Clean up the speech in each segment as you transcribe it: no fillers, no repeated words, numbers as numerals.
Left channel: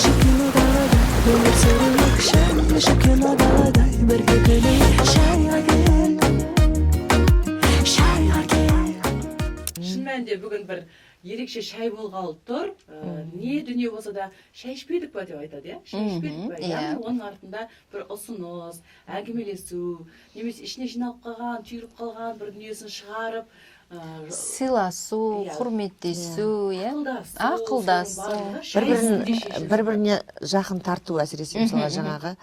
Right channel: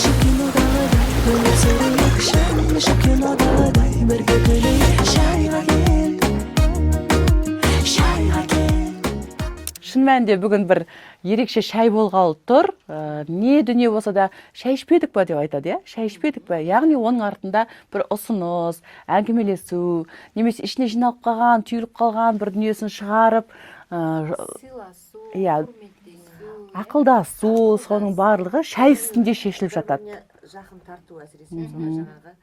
Şu kinodağıday dönüp sürüyük şen Şu kinodağıday birge güleyik Şayға кел Şayға кел Шын мәнінде бүгін бір ерекше шай болғалы тұр. Не дүние болса да шай ішпедік па деп айтады, иә? Шай ішпедік па? Яғни оның артында бір ұсыныс, әңгімелесу, немесе ішіне жиналып қалған, түйіліп қалған бір дүниесін шығарып, сыйласу, құрметтесу, ақылдасу, соның барлығы шай үстінде шешіліп жатады. Бір-біріне жақын тарту әсіресе мысалы жаңағы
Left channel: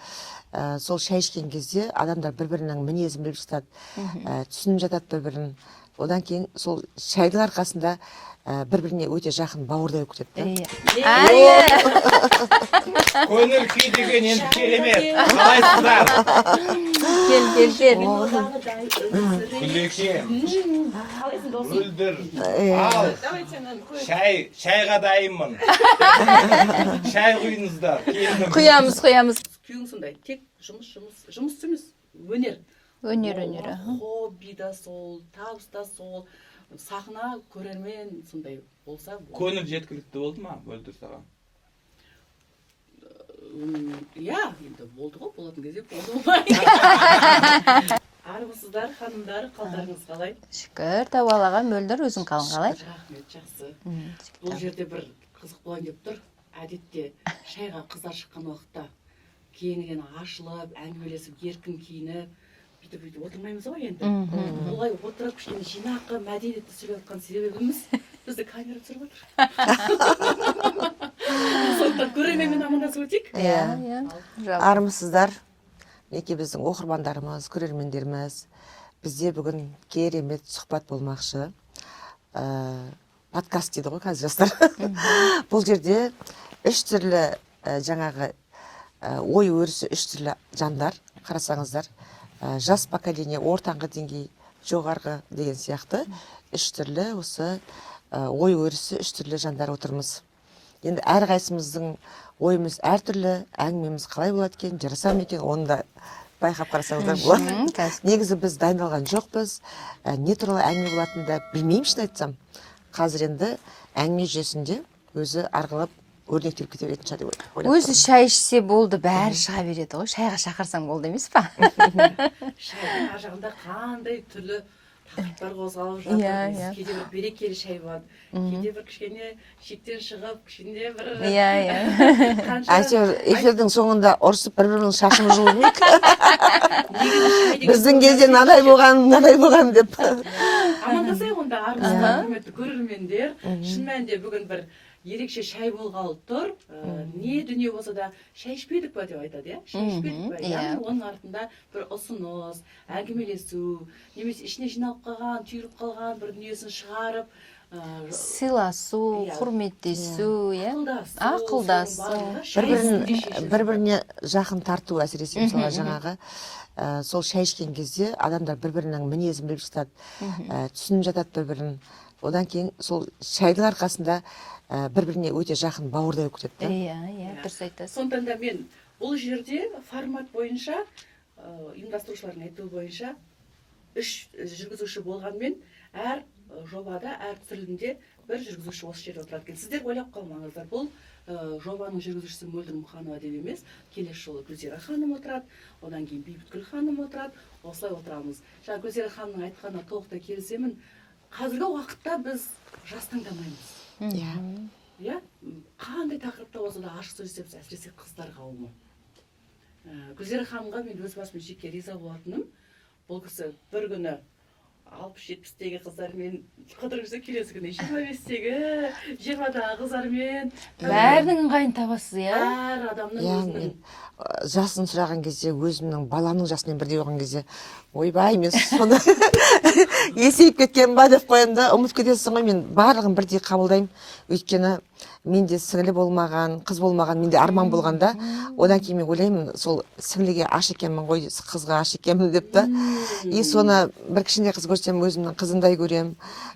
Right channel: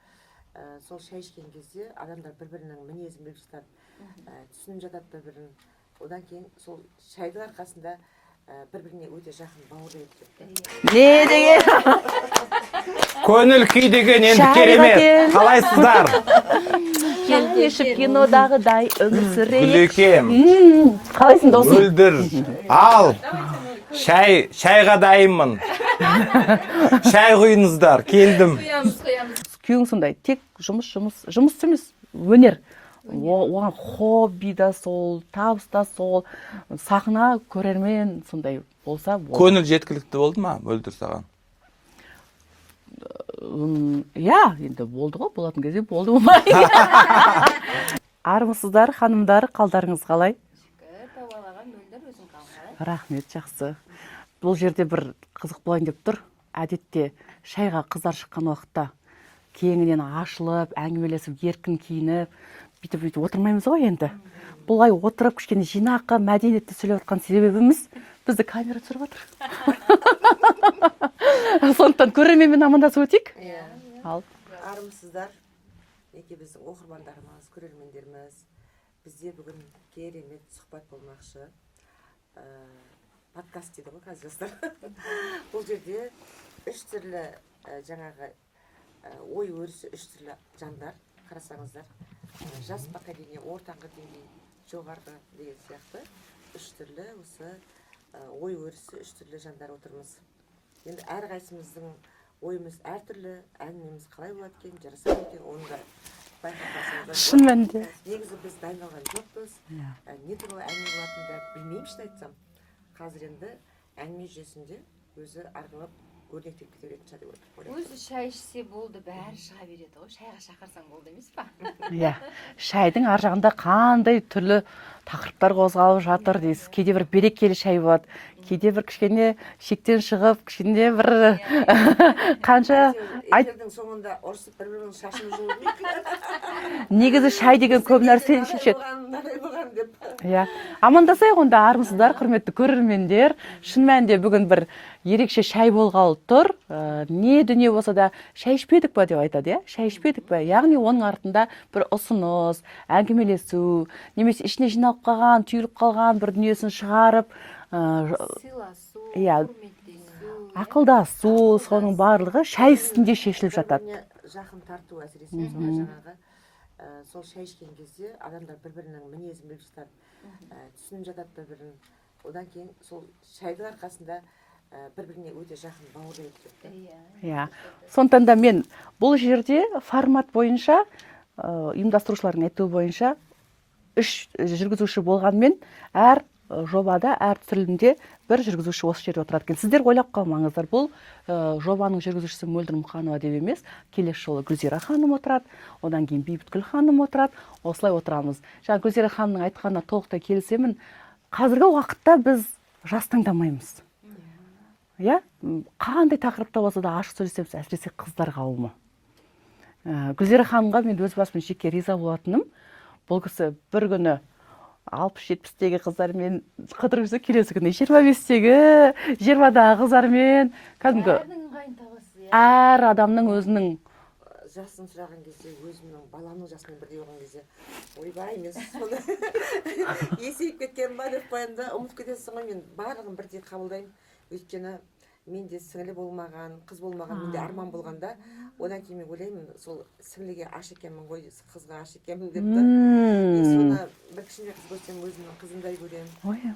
сол шай ішкен кезде адамдар бір-бірінің мінезін біліп жатады, түсініп жатады бір-бірін. Одан кейін сол шайдың арқасында бір-біріне өте жақын бауырдай болып кетеді. Көңіл күй деген енді керемет. Қалайсыздар? Кинодағыдай үмсірейік. Гүлекем. Қалайсың досым? Мөлдір. Ал. Шайға дайынмын. Шай құйыңыздар. Келдім. Құямыз. Күйеуің сондай, тек жұмыс емес, өнер. Оған хобби да сол, табыс та сол, сахна, көрермен сондай болса болды. Көңіл жеткілікті болды ма, Мөлдір саған? Иә, енді болды ғой, болатын кезде болды болмай. Армысыздар, ханымдар, қалдарыңыз қалай? Шүкір, Тауалаға, Мөлдір, өзің қалың қалай? Рахмет, жақсы. Бұл жерде бір қызық болайын деп тұр. Әдетте шайға қыздар шыққан уақытта кеңінен ашылып, әңгімелесіп, еркін киініп, бүйтіп отырмаймыз ғой енді. Бұлай отырып, кішкене жинаққа, мәдениетті сөйлеп отқан себебіміз бізді камера түсіріп отыр. Сондықтан көрерменмен амандасып өтейік. Армысыздар, неке біздің оқырмандарымыз, көрермендеріміз. Бізде бүгін керемет сұхбат болмақшы. Подкаст дейді ғой қазір жастар. Бұл жерде үш түрлі жаңағы ой өрісі, үш түрлі жандар, қарасаңыздар. Жас поколение, ортаңғы деңгей, жоғарғы деген сияқты үш түрлі осы ой өрісі, үш түрлі жандар отырмыз. Енді әрқайсымыздың ойымыз әртүрлі, әңгімеміз қалай болады екен, жараса ма екен, оны да байқап қарасаңыздар болады. Негізі біз дайындалған жоқпыз, не туралы әңгіме болатынын да білмеймін, шын айтсам. Қазір енді әңгіме жүйесінде өзі арғылап өрнектеліп кете беретін шығар деп ойлап. Өзі шай ішсе болды, бәрі шыға береді ғой. Шайға шақырсаң болды емес па? Шайдың ар жағында қандай түрлі тақырыптар қозғалып жатыр дейсіз. Кейде бір берекелі шай болады, кейде бір кішкене шектен шығып, кішкене бір қанша эфирдің соңында ұрсып бір-бірінің шашын жұлып негізі шай деген біздің кезде надай болған деп. Амандасайық онда, армысыздар, құрметті көрермендер. Шын мәнінде бүгін бір ерекше шай болғалы тұр. Не дүние болса да шай ішпедік па деп айтады, иә? Шай ішпедік па? Яғни оның артында бір ұсыныс, әңгімелесу, немесе ішіне жиналып қалған, түйіліп қалған бір дүниесін шығарып, сыйласу, құрметтесу, ақылдасу, соның барлығы шай үстінде шешіліп жатады. Бір-біріне жақын тарту әсіресе мысалы жаңағы сол шай ішкен кезде адамдар бір-бірінің мінезін біліп жатады, түсініп жатады бір-бірін. Одан кейін сол шайдың арқасында бір-біріне өте жақын бауырдай болып кетеді. Дұрыс айтасыз. Сондықтан да мен бұл жерде формат бойынша, ұйымдастырушылардың айтуы бойынша, үш жүргізуші болғанмен, әр жобада, әр түсірілімде бір жүргізуші осы жерде отырады екен. Сіздер ойлап қалмаңыздар, бұл жобаның жүргізушісі Мөлдір Мұқанова деп емес, келесі жолы Гүлзира ханым отырады, одан кейін Бейбіткүл ханым отырады, осылай отырамыз. Жаңа Гүлзира ханымның айтқанына толықтай келісемін. Қазіргі уақытта біз жас таңдамаймыз. Иә, қандай тақырыпта болса да ашық сөйлесеміз, әсіресе қыздар қауымы. Гүлзира ханымға мен өз басым жеке риза болатыным, бұл кісі бір күні 60-70-тегі қыздармен қыдырып жүрсе, келесі күні 25-тегі, 20-дағы қыздармен. Бәрінің ыңғайын табасыз, иә? Әр адамның өзінің жасын сұраған кезде, өзімнің баламның жасымен бірдей болған кезде, ойбай, мен соны есейіп кеткен ба деп қоямын да, ұмытып кетесің ғой, мен барлығын бірдей қабылдаймын. Өйткені менде сіңілі болмаған, қыз болмаған, менде арман болғанда, одан кейін мен ойлаймын, сол сіңіліге аш екенмін ғой, қызға аш екенмін деп та. И соны бір кішкене қыз көрсем, өзімнің қызындай көрем.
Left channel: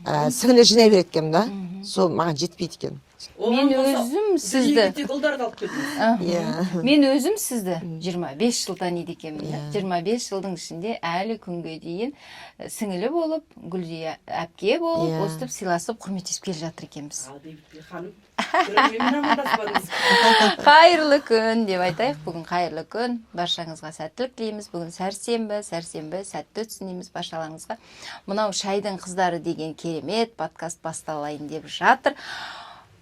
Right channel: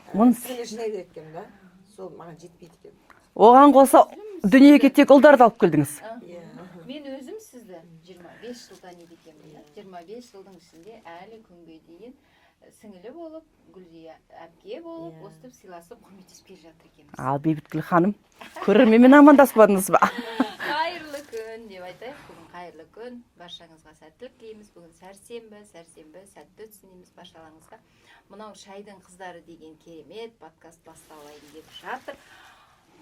Сіңілі жинай береді екенмін да, сол маған жетпейді екен. Оған қоса дүниеге тек ұлдарды алып келдіңіз. Мен өзім сізді 25 жыл таниды екенмін. 25 жылдың ішінде әлі күнге дейін сіңілі болып, Гүлзия әпке болып, Иә. өстіп сыйласып, құрметтесіп келе жатыр екенбіз. Ал Бейбіткүл ханым, көрерменмен амандасып ба? Қайырлы күн деп айтайық. Бүгін қайырлы күн. Баршаңызға сәттілік тілейміз. Бүгін сәрсенбі сәтті өтсін дейміз баршаларыңызға. Мынау шайдың қыздары деген керемет подкаст басталайын деп жатыр.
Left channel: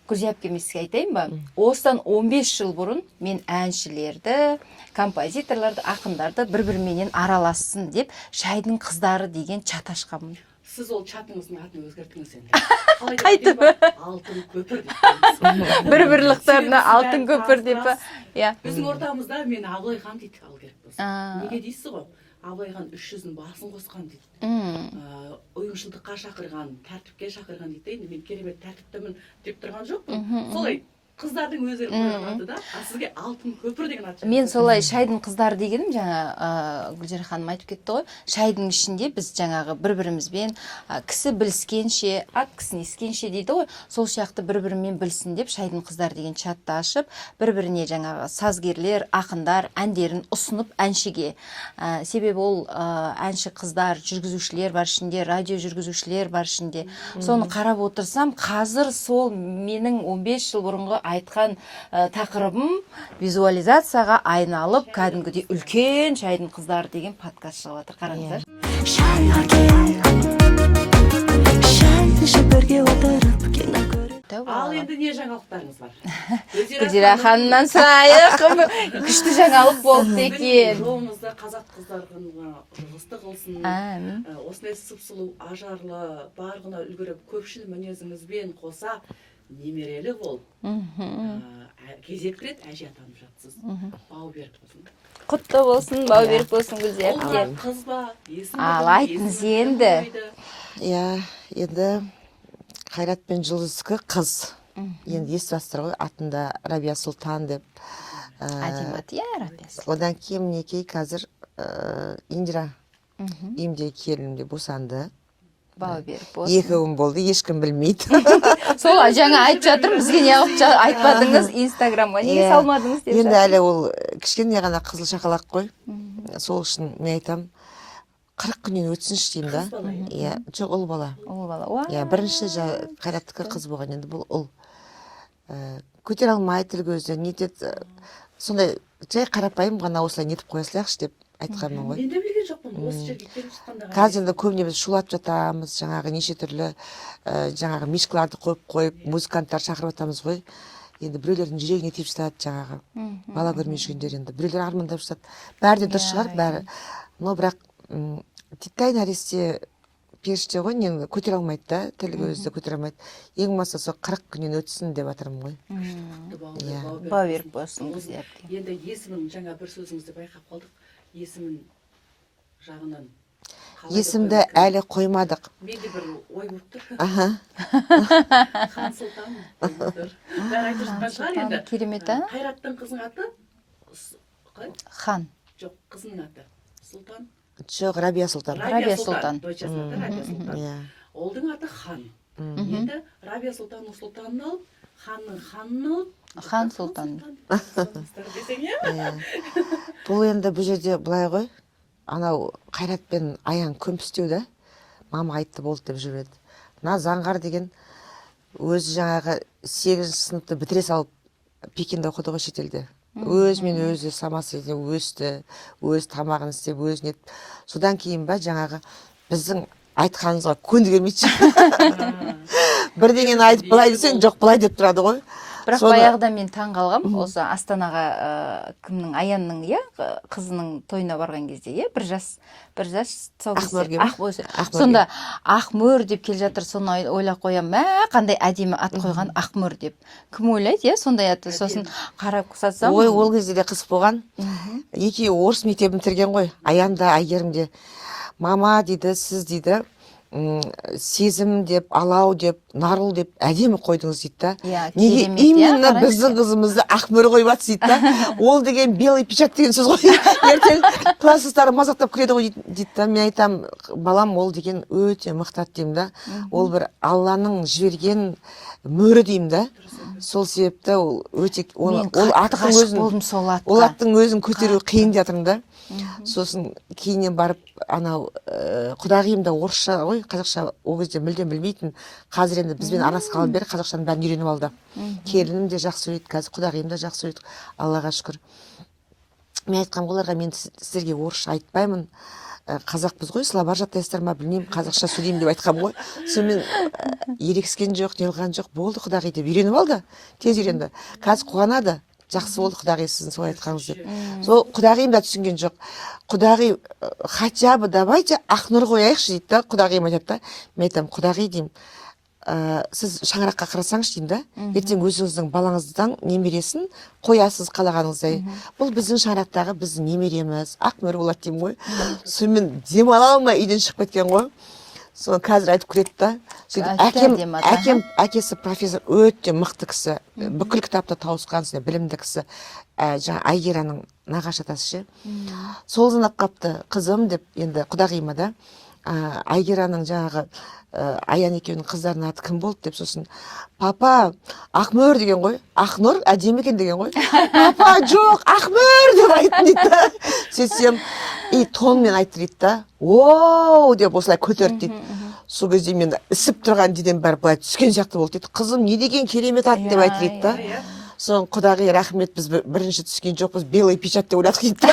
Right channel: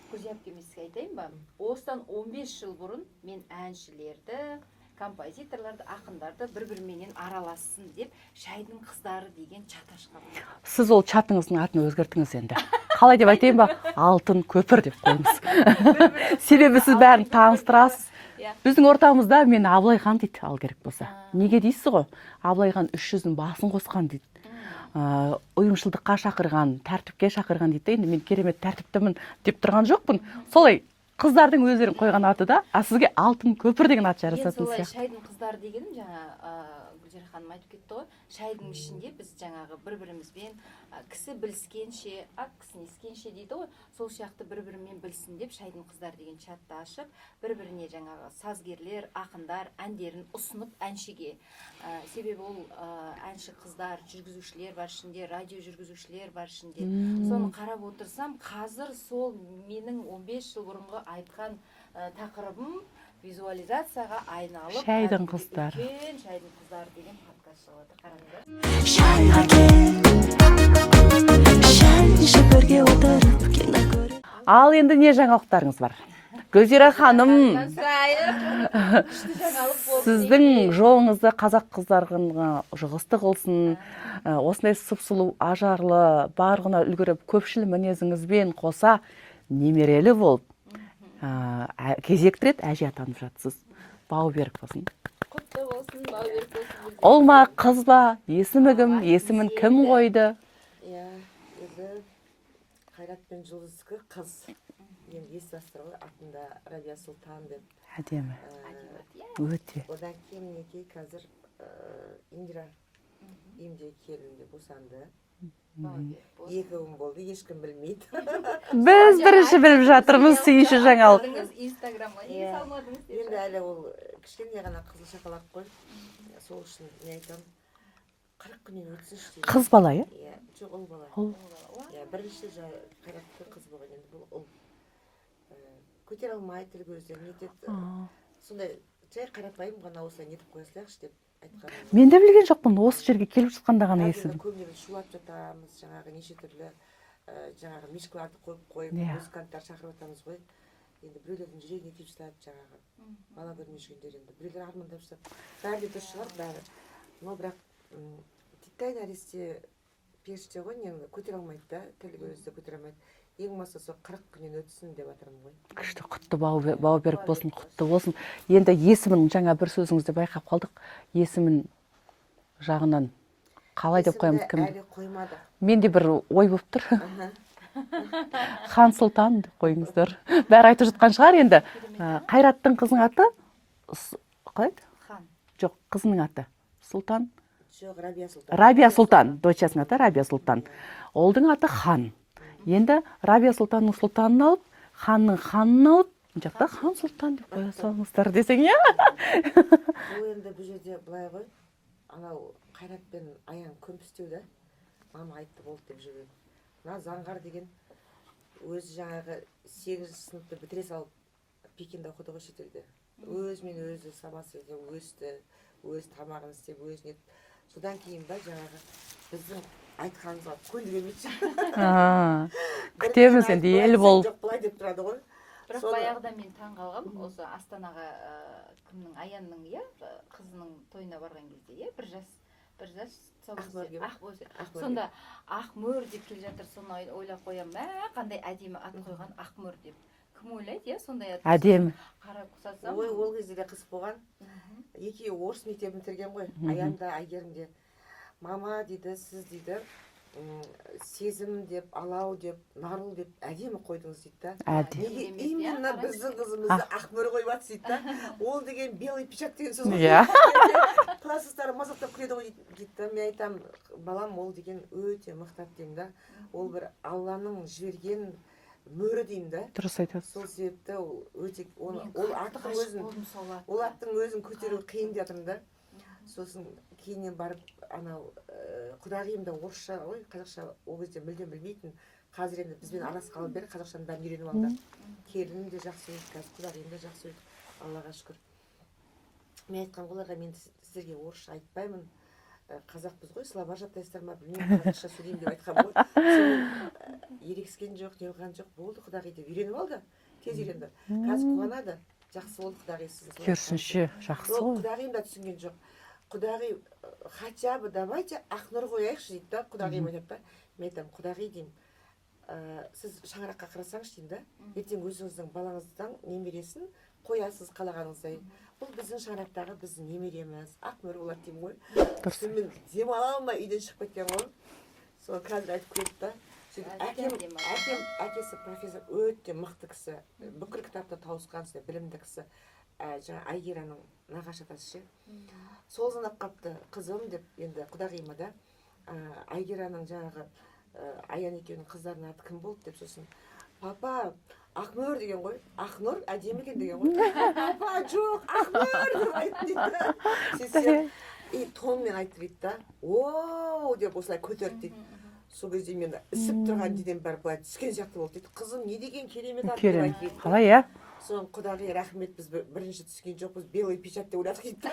Гүлзия әпкеме сізге айтайын ба? Осыдан 15 жыл бұрын мен әншілерді, композиторларды, ақындарды бір-біріменен аралассын деп шайдың қыздары деген чат ашқанмын. Сіз ол чатыңыздың атын өзгертіңіз енді. Қалай деп айтайын ба? Алтын көпір деп қойыңыз. Бір-бірліктарына Себебі сіз алтын бәрін көпір деп па? таныстырасыз. Иә. Біздің ортамызда мені Абылайхан дейді, ал керек болса. А. Неге дейсіз ғой? Абылайхан 300-дің басын қосқан дейді. Ұйымшылдыққа шақырған, тәртіпке шақырған дейді. Енді мен керемет тәртіптімін деп тұрған жоқпын. Солай қыздардың өздері қойған аты да, а сізге алтын көпір деген ат Мен солай шайдың қыздары дегенім, жаңа Гүлзира ханым айтып кетті ғой, шайдың ішінде біз жаңағы бір-бірімізбен кісі біліскенше, ат кісіні ескенше дейді ғой, сол сияқты бір-бірімен білсін деп шайдың қыздары деген чатты ашып, бір-біріне жаңағы сазгерлер, ақындар әндерін ұсынып әншіге. Себебі ол әнші қыздар, жүргізушілер бар ішінде, радио жүргізушілер бар ішінде. Соны қарап отырсам, қазір сол менің 15 жыл бұрынғы айтқан тақырыбым визуализацияға айналып, Шайдың кәдімгідей қыздары. үлкен шайдың қыздары деген подкаст шығып жатыр. Қараңыздар. шайға кел шай ішіп бірге отырып кино көріп Ал енді не жаңалықтарыңыз бар? Гүлзира Гүлзира ханым, ханымнан сұрайық. Күшті жаңалық болды сіздің екен. жолыңызды қазақ қыздарына жұғысты қылсын. Әмин. Осындай сып-сұлу, ажарлы, барғына үлгеріп, көпшіл мінезіңізбен қоса немерелі болып, кезекті рет әже атанып жатсыз. Бау берік болсын. Құтты болсын, бау берік болсын Гүлзира. Ол ма, қыз ба, есімі Ал, кім, айтыңыз есімін кім енді. қойды? Иә, енді Қайрат пен Жұлдыздікі қыз. Енді естіватсыздар ғой, атында Рабия Сұлтан деп. Әдемі ат, иә. Одан кейін мінекей қазір Индира үйімдегі келінімде босанды. Бау берік болсын. 2 ұл болды, ешкім білмейді. Сол жаңа айтып беріп жатырмыз, жатырмыз, неғып сүйінші айтпадыңыз Инстаграмға, неге Иә. салмадыңыз деп Енді жатыр. әлі ол кішкене ғана қызыл шақалақ қой. Сол үшін мен айтам, 40 күннен өтсінші деймін. Қыз бала, иә? Иә, жоқ, ұл бала. Ол бала, уа. Иә, бірінші Қайраттікі қыз болған, енді бұл ұл. Көтер алмай тіл көзді, нетеді. Сондай жай қарапайым ғана осылай нетіп қоя салайықшы деп айтқанмын ғой. Мен де білген жоқпын, осы жерге келіп жатқанда ғана Қазір де естідім. көбіне біз шулап жатамыз, жаңағы неше түрлі жаңағы мишкаларды қойып, музыканттар шақырып жатамыз ғой. Енді біреулердің жүрегіне тиіп жатады жаңағы. Бала көрмей жүргендер енді. Біреулер армандап жатады. Бәрі де дұрыс шығар, бәрі. Но бірақ титтей нәресте періште ғой, не көтере алмайды да, тіл көзді көтере алмайды. Ең болмаса сол 40 күннен өтсін деп жатырмын ғой. Күшті, құтты бау берік Бау берік болсын, болсын. құтты болсын. Енді есімін жаңа бір сөзіңізде байқап қалдық. Есімін жағынан қалай деп Есімді қоямыз? әлі қоймадық. Менде бір ой болып тұр. Аха. Хан Сұлтан деп қойыңыздар. Бәрі айтып жатқан шығар енді. Керемет, а? Қайраттың қызының аты қалай? Хан. Жоқ, қызының аты Сұлтан. Жоқ, Рабия Сұлтан. Рабия Рабия Сұлтан. Сұлтан. Дочасының аты Рабия Сұлтан. Иә. Олдың аты Хан. Енді Рабия Сұлтанның сұлтанын алып, ханның ханын алып, Хан хан Сұлтан. Сұлтан деп қоя салыңыздар десең, иә? Бұл енді бұл жерде былай ғой, анау Қайрат пен Аян көмпістеу да, мама айтты болды деп жүреді. Мына Заңғар деген өзі жаңағы 8 сыныпты бітіре салып Пекинде оқыды ғой шетелде. Өзімен өзі самасы өсті, өз тамағын істеп, өзіне. Содан кейін ба жаңағы біздің айтқанымызға көнді келмейді. Бірдеңені айтып былай десең, жоқ былай деп тұрады ғой. Бірақ Соны- баяғыда мен таң қалғам, осы Астанаға кімнің Аянның, иә, қызының тойына барған кезде, иә, бір жас Ақмөрге ма? Сонда Ақмөр деп келе жатыр, соны ойлап қоям, мә, қандай әдемі ат қойған Ақмөр деп. Кім ойлайды, иә, сондай аты. Сосын Әдемі. қарап қысатсам, Ой, ол кезде де қыз болған. Екеуі орыс мектебін бітірген ғой. Аян да, Әйгерім де. Мама дейді, сіз дейді, сезім деп, алау деп, нарыл деп әдемі қойдыңыз дейді да. Иә, Неге керемет, иә, именно қараңызшы. біздің қызымызды Ақмөр қойып жатсыз дейді да. Ол деген белый печать деген сөз ғой. Ертең класстастары мазақтап күледі ғой дейді да. Мен айтам, балам, ол деген өте мықты ат деймін да. Ол бір Алланың жіберген мөрі деймін да. Дұрыс айтасыз. Сол себепті ол өте ол Мен қатты аттың ғашық өзін болдым сол атқа. ол аттың өзін көтеру қиын деп жатырмын да. Сосын кейіннен барып анау құдағиым да орысша ғой, қазақша ол кезде мүлдем білмейтін. Қазір енді бізбен араласқалы бері қазақшаның бәрін үйреніп алды. Келінім де жақсы сөйлейді, қазір құдағиым да жақсы сөйлейді, Аллаға шүкір. Мен айтқам оларға, мен сіздерге орысша айтпаймын, қазақпыз ғой, слабар жаттайсыздар ма білмеймін, қазақша сөйлеймін деп айтқам ғой. Сонымен ерекскен жоқ, неғылған жоқ, болды құдағи деп үйреніп алды, тез үйренді. Қазір қуанады, жақсы болды құдағи сіздің солай айтқаныңыз деп. Сол құдағиым да түсінген жоқ. Құдағи, хотя бы давайте Ақнұр қояйықшы дейді да, құдағиым айтады да. Мен айтамын, құдағи деймін, сіз шаңыраққа қарасаңыз деймін да, ертең өзіңіздің балаңыздан немересін қоясыз қалағаныңыздай. Бұл біздің шаңырақтағы біздің немереміз, Ақнұр болады деймін ғой. Сонымен демала алмай үйден шығып кеткен ғой. Соны қазір айтып күледі да. Сөйтіп әкесі профессор өте мықты кісі, бүкіл кітапта тауысқан білімді кісі, жаңа Айгераның нағашы атасы ше. Сол зынап қапты, қызым деп енді құдағиыма да, Айгераның жаңағы Аян екеуінің қыздарының аты кім болды деп, сосын папа Ақмөр деген ғой, Ақнұр әдемі екен деген ғой. Папа жоқ, Ақмөр деп айтын дейді. Сөйтсем, тонмен айтты дейді да, ооо деп осылай көтерді дейді. Сол кезде мен ісіп тұрған дейден бәрі былай түскен сияқты болды дейді. Қызым не деген керемет ат деп айтты дейді да. Соң құдағи рахмет, біз бірінші түскен жоқпыз, белый печать деп ойладық дейді.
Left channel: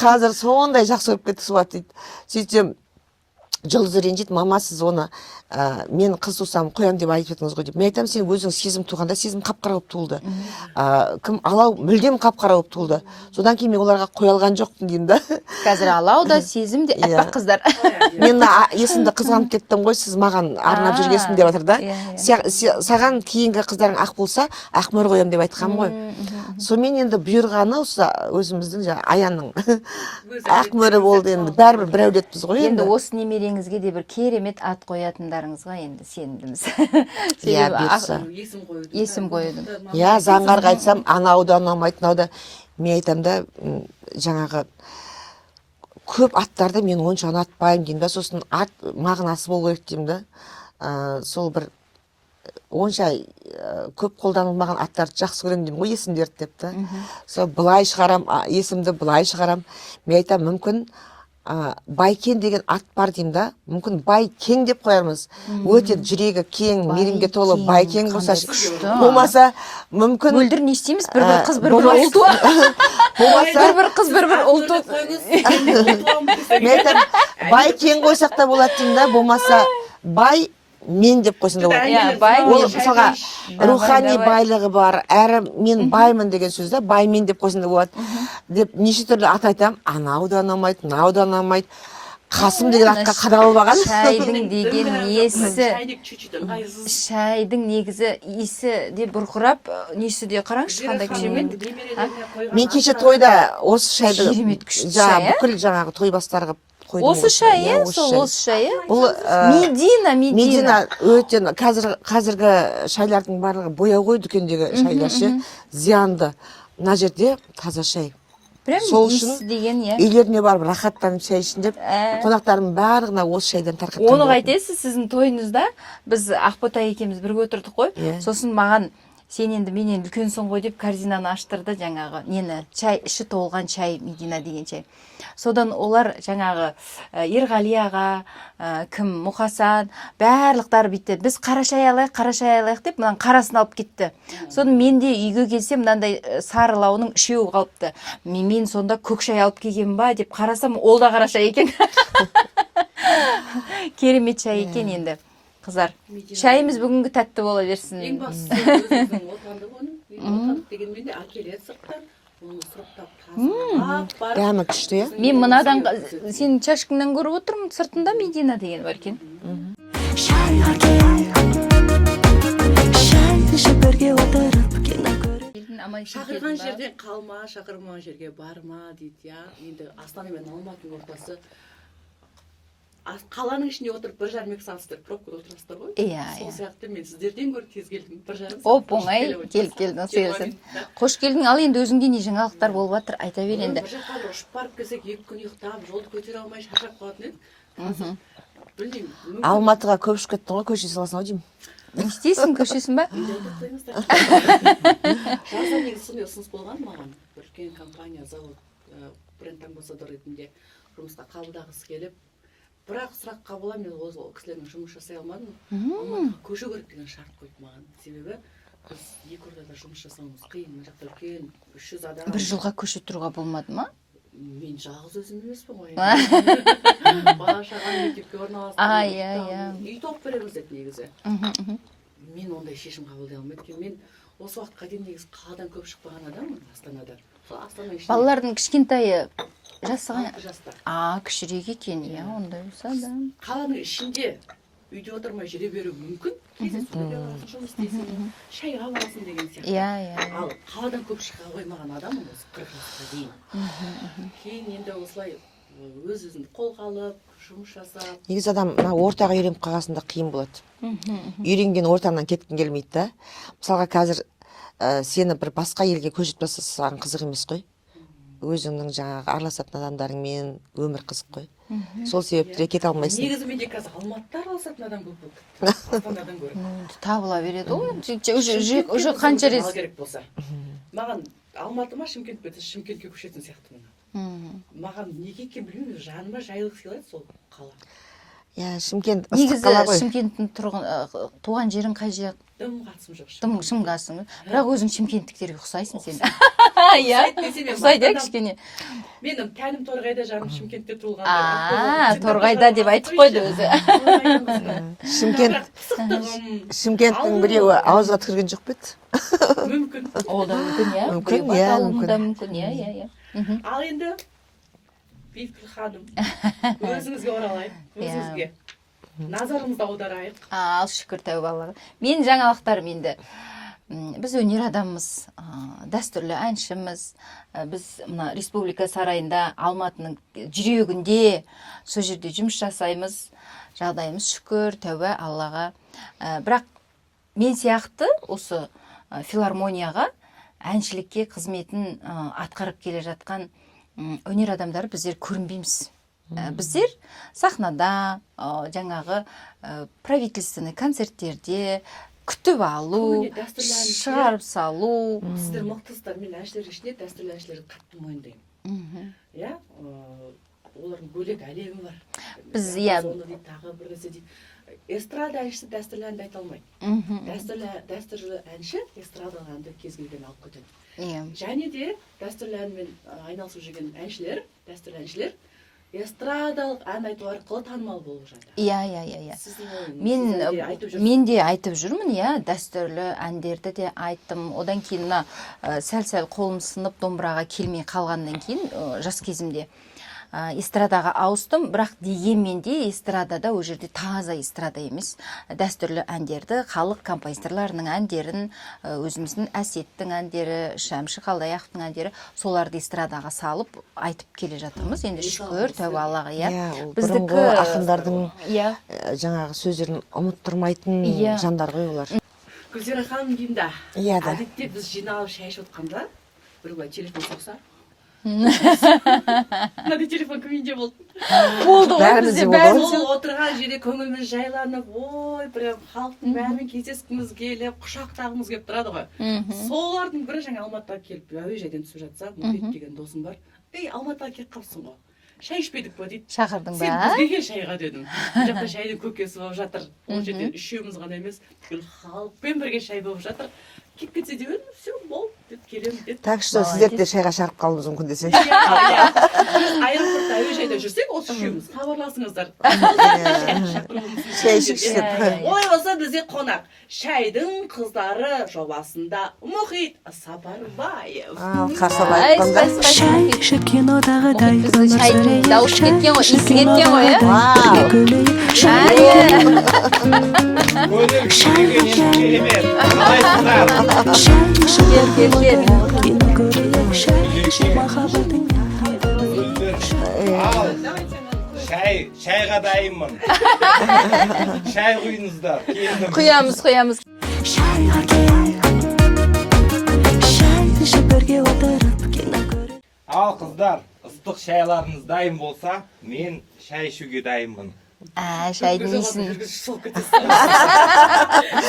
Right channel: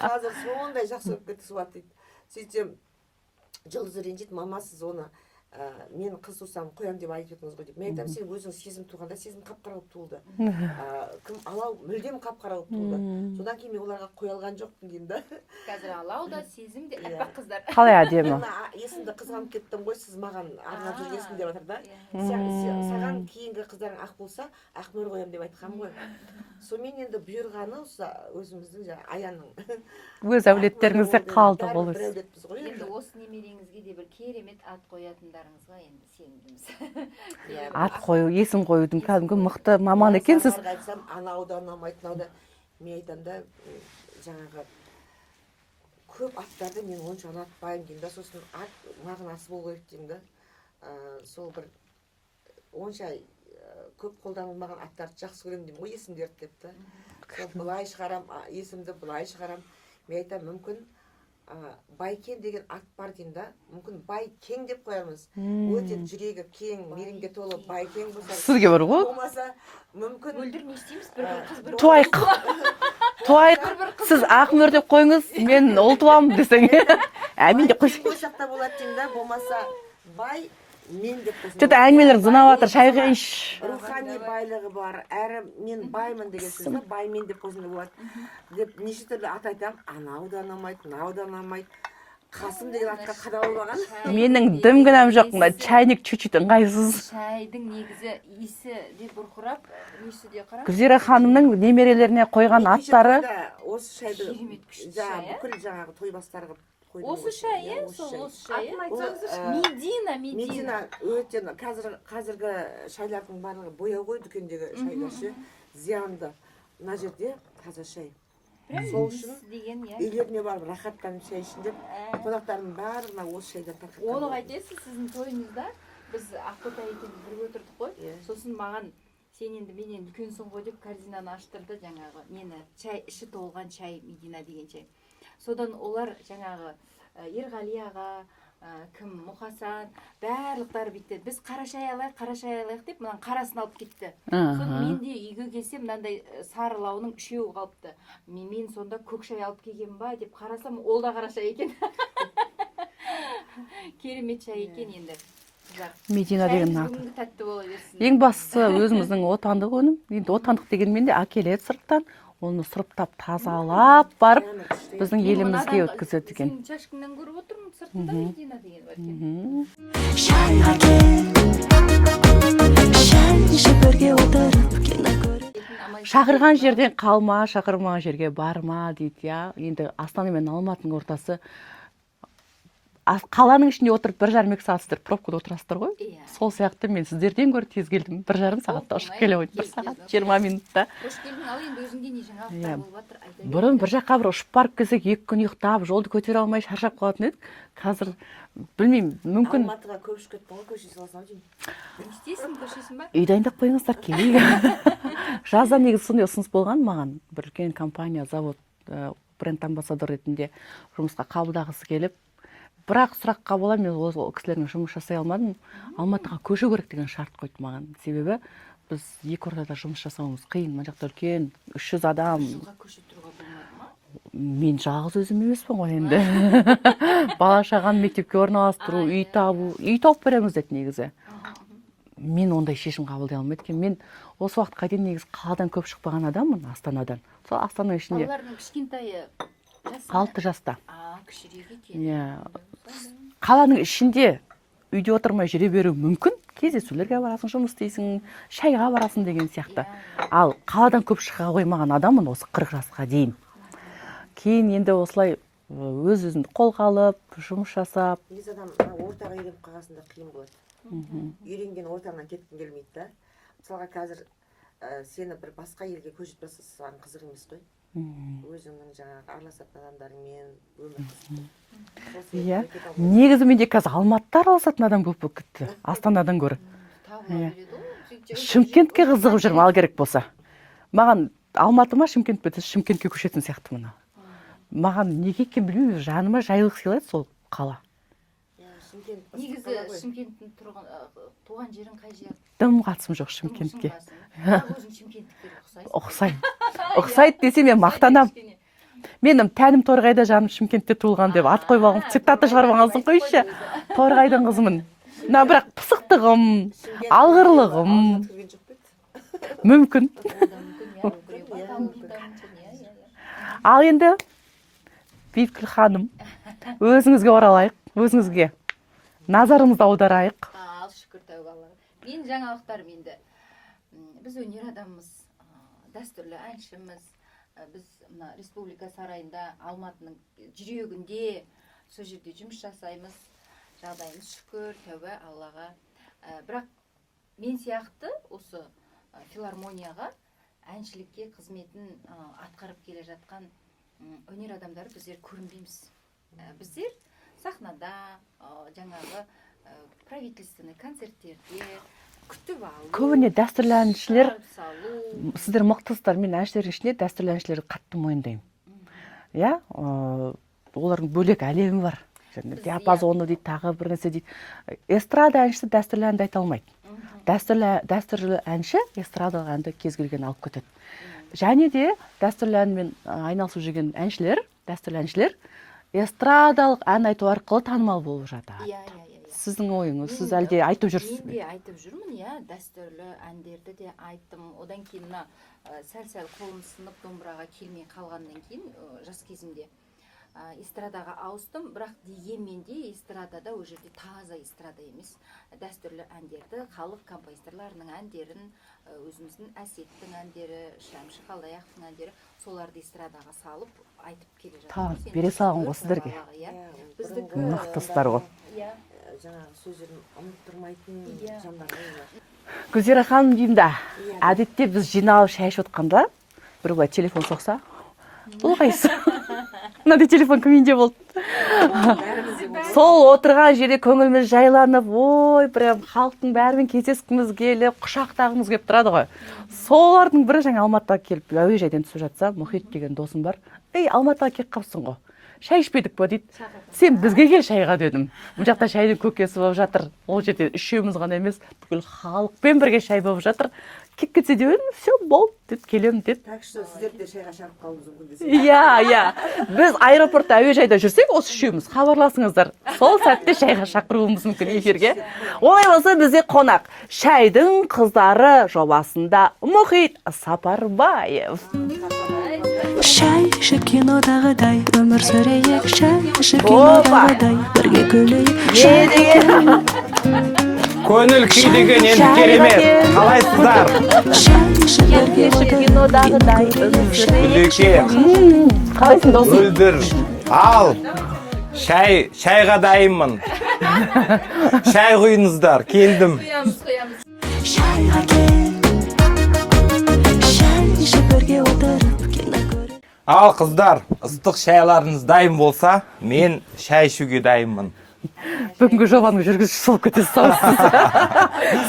Қазір сондай жақсы көріп кетті сол ат дейді. Сөйтсем Жұлдыз ренжиді, мама сіз оны мен қыз тусам қоям деп айтып едіңіз ғой деп. Мен айтамын, сен өзің сезім туғанда сезім қап-қара болып туылды. Кім алау мүлдем қап-қара болып туылды. Содан кейін мен оларға қоя алған жоқпын деймін да. Қазір алау да сезім де аппақ қыздар. Қалай әдемі. Мен есімді қызғанып кеттім ғой, сіз маған арнап жүргесін деп жатыр да. Саған кейінгі қыздарың ақ болса, Ақмөр қоям деп айтқам ғой. Сонымен енді бұйырғаны осы өзіміздің Аянның Ақмөрі болды енді. Бәрібір бір әулетпіз ғой енді. Осы немереңізге де бір керемет ат қоятындарыңызға енді сенімдіміз. Есім қоюдың кәдімгі мықты маман екенсіз. екенсіз. Заңғарға айтсам, анау да ұнамайды, мынау да. Мен айтам да, жаңағы көп аттарды мен онша ұнатпаймын деймін да, сосын ат мағынасы болу керек деймін да. Сол бір онша көп қолданылмаған аттарды жақсы көремін деймін ғой, есімдерді деп та. Сол былай шығарам, есімді былай шығарам. Мен айтам, мүмкін Байкен деген ат бар деймін да, мүмкін Байкең деп қоярмыз. Өте жүрегі кең, мейірімге толы Байкең болса, болмаса мүмкін мөлдір не істейміз, бір-бір қыз бір-бір ұл туады. Бір-бір қыз бір-бір ұл деп қойыңыз, мен ұл туамын десең. Байкең қойсақ та болады деймін да, болмаса Бай мен деп қойсын. Рухани байлығы бар, әрі мен баймын деген сөз да, бай мен деп қойсын да болады. Деп неше түрлі ат айтам, анау да ұнамайды, мынау да ұнамайды. Қасым деген атқа қадалып алған. Менің дым-гінәм жоқ, чайник чуть-чуть ыңғайсыз. Шайдың негізі иісі де бұрқырап, несі де қараңыз. Гүзира ханымның немерелеріне қойған аттары. Мен кеше тойда осы шайды бүкіл жаңағы той бастарға қойдым. Осы шай, осы шай. Медина. Өте қазіргі шайлардың барлығы бояу ғой, дүкендегі шайлар ше, зиянды. Мына жерде таза шай. Сол үшін үйлеріне барып рахаттанып шай ішін деп, қонақтарым барлығына осы шайдан тарқатқан. Оны қайтесіз, сіздің тойыңызда біз Ақбота екеуміз бірге отырдық қой. Сосын маған сен енді менен үлкенсің ғой деп корзинаны аштырды жаңағы нені, чай, іші толған чай, Медина деген чай. Содан олар жаңағы Ерғали аға, кім, Мұқасан, барлықтары бітті. Біз қара шай алайық деп, мынан қарасын алып кетті. Содан мен де үйге келсем, мынандай сары лауының үшеуі қалыпты. Мен сонда көк шай алып келген ба деп қарасам, ол да қара шай екен. Керемет шай екен енді. Қыздар, шайымыз бүгінгі тәтті бола берсін. Ең бастысы өзіміздің отандық өнім. Енді отандық дегенмен де әкеледі сырттан. Оны сұрыптап тазалап барып. Дәмі күшті. Мен мынадан сенің чашкаңнан көріп отырмын, сыртында Медина деген бар екен. Шайға кел, шай ішіп бірге отырып кино көріп. Шақырған жерден қалма, шақырмаған жерге барма дейді, я. Енді Астана мен Алматының ортасы қаланың ішінде отырып 1,5-2 сағат сіздер пробкада отырасыздар ғой. Иә. Сол сияқты мен сіздерден гөрі тез келдім. 1,5 сағатта ұшып келіп келдің. 20 минутта. Қош келдің. Ал енді өзіңде не жаңалықтар болып жатыр, айта бер Бұрын енді. бір жаққа бір ұшып барып келсек 2 күн ұйықтап, жолды көтере алмай шаршап қалатын едік. Қазір білмеймін, мүмкін Алматыға көп ұшып кеттің ғой, көше саласың ау деймін. Не істейсің, көшесің ба? үй дайындап қойыңыздар. кейін. Жазда негізі сондай ұсыныс болған маған. Бір үлкен компания, завод, бренд амбассадор ретінде жұмысқа қабылдағысы келіп, бірақ сұраққа бола мен ол кісілермен жұмыс жасай алмадым. Алматыға көшу керек деген шарт қойды маған. Себебі біз екі ортада жұмыс жасауымыз қиын. Мына жақта үлкен 300 адам. Бір жылға көше тұруға болмады ма? Мен жалғыз өзім емеспін ғой енді. Бала шағаны мектепке орналастыру, үй табу, үй тауып береміз деді негізі. Мен ондай шешім қабылдай алмайды екен. Мен осы уақытқа дейін негізі қаладан көп шықпаған адаммын, Астанадан. Сол Астана ішінде Балалардың кішкентайы жасы 6 жаста. Кішірек екен, ондай болса да. Қаланың ішінде үйде отырмай жүре беру мүмкін. Кездесулерге барасың, жұмыс істейсің, шайға барасың деген сияқты. Ал қаладан көп шыға қоймаған адаммын осы 40 жасқа дейін. Кейін енді осылай өз-өзін қолға алып, жұмыс жасап. Негізі адам ортаға үйреніп қалғасында қиын болады. Үйренген ортаңнан кеткің келмейді да. Мысалға қазір сені бір басқа елге көшіп тастасаң қызық емес қой. Өзіңнің жаңағы араласатын адамдарыңмен өмір қызық қой. Сол себепті кете алмайсың. Негізі менде қазір Алматыда араласатын адам көп болып кетті. Астанадан гөрі. Табыла береді ғой. Шымкентке қызығып жүріп ал керек болса. Маған Алматы ма, Шымкент пе, Шымкентке көшетін сияқты мына. Маған неге екен білмеймін, жаныма жайлылық сыйлайды сол қала. Иә, Шымкент ыстық қала ғой. Негізі Шымкенттің туған жерің қай жер? Дым қатысым жоқ Шымкентке. Шымғасың. Бірақ өзің шымкенттіктерге ұқсайсың. Ұқсайды десе мен мақтанамын. Менің тәнім Торғайда, жаным Шымкентте туылған деп ат қойып алып, Торғайда деп айтып қойды өзі. Торғайдың қызымын. Бірақ пысықтығым, Шымкенттің ауызға түкірген жоқ па еді? Мүмкін. Ол да мүмкін, иә. Мүмкін, иә. Ал енді Бейткүл ханым, өзіңізге оралайық, өзіңізге назарымызды аударайық. Ал шүкір тәуба Аллаға. Мен жаңалықтарым енді. Біз өнер адамымыз, дәстүрлі әншіміз. Біз мына Республика сарайында, Алматының жүрегінде, сол жерде жұмыс жасаймыз. Жағдайымыз шүкір тәуба Аллаға. Бірақ мен сияқты осы филармонияға әншілікке қызметін атқарып келе жатқан өнер адамдары біздер көрінбейміз. Біздер сахнада, жаңағы правительственный концерттерде күтіп алу, көбіне дәстүрлі әншілер, шығарып салу. Сіздер мықтысыздар, мен әншілер ішінде дәстүрлі әншілерді қатты мойындаймын. Иә, олардың бөлек әлемі бар. Диапазоны дейді, тағы бір нәрсе дейді. Эстрада әншісі дәстүрлі әнді айта алмайды. Дәстүрлі әнші эстрадалық әнді кез келген алып кетеді. Және де дәстүрлі әнмен айналысып жүрген әншілер, дәстүрлі әншілер эстрадалық ән айту арқылы танымал болып жатыр. Иә. Сіздің ойыңыз, сіз әлде айтып жүрсіз? Мен де айтып жүрмін, иә, дәстүрлі әндерді де айттым. Одан кейін сәл-сәл қолым сынып домбыраға келмей қалғаннан кейін жас кезімде эстрадаға ауыстым, бірақ дегенмен де эстрадада ол жерде таза эстрада емес, дәстүрлі әндерді, халық композиторларының әндерін, өзіміздің Әсеттің әндері, Шәмші Қалдаяқовтың әндері, соларды эстрадаға салып айтып келе жатырмыз. Енді шүкір тәуба Аллаға, иә. Біздікі ақындардың жаңағы сөздерін ұмыттырмайтын жандар ғой олар. Гүлзира ханым деймін да, әдетте біз жиналып шай ішіп отқанда, бір былай телефон соқса, мынандай телефон кімінде болды? Сол отырған жерде көңіліміз жайланып, ой, прям халықтың бәрімен кездескіміз келіп, құшақтағымыз келіп тұрады ғой. Солардың бірі жаңа Алматыға келіп, әуежайдан түсіп жатса, Мұхит деген досым бар. Ей, Алматыға келіп қалыпсың ғой. Шай ішпедік па дейді. Шақырдың ба? Сен бізге кел шайға дедім. Бұл жақта шайдың көкесі болып жатыр. Ол жерде үшеуміз ғана емес, бүкіл халықпен бірге шай болып жатыр. Кеп кетсе де өзім, все, болды деп келем деп. Так что сіздерді де шайға шақырып қалуымыз мүмкін десең. Иә. Біз аэропортта, әуежайда жүрсек, осы үшеуміз хабарласыңыздар. Сол сәтте шайға шақыруымыз мүмкін жерге. Олай болса бізде қонақ шайдың қыздары жобасында Мұхит Сапарбаев. Шай ішіп кинодағыдай өмір сүрейік, шай ішіп кинодағыдай бірге күлейік, шай Көңіл күйдегі енді керемет. Қалайсыздар? шай ішіп бірге отырып кино көрейік, шай ішіп махаббаттың Мөлдір, ал Шайға дайынмын. Шай құйыңыздар, келдім. Құямыз. шайға кел шай ішіп бірге отырып кино көріп Ал қыздар, ыстық шайларыңыз дайын болса, мен шай ішуге дайынмын. Бүгінгі жобаның жүргізушісі болып кетесіз.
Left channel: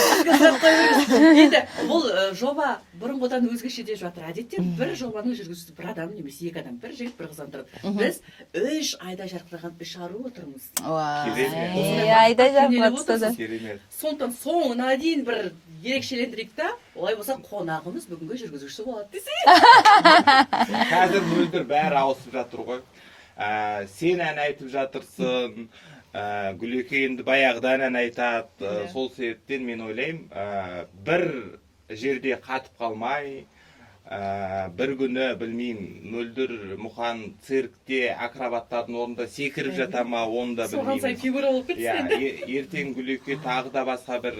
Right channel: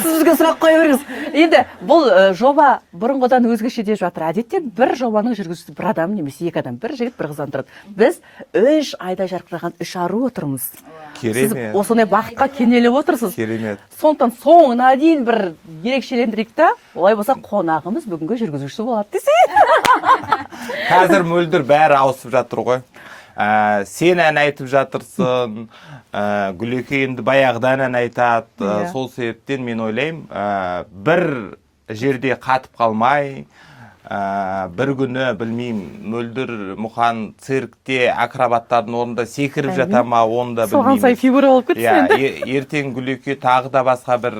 Сізге сұрақ қоя беріңіз. Енді бұл жоба бұрынғыдан өзгеше деп жатыр. Әдетте бір жобаның жүргізушісі бір адам немесе екі адам, бір жігіт, бір қыздан тұрады. Біз 3 айда жарқыраған 3 ару отырмыз. Сіз Керемет. осындай бақытқа кенеліп отырсыз. Керемет. Сондықтан соңына дейін бір ерекшелендірейік та, олай болса қонағымыз бүгінгі жүргізушісі болады десек. Қазір мөлдір бәрі ауысып жатыр ғой. Сен ән айтып жатырсың, Гүлеке енді баяғыдан ән айтады. Сол себептен мен ойлаймын, бір жерде қатып қалмай, бір күні білмеймін, мөлдір мұқан циркте акробаттардың орнында секіріп жата ма, оны да Соған сай білмеймін. фигура болып кетсін енді. Ертең Гүлеке тағы да басқа бір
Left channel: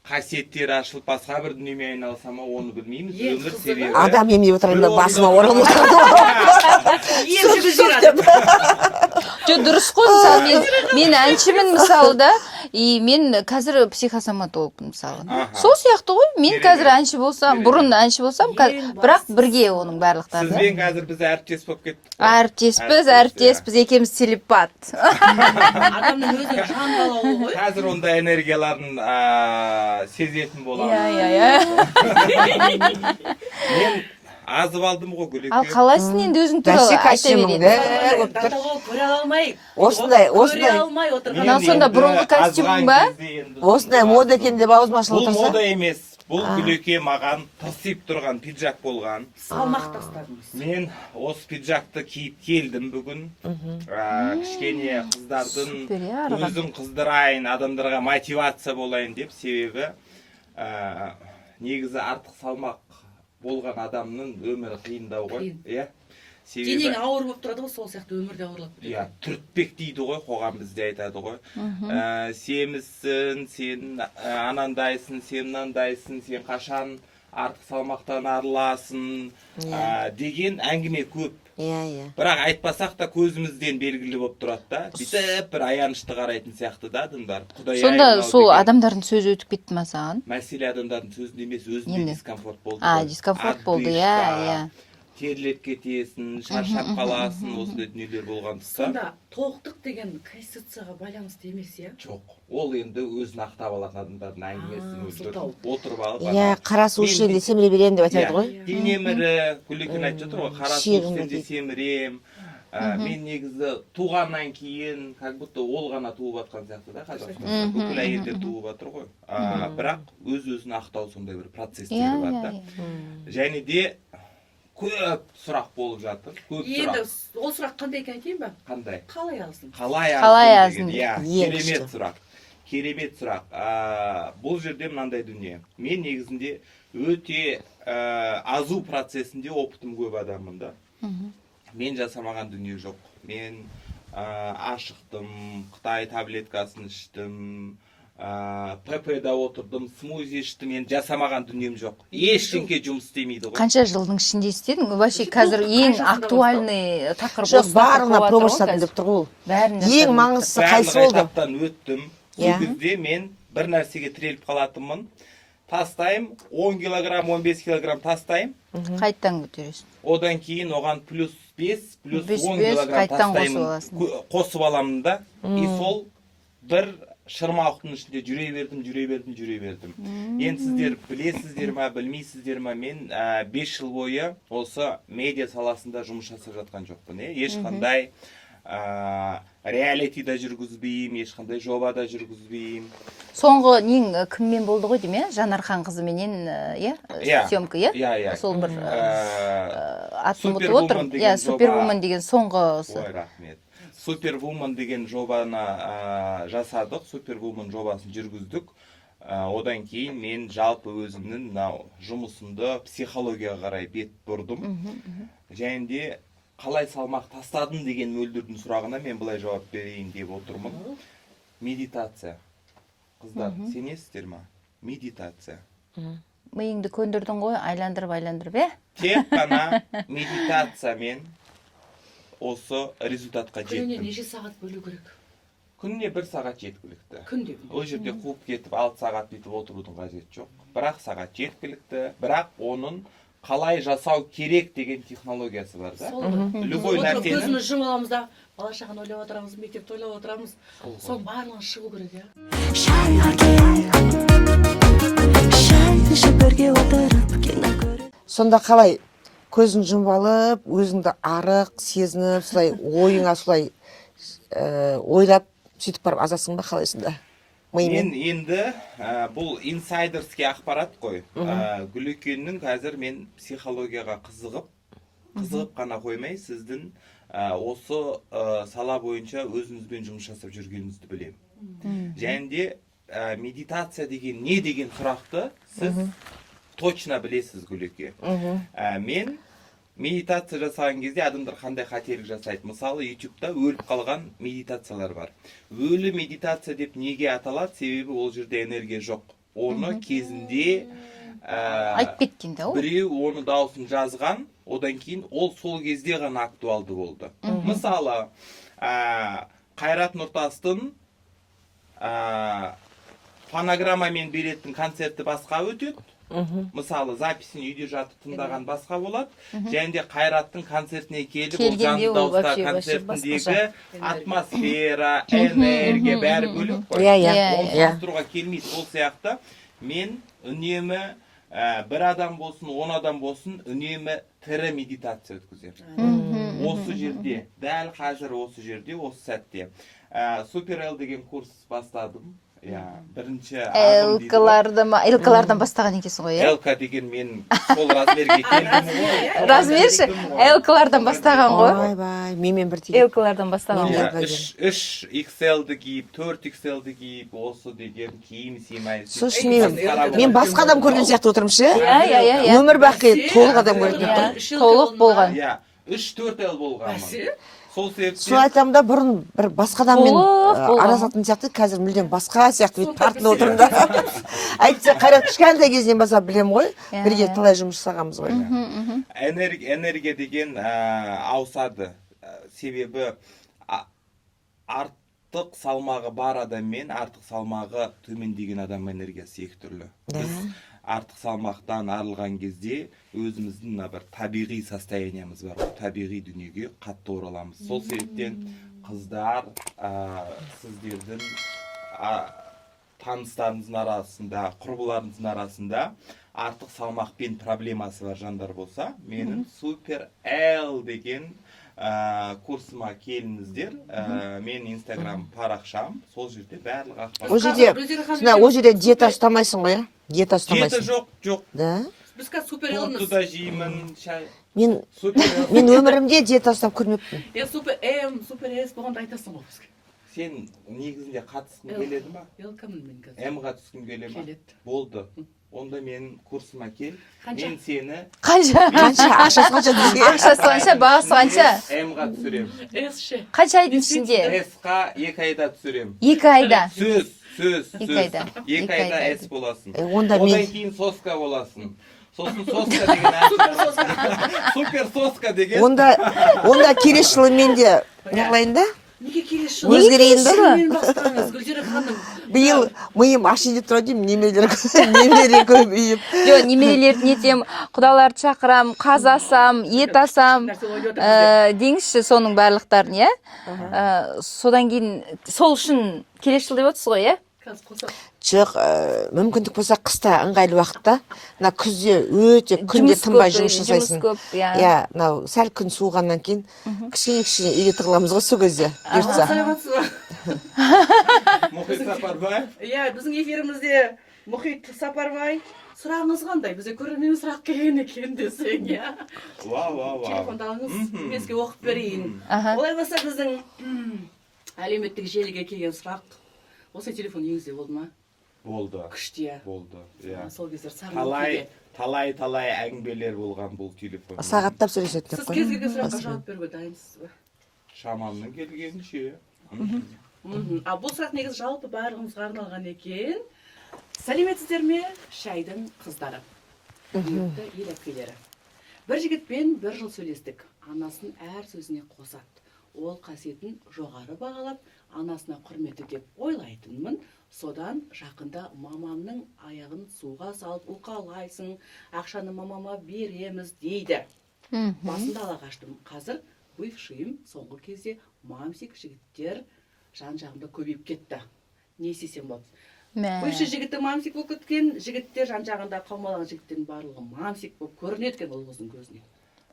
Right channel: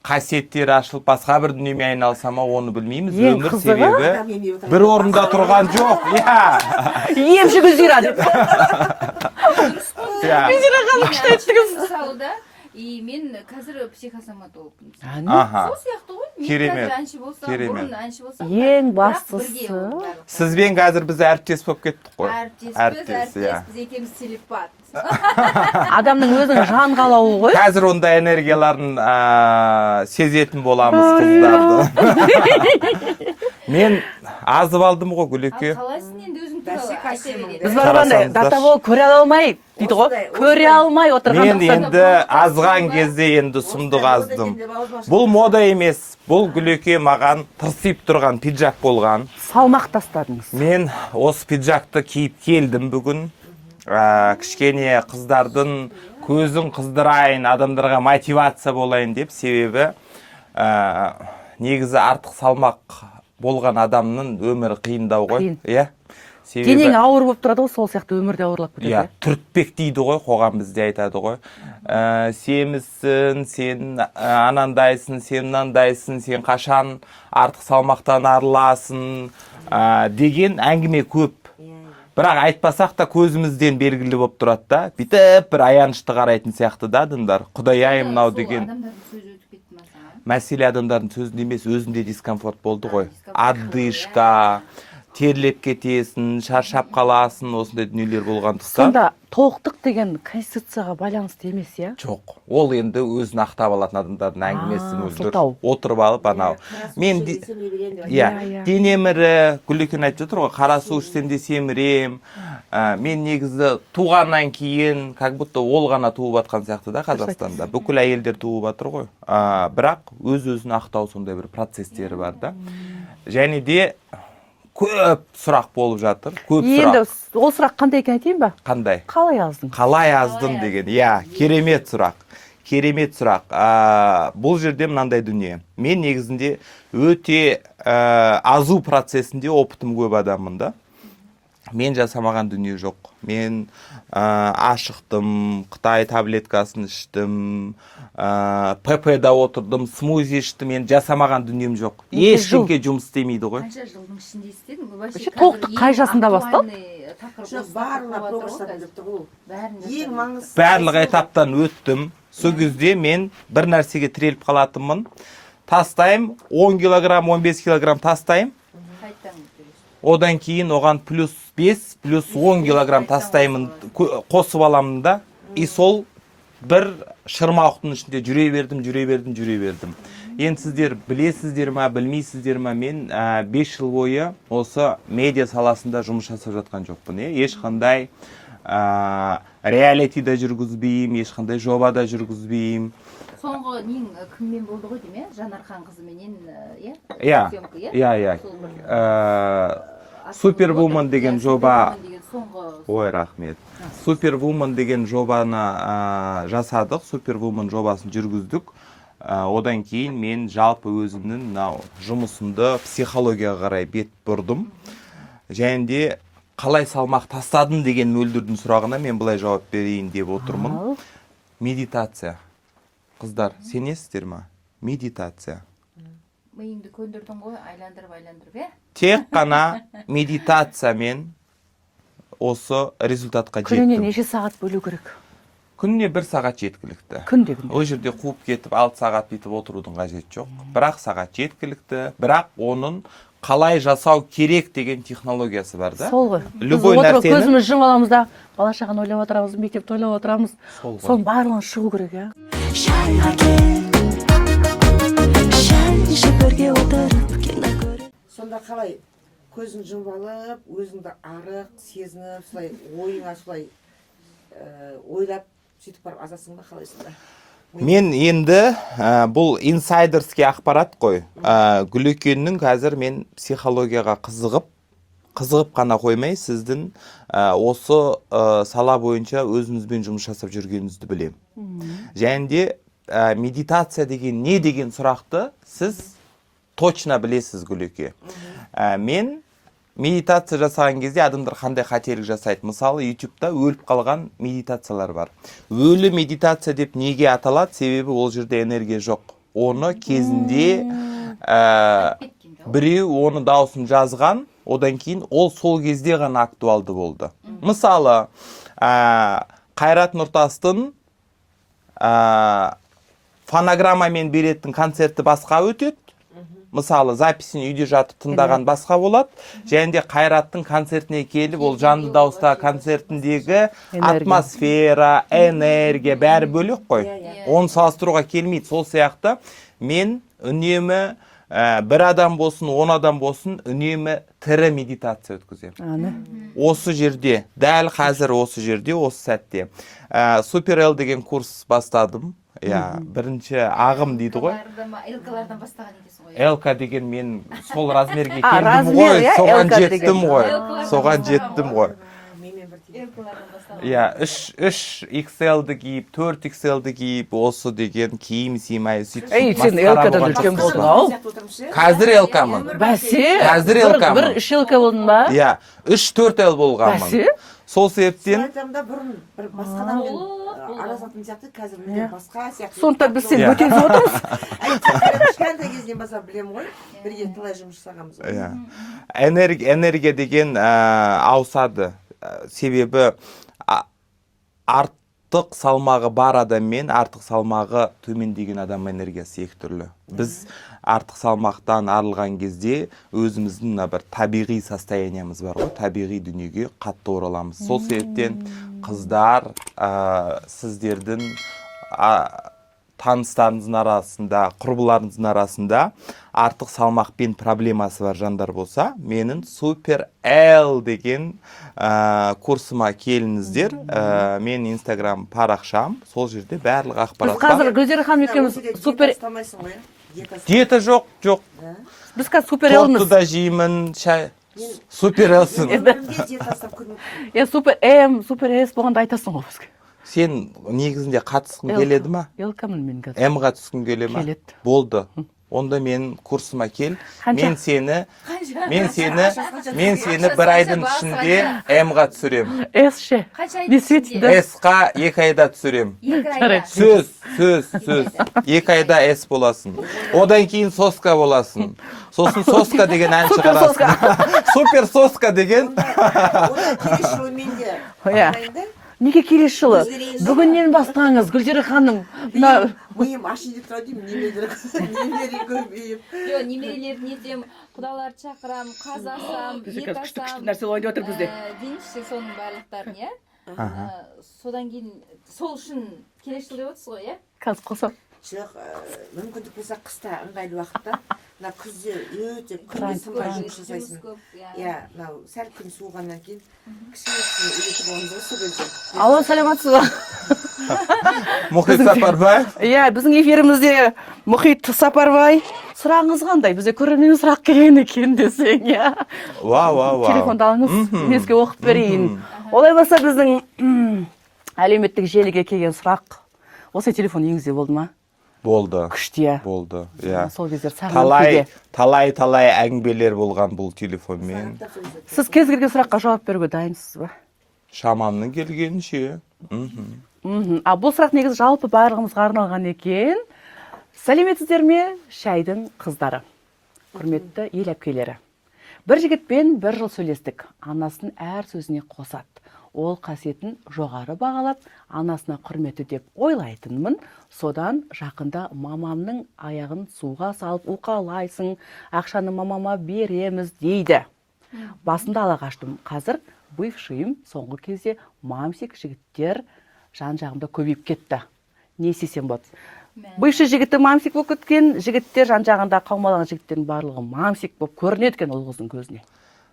қасиеттері ашылып, басқа бір дүниемен айналса ма, оны білмейміз. Ең Өмір қызығы, себебі адам емдеп бір отырғанда орында басына тұрған жоқ. Емші Гүлзира деп. Дұрыс қой, мен әншімін мысалы да, мен қазір психосоматологпын мысалы. Сол сияқты ғой, мен қазір әнші болсам, бұрын әнші болсам, бірақ бірге оның барлықтары. Сізбен қазір біз әріптес болып кеттік қой. Әріптеспіз, екеуміз телепат. Адамның өзінің жан қалауы ғой. Қазір ондай энергияларын сезетін боламыз. Мен азып алдым ғой Ал Гүлеке. қалайсың енді өзің туралы айта береді. Датаво көре алмай, көре алмай отырған Мен енді азған кезде енді сұмдық осындай мода екен аздым. деп аузыма Бұл мода емес. Бұл Гүлеке маған тырсиып тұрған пиджак болған. салмақ тастадыңыз. Мен осы пиджакты киіп келдім бүгін. Кішкене қыздардың көзін қыздырайын, адамдарға мотивация болайын деп, себебі негізі артық салмақ болған адамның өмірі қиындау ғой. Қиын. Иә. Денең ауыр болып тұрады ғой, сол сияқты өмірде ауырлап кетеді. Иә, түртпек дейді ғой, қоғам бізде айтады ғой. Семізсің, сен анандайсың, сен мынандайсың, сен қашан артық салмақтан арыласың деген әңгіме көп. Бірақ айтпасақ та көзімізден белгілі болып тұрады да. Бүйтіп бір аянышты қарайтын сияқты да адамдар. Құдай ай Сонда мынау сол деген. адамдардың сөзі өтіп кетті ма саған? Мәселе адамдардың сөзінде емес, өзінде дискомфорт болды ғой. Дискомфорт болды, Адышта, терлеп кетесің, шаршап қаласың, осындай дүниелер болған тұста. Сонда толықтық деген конституцияға байланысты емес, иә? Жоқ. Ол енді өзін ақтап алатын адамдардың әңгімесі мөлдір. сылтау. Отырып алып анау. қара су ішсем де семіре беремін деп айтады ғой. Иә, денем ірі, Гүлекен айтып жатыр ғой, қара су ішсем де семірем. Мен негізі туғаннан кейін, как будто ол ғана туып атқан сияқты да Қазақстанда. Бүкіл әйелдер туып атыр ғой. Бірақ өз-өзін ақтау сондай бір процестері бар да. Және де көп сұрақ болып жатыр. Көп Енді сұрақ. ол сұрақ қандай екен айтайын ба? Қандай? Қалай яздың? Қалай аздым деген. Иә, керемет сұрақ. Керемет сұрақ. Бұл жерде мынандай дүние. Мен негізінде өте азу процесінде опытым көп адаммын да. Мен жасамаған дүние жоқ. Мен ашықтым, Қытай таблеткасын іштім, ПП-да отырдым, смузи іштім, мен жасамаған дүнием жоқ. Ешкімге жұмыс істемейді ғой. Қанша жылдың ішінде істедің? Вообще қазір қай ең жасында бастап? актуальный тақырып Жоқ, барлығына проба жасадым деп тұр ғой. Ең маңыздысы Барлық қайсы болды? этаптан өттім. Сол кезде мен бір нәрсеге тіреліп қалатынмын. Тастайым, 10 килограмм, 15 килограмм тастайым. Қайттан көтересің. Одан кейін оған плюс 5, плюс 10 килограмм қайттан тастаймын, қосып қосып аламын да. И сол бір шырмауықтың ішінде жүре бердім. Енді сіздер білесіздер ма, білмейсіздер ма, мен 5 жыл бойы осы медиа саласында жұмыс жасап жатқан жоқпын. Ешқандай реалитида жүргізбеймін, ешқандай жобада жүргізбеймін. Соңғы нең кіммен болды ғой дейм, Жанархан қызыменен, съемка, Иә. Сол бір Супервумен деген жоба. Супервумен деген соңғы. Ой, рахмет. Супервумен деген жобаны жасадық, Супервумен жобасын жүргіздік. Одан кейін мен жалпы өзімнің жұмысымды психологияға қарай бет бұрдым. Және де қалай салмақ тастадым деген мөлдірдің сұрағына мен былай жауап берейін деп отырмын. Медитация. Қыздар, сенесіздер ма? Медитация. Миыңды көндірдің ғой, айландырып, Тек қана медитациямен осы результатқа күніне жеттім. неше сағат бөлу керек? Күніне 1 сағат жеткілікті. Күнде. Ол жерде қуып кетіп 6 сағат бүйтіп отырудың қажеті жоқ. 1 сағат жеткілікті. Бірақ оның қалай жасау керек деген технологиясы бар да. Сол ғой. Любой Біз отырып нәрсені- көзіміз жұмып аламыз да, бала шағаны ойлап отырамыз, мектепті ойлап отырамыз. Сол ғой. Соның барлығын шығу керек, иә. шайға шай ішіп бірге отырып кино көріп сонда қалай көзін жұмып алып өзіңді арық сезініп солай ойыңа солай ойлап сөйтіп барып азасың ба қалайсың? Мен енді бұл инсайдерский ақпарат қой. Гүлекеннің қазір мен психологияға қызығып қана қоймай, сіздің осы сала бойынша өзіңізбен жұмыс жасап жүргеніңізді білем. Және де медитация деген не деген сұрақты сіз точно білесіз, Гүлеке. Мен медитация жасаған кезде адамдар қандай қателік жасайды. Мысалы, YouTube-та өліп қалған медитациялар бар. Өлі медитация деп неге аталады? Себебі ол жерде энергия жоқ. Оны кезінде айтып кеткен да ол. біреу оны дауысын жазған, одан кейін ол сол кезде ғана актуалды болды. Мысалы, Қайрат Нұртастың фонограммамен беретін концерті басқа өтеді. Мысалы, записін үйде жатып тыңдаған басқа болады. Және де Қайраттың концертіне келіп, ол жанды дауыста концертіндегі атмосфера, энергия бәрі бөлек қой. Оны салыстыруға келмейді. Сол сияқты мен үнемі бір адам болсын, 10 адам болсын, үнемі тірі медитация өткіземін. Осы жерде, дәл қазір осы жерде, осы сәтте. Супер Л деген курс бастадым. Бірінші ағым дейді ғой. ЛК-лардан бастаған екенсің ғой. ЛК деген мен сол размерге келдім ғой, соған жеттім ғой. ЛК-лардан бастаған ғой. Менмен бір тиген. ЛК-лардан бастаған. 3 XL-ді киіп, 4 XL-ді киіп, осы деген киім сыймай. Мен басқа адам көрген сияқты отырмын ше. Қазір ЛК. Өмір бақи Қазір ЛК. Бір 3 ЛК болдың ба? 3-4 Л болғанмын. Сол Сол себептен айтамын да, бұрын бір басқа адаммен араласатын сияқты, қазір мүлдем басқа сияқты. Сондықтан біз сені өтіп отырмыз. Әйтсе Қайрат кішкентай кезінен бастап білемін ғой. Бірге талай жұмыс жасағанбыз ғой. энергия деген ауысады. Себебі артық салмағы бар адам мен артық салмағы төмендеген адам энергиясы екі түрлі. Біз артық салмақтан арылған кезде өзіміздің бір табиғи состояниямыз бар ғой, табиғи дүниеге қатты ораламыз. Сол себептен қыздар, сіздердің таныстарыңыздың арасында, құрбыларыңыздың арасында артық салмақпен проблемасы бар жандар болса, менің Супер Л деген курсыма келіңіздер. Мен Инстаграм парақшам, сол жерде барлық ақпарат бар. Ол жерде диета ұстамайсың ғой, Диета жоқ. Біз қазір Супер Лмыз. Тортты да жеймін, шай. Мен Супер Лсың. өмірімде диета ұстап көрмеппін. Супер М, Супер С болғанда айтасың ғой бізге. Сен негізінде қатысқың келеді ма? ЛК-мын мен қазір. М-ға түскің келе ма? Келеді. Болды. Онда мен курсыма кел. Мен сені Қанша? бір айдың ішінде М-ға түсірем. С ше. Қанша айдың ішінде? С-қа 2 айда түсірем. 2 айда. Сөз. 2 2 айда С боласың. Одан кейін соска боласың. Сосын соска деген ән шығарасың. Супер соска деген. Онда келесі жылы мен де болайын да. Неге келесі жылы? Өзгерейін ба? Бүгіннен бастаңыз, Гүлзира ханым. Биыл миым ашиын деп тұр деймін, немере көбейіп. Жоқ, немерелерді нетем, құдаларды шақырам, қазасам, ет асам, деңізші соның барлықтарын, иә? Содан кейін, сол үшін келесі жыл деп отырсыз ғой, иә? Қазір қосам. Жоқ, мүмкіндік болса қыста ыңғайлы уақытта, мына күзде өте күнде тынбай жұмыс жасайсың. Иә, мынау сәл күн суығаннан кейін кішкене үйге тығыламыз ғой сол кезде. Алла саламатсыз ба? Мұхит Сапарбаев. Иә, біздің эфирімізде Мұхит Сапарбай. Сұрағыңыз қандай? Бізде көрермен сұрақ келген екен десең, иә. Вау. Телефонды алыңыз, мен сізге оқып берейін. Олай болса біздің әлеуметтік желіге келген сұрақ. Осы телефон үйіңізде болды ма? Болды. Күшті. Болды. Иә. Сол кездер сағынып Талай әңгімелер болған бұл телефонмен. Сағаттап сөйлеседі. Сіз кез келген сұраққа жауап беруге дайынсыз ба? Шамамның келгенінше. Бұл сұрақ негізі жалпы барлығымызға арналған екен. Сәлеметсіздер ме, шайдың қыздары? Құрметті ел әпкелері. бір жігітпен 1 жыл сөйлестік. Анасын әр сөзіне қосады. Ол қасиетін жоғары бағалап, анасына құрметі деп ойлайтынмын. Содан жақында мамамның аяғын суға салып уқалайсың, ақшаны мамама береміз дейді. Басында ала қаштым. Қазір бывшийым соңғы кезде мамсик жігіттер жан-жағымда көбейіп кетті. Не істесем болады? Бывший жігіті мамсик болып кеткен, жігіттер жан-жағында қаумалаған жігіттердің барлығы мамсик болып көрінеді екен ол қыздың көзіне.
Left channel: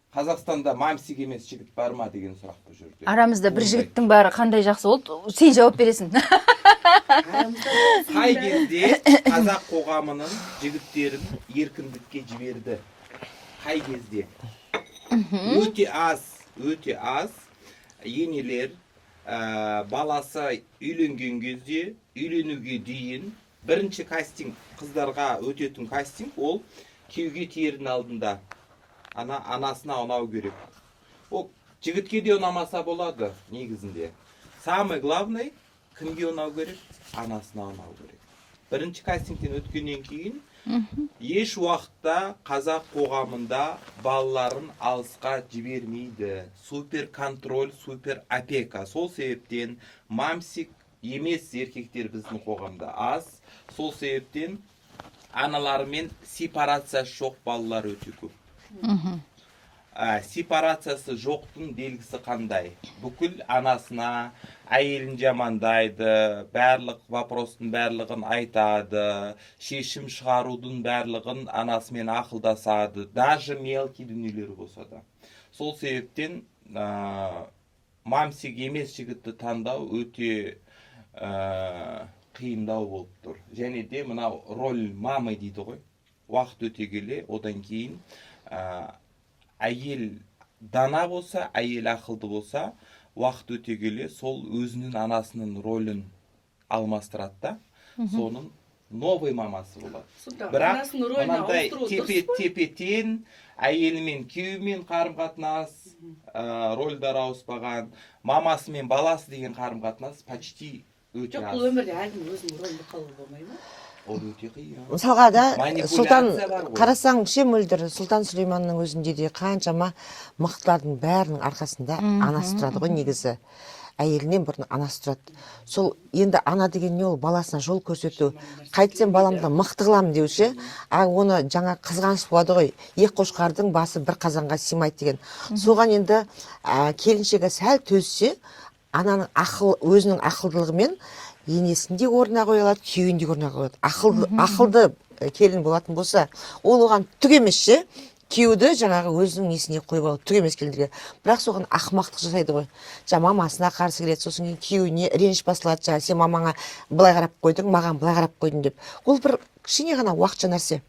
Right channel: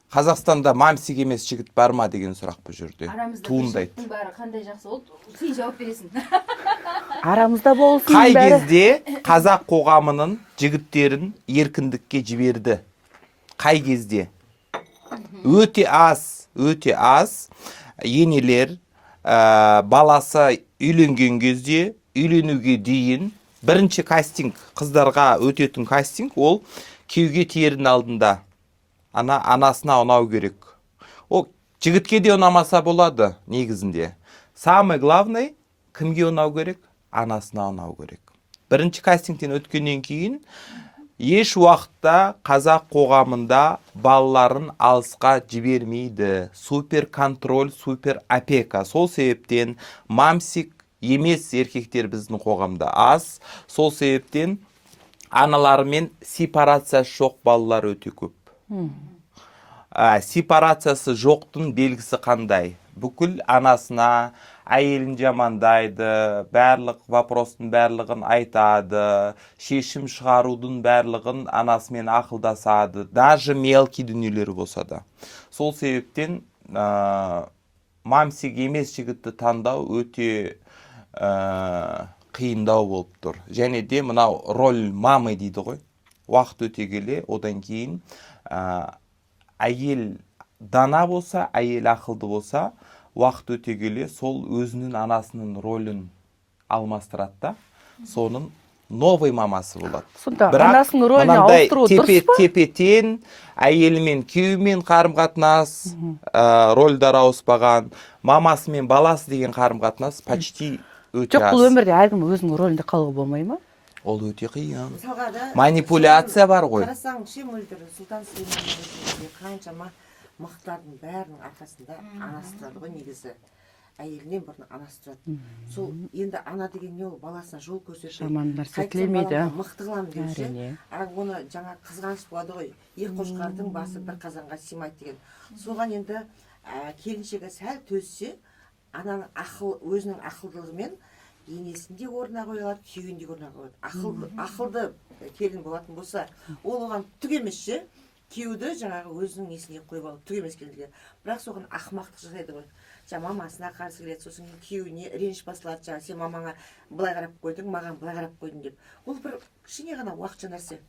Қазақстанда мамсик емес жігіт бар ма деген сұрақ бұл жерде. Арамызда бір жігіттің бәрі қандай жақсы болды, сен жауап бересің. Арамызда болсын Қай бәрі. кезде қазақ қоғамының жігіттерін еркіндікке жіберді? Қай кезде? Өте аз енелер баласы үйленген кезде, үйленуге дейін бірінші кастинг, қыздарға өтетін кастинг, ол күйеуге тердің алдында анасына ұнау керек. Ол жігітке де ұнамаса болады негізінде. Самый главный кімге ұнау керек? Анасына ұнау керек. Бірінші кастингтен өткеннен кейін еш уақытта қазақ қоғамында балаларын алысқа жібермейді. Супер контроль, супер опека. Сол себептен мамсик емес еркектер біздің қоғамда аз. Сол себептен аналарымен сепарациясы жоқ балалар өте көп. Сепарациясы жоқтың белгісі қандай? Бүкіл анасына әйелін жамандайды, барлық вопростың барлығын айтады, шешім шығарудың барлығын анасымен ақылдасады, даже мелкий дүниелері болса да. Сол себептен мамсик емес жігітті таңдау өте қиындау болып тұр. Және де мынау роль мамы дейді ғой. Уақыт өте келе, одан кейін әйел дана болса, әйел ақылды болса, уақыт өте келе сол өзінің анасының ролін алмастырады да, соның новый мамасы болады. Сонда анасының рөлін ауыстыру дұрыс па? Тепе-тен әйелімен күйеуімен қарым-қатынас, рольдар ауыспаған, мамасы мен баласы деген қарым-қатынас почти өте Жоқ, аз. бұл өмірде әркім өзінің рөлінде қалуға болмай ма? Ол өте қиын. Мысалға да Манипуляция бар ғой. Қарасаң, ше мөлдір Сұлтан Сүлейманның өзінде де қаншама мықтылардың бәрінің арқасында анасы тұрады ғой негізі. Әйелінен бұрын анасы тұрады. Сол енді ана деген не, ол баласына жол көрсету. Қайтсем баламды мықты қыламын деуші. Оны жаңа қызғаныш болады ғой. Ек қошқардың басы бір қазанға сыймайды деген. Соған енді келіншегі сәл төзсе, ананың өзінің ақылдылығымен енесінде орнына қоя алады, күйеуінде орнына қоя алады. Ақылды келін болатын болса, ол оған түк емес ше. Күйеуді жаңағы өзінің несіне қойып алады, түк емес келіндерге. Бірақ соған ақымақтық жасайды ғой. Мамасына қарсы келеді, сосын күйеуіне реніш басылады, сен мамаңа былай қарап қойдың, маған былай қарап қойдың деп. Ол бір кішкене ғана уақытша нәрсе.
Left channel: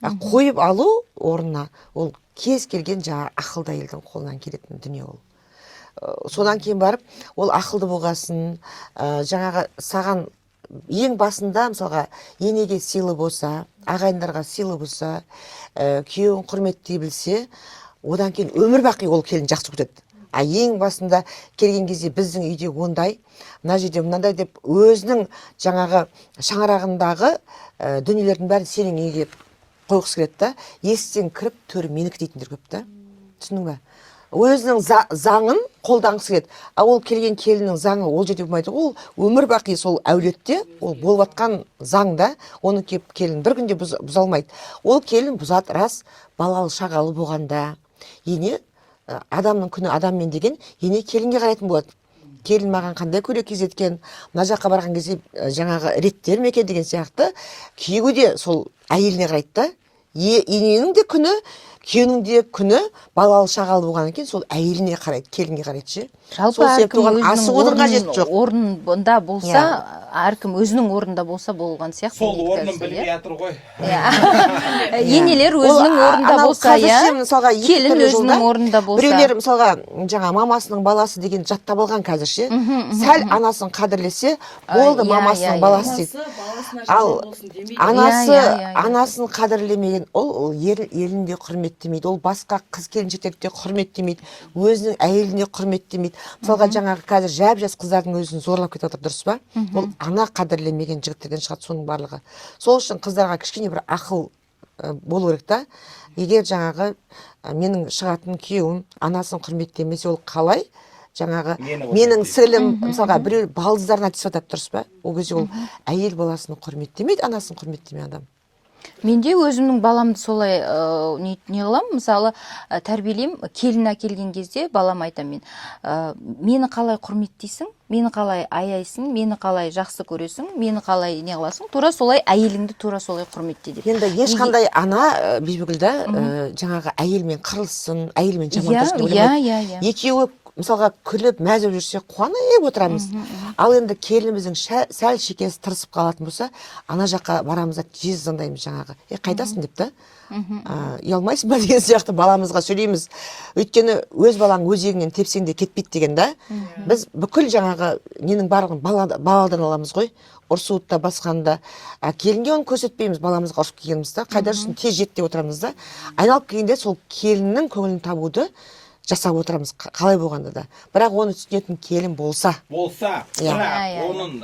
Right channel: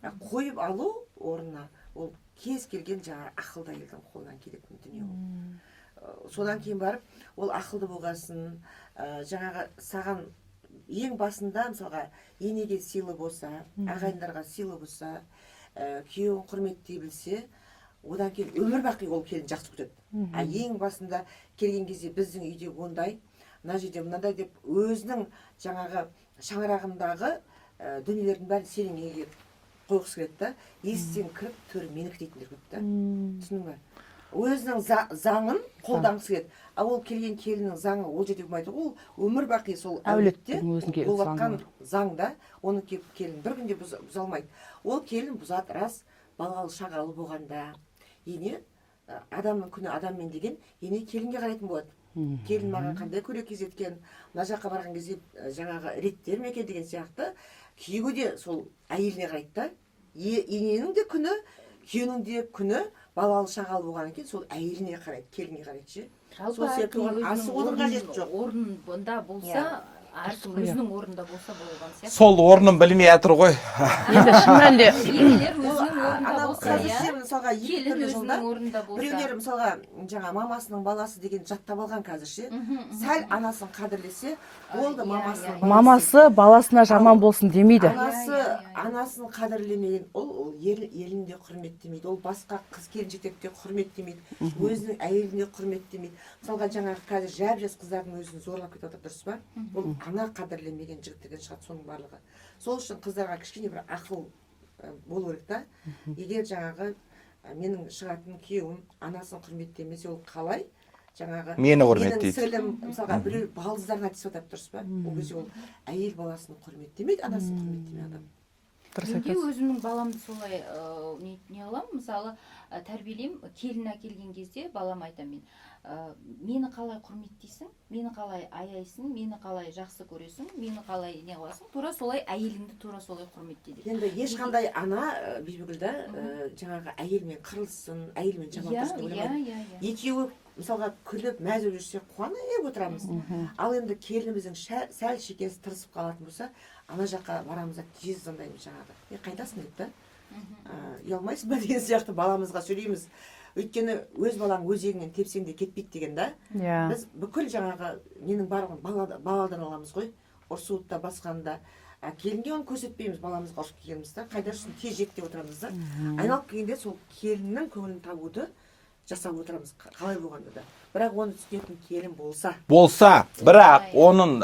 Қойып алу орнына ол кез келген жаңағы ақылды әйелдің қолынан келетін дүние ол. Содан кейін барып, ол ақылды болғасын, жаңағы саған ең басында, мысалға, енеге сыйлы болса, ағайындарға сыйлы болса, күйеуін құрметтей білсе, одан кейін өмір бақи ол келін жақсы көреді. Ең басында келген кезде біздің үйде ондай, мына жерде мынандай деп өзінің жаңағы шаңырағындағы дүниелердің бәрін сенің үйге қойғысы келеді да, есіктен кіріп төрі менікі дейтіндер көп та. Түсіндің бе? Өзінің заңын қолданғысы келеді. Ол келген келіннің заңы ол жерде болмайды. Ол өмір бақи сол әулетте, ол болып жатқан заңда, оны келін бір күнде бұза алмайды. Ол келін бұзады, рас, балалы шағалы болғанда, ене адамның күні адаммен деген, ене келінге қарайтын болады. Келін маған қандай көйлек кигізеткен, мына жаққа барған кезде жаңағы реттер ме екен деген сияқты, күйеуі де сол әйеліне қарайды да. Ененің де күні, күйеуінің де күні балалы шағалы болғаннан кейін сол әйеліне қарайды, келінге қарайды ше. Жалпы әркім өзінің орнында болса, әркім өзінің орнында болса болған сияқты. Сол орнын білмей жатыр ғой. Енелер өзінің орнында болса, келін өзінің орнында болса. Біреулер мысалға жаңа мамасының баласы деген жаттап алған қазірше. Сәл анасын қадірлесе, болды мамасының баласы. Мамасы баласына жаман болсын демейді. Анасын қадірлемеген, ол елінде құрметтемейді, ол басқа қыз келіншектерді құрметтемейді, өзінің әйеліне құрметтемейді. Мысалға жаңағы қазір жап-жас қыздардың өзін зорлап кетіп отыр, дұрыс па? Ол ана қадірлемеген жігіттерден шығады соның барлығы. Сол үшін қыздарға кішкене бір ақыл болу керек та. Егер жаңағы менің шығатын күйеуім анасын құрметтемесе, ол қалай жаңағы Мені менің құрметтейді. сіңлім мысалға біреу балдыздарына тиісіп жатады, дұрыс па? Ол кезде ол әйел баласын құрметтемейді, анасын құрметтемей адам. Менде өзімнің баламды солай не қыламын, мысалы тәрбиелеймін, келін әкелген кезде балам айтамын, мен мені қалай құрметтейсің, мені қалай аяйсың, мені қалай жақсы көресің, мені қалай не қыласың, тура солай әйеліңді тура солай құрметте деп. Енді ешқандай ана Бибігүлда жаңағы әйелмен қырылсын, әйелмен жамандассын деп ойламайды. Екеуі мысалға күліп мәз болып жүрсе қуанып отырамыз. Ал енді келініміздің сәл шекесі тырысып қалатын болса, ана жаққа барамыз да тез звондаймыз жаңағы. Қайдасың деп та. Ұялмайсың ба деген сияқты баламызға сөйлейміз. Өйткені өз балаң өзегінен тепсең де кетпейді деген да. Біз бүкіл жаңағы ненің барлығын баладан аламыз ғой. Ұрсуытта басқанда келінге оны көрсетпейміз, баламызға ұрсып келгенімізді. Қайда жүрсің, тез жет деп отырамыз да. Айналып келгенде сол келіннің көңілін табуды жасап отырамыз, қалай болғанда да. Бірақ оны түсінетін келін болса. Бірақ оның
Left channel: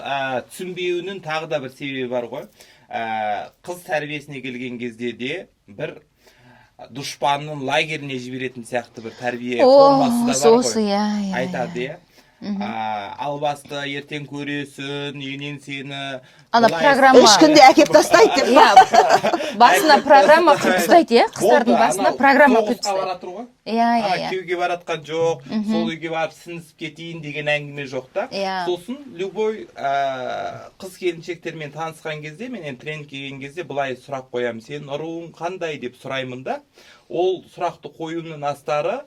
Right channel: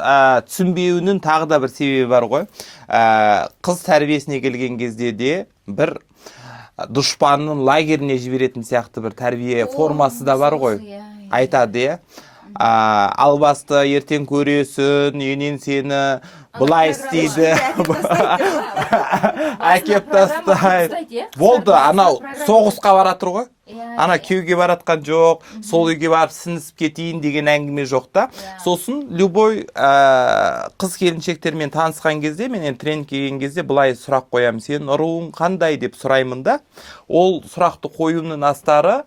түсінбеуінің тағы да бір себебі бар ғой. Қыз тәрбиесіне келген кезде де бір дұшпанның лагеріне жіберетін сияқты бір тәрбие формасы да бар ғой. Айтады, албасты ертең көресің, енен сені былай ешкімде әкеп тастайды деп. Басына программа қылыстайды, болды, анау соғысқа баратыр ғой. Ана Иә. күйеуге баратқан жоқ, сол үйге барып сіңісіп кетейін деген әңгіме жоқ та. Сосын любой қыз келіншектермен танысқан кезде, мен тренингке келген кезде былай сұрақ қоямын, сен ұруың қандай деп сұраймын да. Ол сұрақты қоюымның астары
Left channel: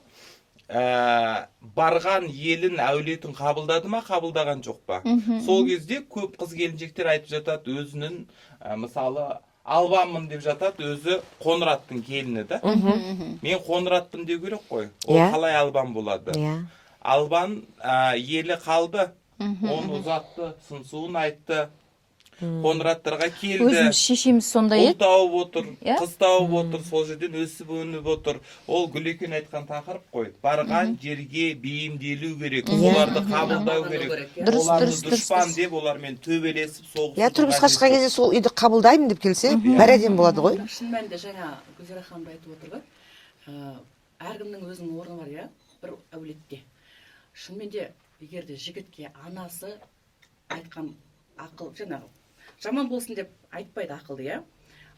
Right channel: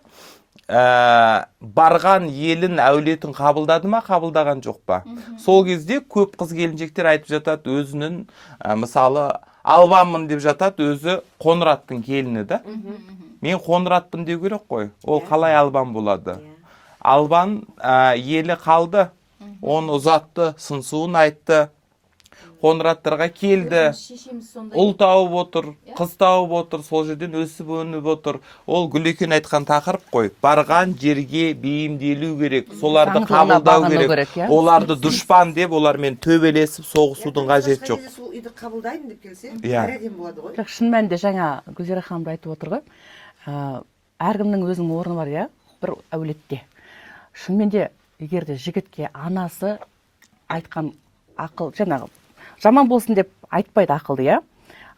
барған елін әулетін қабылдады ма, қабылдаған жоқ па. Сол кезде көп қыз келіншектер айтып жатады, өзінің мысалы албанмын деп жатады, өзі Қоңыраттың келіні да. Мен Қоңыратпын деу керек қой. Ол қалай албан болады? Албан елі қалды, оны ұзатты, сыңсуын айтты, Қоңыраттарға келді. Өзіміз шешеміз сондай Ұл тауып отыр, қыз тауып отыр, сол жерден өсіп өніп отыр. Ол Гүлекен айтқан тақырып қой. Барған жерге бейімделу керек, оларды қабылдау керек. Оларды дұшпан деп, олармен төбелесіп соғысудың қажеті Тұрмысқа кезде сол үйді қабылдаймын деп келсе, бәрі болады ғой. Шын мәнінде жаңа Гүлзира ханым айтып отыр ғой. Әркімнің өзінің орны бар, иә, бір әулетте. Шынымен де егер де жігітке анасы айтқан ақыл, жаңағы жаман болсын деп айтпайды ақылды, иә.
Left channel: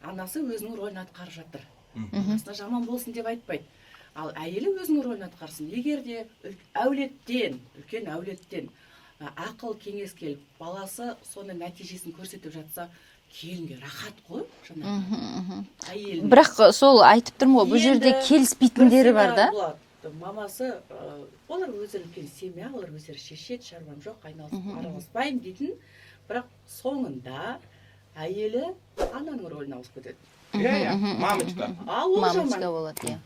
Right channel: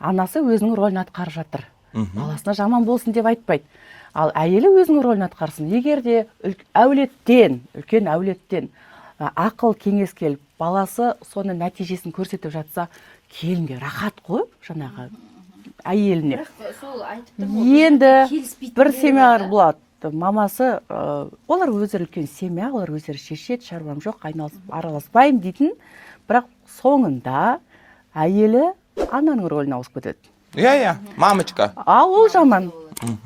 Анасы өзінің рөлін атқарып жатыр. Баласына жаман болсын деп айтпайды. Ал әйелі өзінің рөлін атқарсын. Егер де үлкен әулеттен ақыл кеңес келіп, баласы соны нәтижесін көрсетіп жатса, келінге рахат қой, жаңағы әйеліне. Бірақ сол айтып тұрмын ғой, бұл жерде келіспейтіндері бар да. Болады. Мамасы, олар өздері үлкен семья, олар өздері шешеді, шаруам жоқ, айналысып араласпаймын дейтін. Бірақ соңында әйелі ананың рөліне ауысып кетеді. Иә, мамочка. Ол жаман.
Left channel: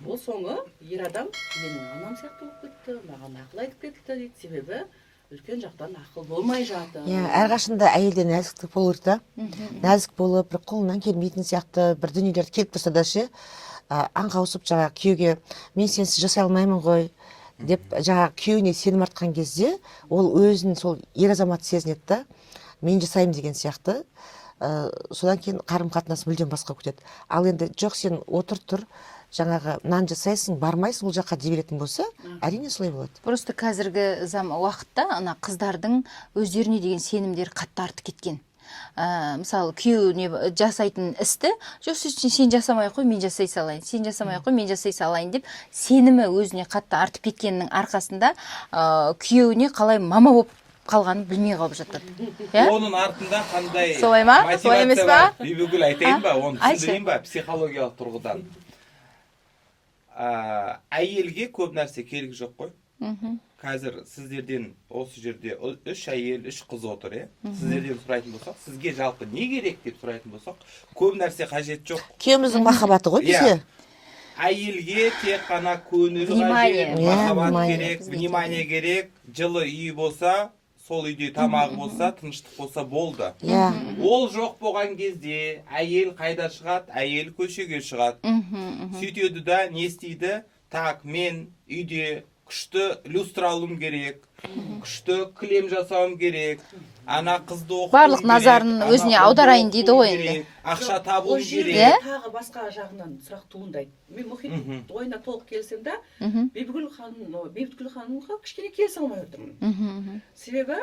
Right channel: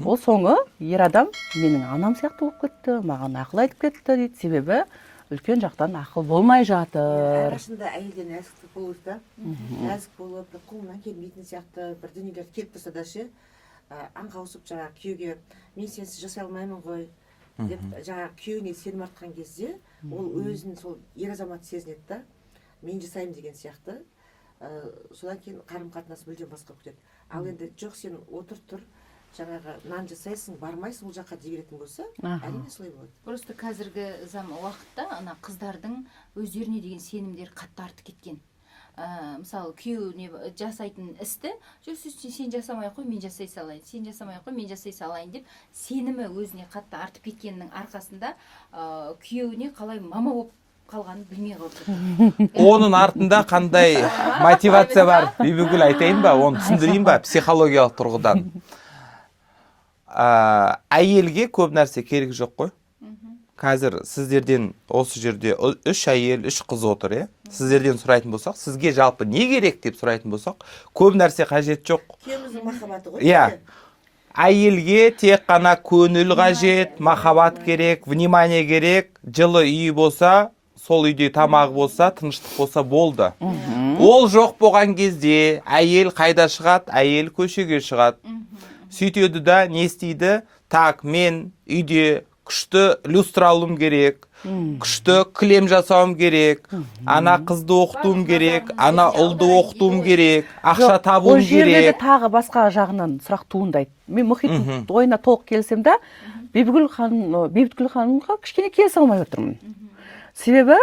Ол соңы ер адам менің анам сияқты болып кетті, маған ақыл айтып кетті дейді. Себебі үлкен жақтан ақыл болмай жатыр. Әрқашанда әйелде нәзіктік болу керек та. Нәзік болып, бір қолынан келмейтін сияқты бір дүниелер келіп тұрса да ше, аңқаусып жаңағы күйеуге мен сенсіз жасай алмаймын ғой деп жаңағы күйеуіне сенім артқан кезде, ол өзін сол ер азамат сезінеді да. Мен жасаймын деген сияқты, содан кейін қарым-қатынас мүлдем басқа өтеді. Ал енді жоқ, сен отыр тұр, жаңағы нан жасайсың, бармайсың ол жаққа дей беретін болса, әрине солай болады. Просто қазіргі уақытта ана қыздардың өздеріне деген сенімдері қатты артып кеткен. Мысалы күйеуіне жасайтын істі, жоқ сен жасамай қой, мен жасай салайын, сен жасамай қой, мен жасай салайын деп сенімі өзіне қатты артып кеткеннің арқасында күйеуіне қалай мама болып қалғанын білмей қалып жатыр. Оның артында қандай мотивация бар? Бибігүл айтайын ба, оны түсіндірейін ба психологиялық тұрғыдан? Әйелге көп нәрсе керек жоқ қой. Қазір сіздерден осы жерде 3 әйел, 3 қыз отыр, е? Сіздерден сұрайтын болсақ, сізге жалпы не керек деп сұрайтын болсақ, көп нәрсе қажет жоқ. Күйеуіміздің махаббаты ғой бізге. Әйелге тек қана көңіл қажет, махаббат керек, внимание керек, жылы үй болса, сол үйде тамағы болса, тыныштық болса болды. Ол жоқ болған кезде әйел қайда шығады? Әйел көшеге шығады. Сөйтеді да не істейді? Так, мен үйде күшті люстра алуым керек, күшті кілем жасауым керек, ана қызды оқытуым Барлық керек, назарын ана өзіне ұлды аударайын дейді оқытуым ғой. керек, ақша Ол табуым жерде керек. де тағы басқа жағынан сұрақ туындайды. Мен мұхиттың ойына толық келісемін да, Бибігүл ханымға кішкене келісе алмай отырмын. Себебі,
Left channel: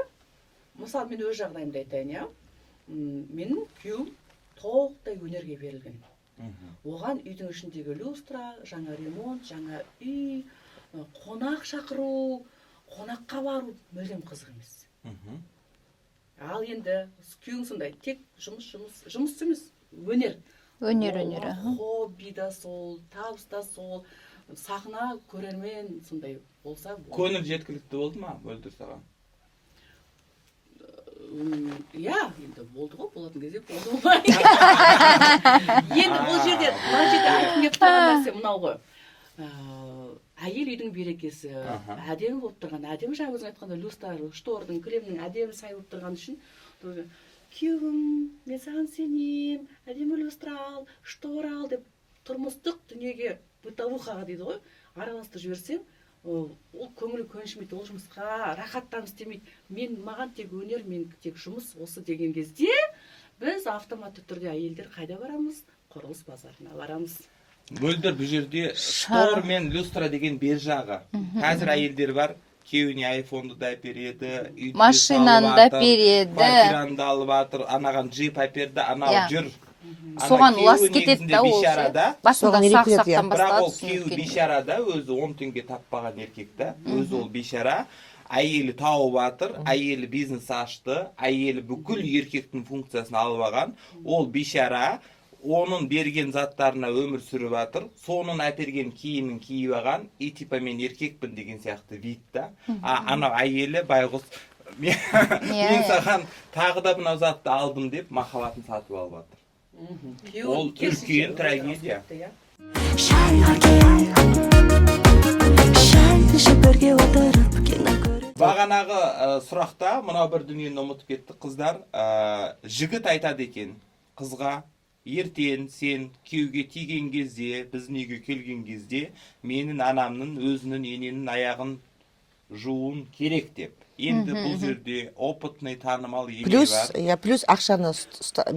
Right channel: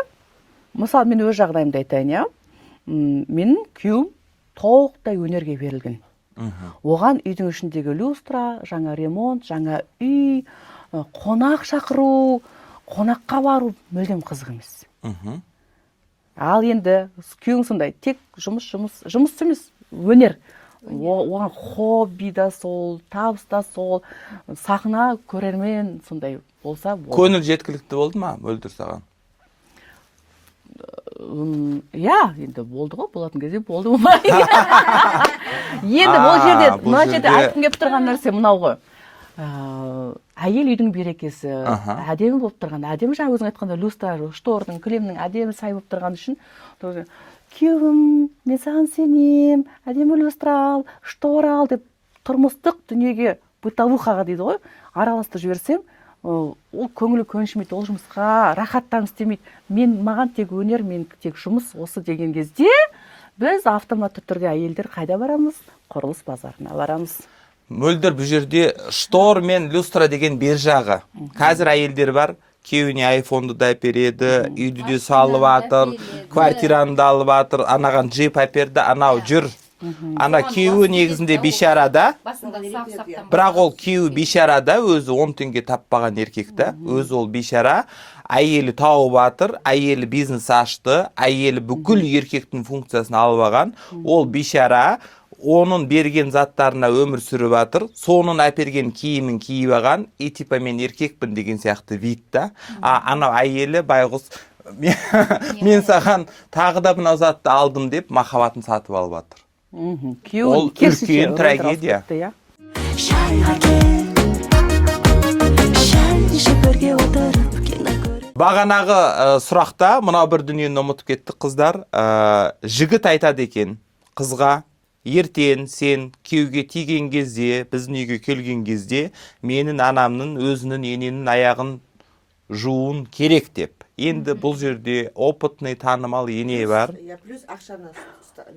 мысалы мен өз жағдайымды айтайын, иә. Менің күйеуім толықтай өнерге берілген. Оған үйдің ішіндегі люстра, жаңа ремонт, жаңа үй, қонақ шақыру, қонаққа бару мүлдем қызық емес. Ал енді күйеуің сондай, тек жұмыс емес, өнер. Оған хобби да сол, табыс та сол, сахна, көрермен сондай болса болды. Көңіл жеткілікті болды ма, Мөлдір саған? Иә, енді болды ғой, болатын кезде болды ма? Енді бұл жерде, мына жерде айтқым келіп тұрған нәрсе мынау ғой. Әйел үйдің берекесі, әдемі болып тұрған, әдемі жаңа өзің айтқанда люстра, штордың, кілемнің әдемі сай болып тұрған үшін, күйеуім, мен саған сенем, әдемі люстра ал, штор ал деп тұрмыстық дүниеге, бытовухаға дейді ғой, араластырып жіберсең, ол көңілі көншімейді, ол жұмысқа рахаттанып істемейді. Маған тек өнер, мен тек жұмыс осы деген кезде біз автоматты түрде әйелдер қайда барамыз? Құрылыс базарына барамыз. Мөлдір бұл жерде штор мен люстра деген бер жағы. Қазір әйелдер бар, күйеуіне айфонды да әпереді, үйді де салып атыр, квартираны да алып атыр, анаған джип әперді, анау жүр. Ана күйеуі негізінде бейшарада, бірақ ол күйеуі бейшарада, өзі 10 теңге таппаған еркекті, өзі ол бейшара, әйелі тауып атыр, әйелі бизнес ашты, әйелі бүкіл еркектің функциясын алып алған, ол бейшара, оның берген заттарына өмір сүріп атыр, соның әперген киімін киіп алған, типа мен еркекпін деген сияқты вид та. Анау әйелі байғұс, мен саған тағы да мынау затты алдым деп махаббатын сатып алып атыр. Ол үлкен трагедия. Шайға кел, шай ішіп бірге отырып кино көріп. Бағанағы сұрақта мынау бір дүниені ұмытып кеттік қыздар. Жігіт айтады екен қызға, ертең сен күйеуге тиген кезде, біздің үйге келген кезде, менің анамның өзінің ененің аяғын жуын керек деп. Енді бұл жерде опытный танымал ене бар. Плюс ақшаны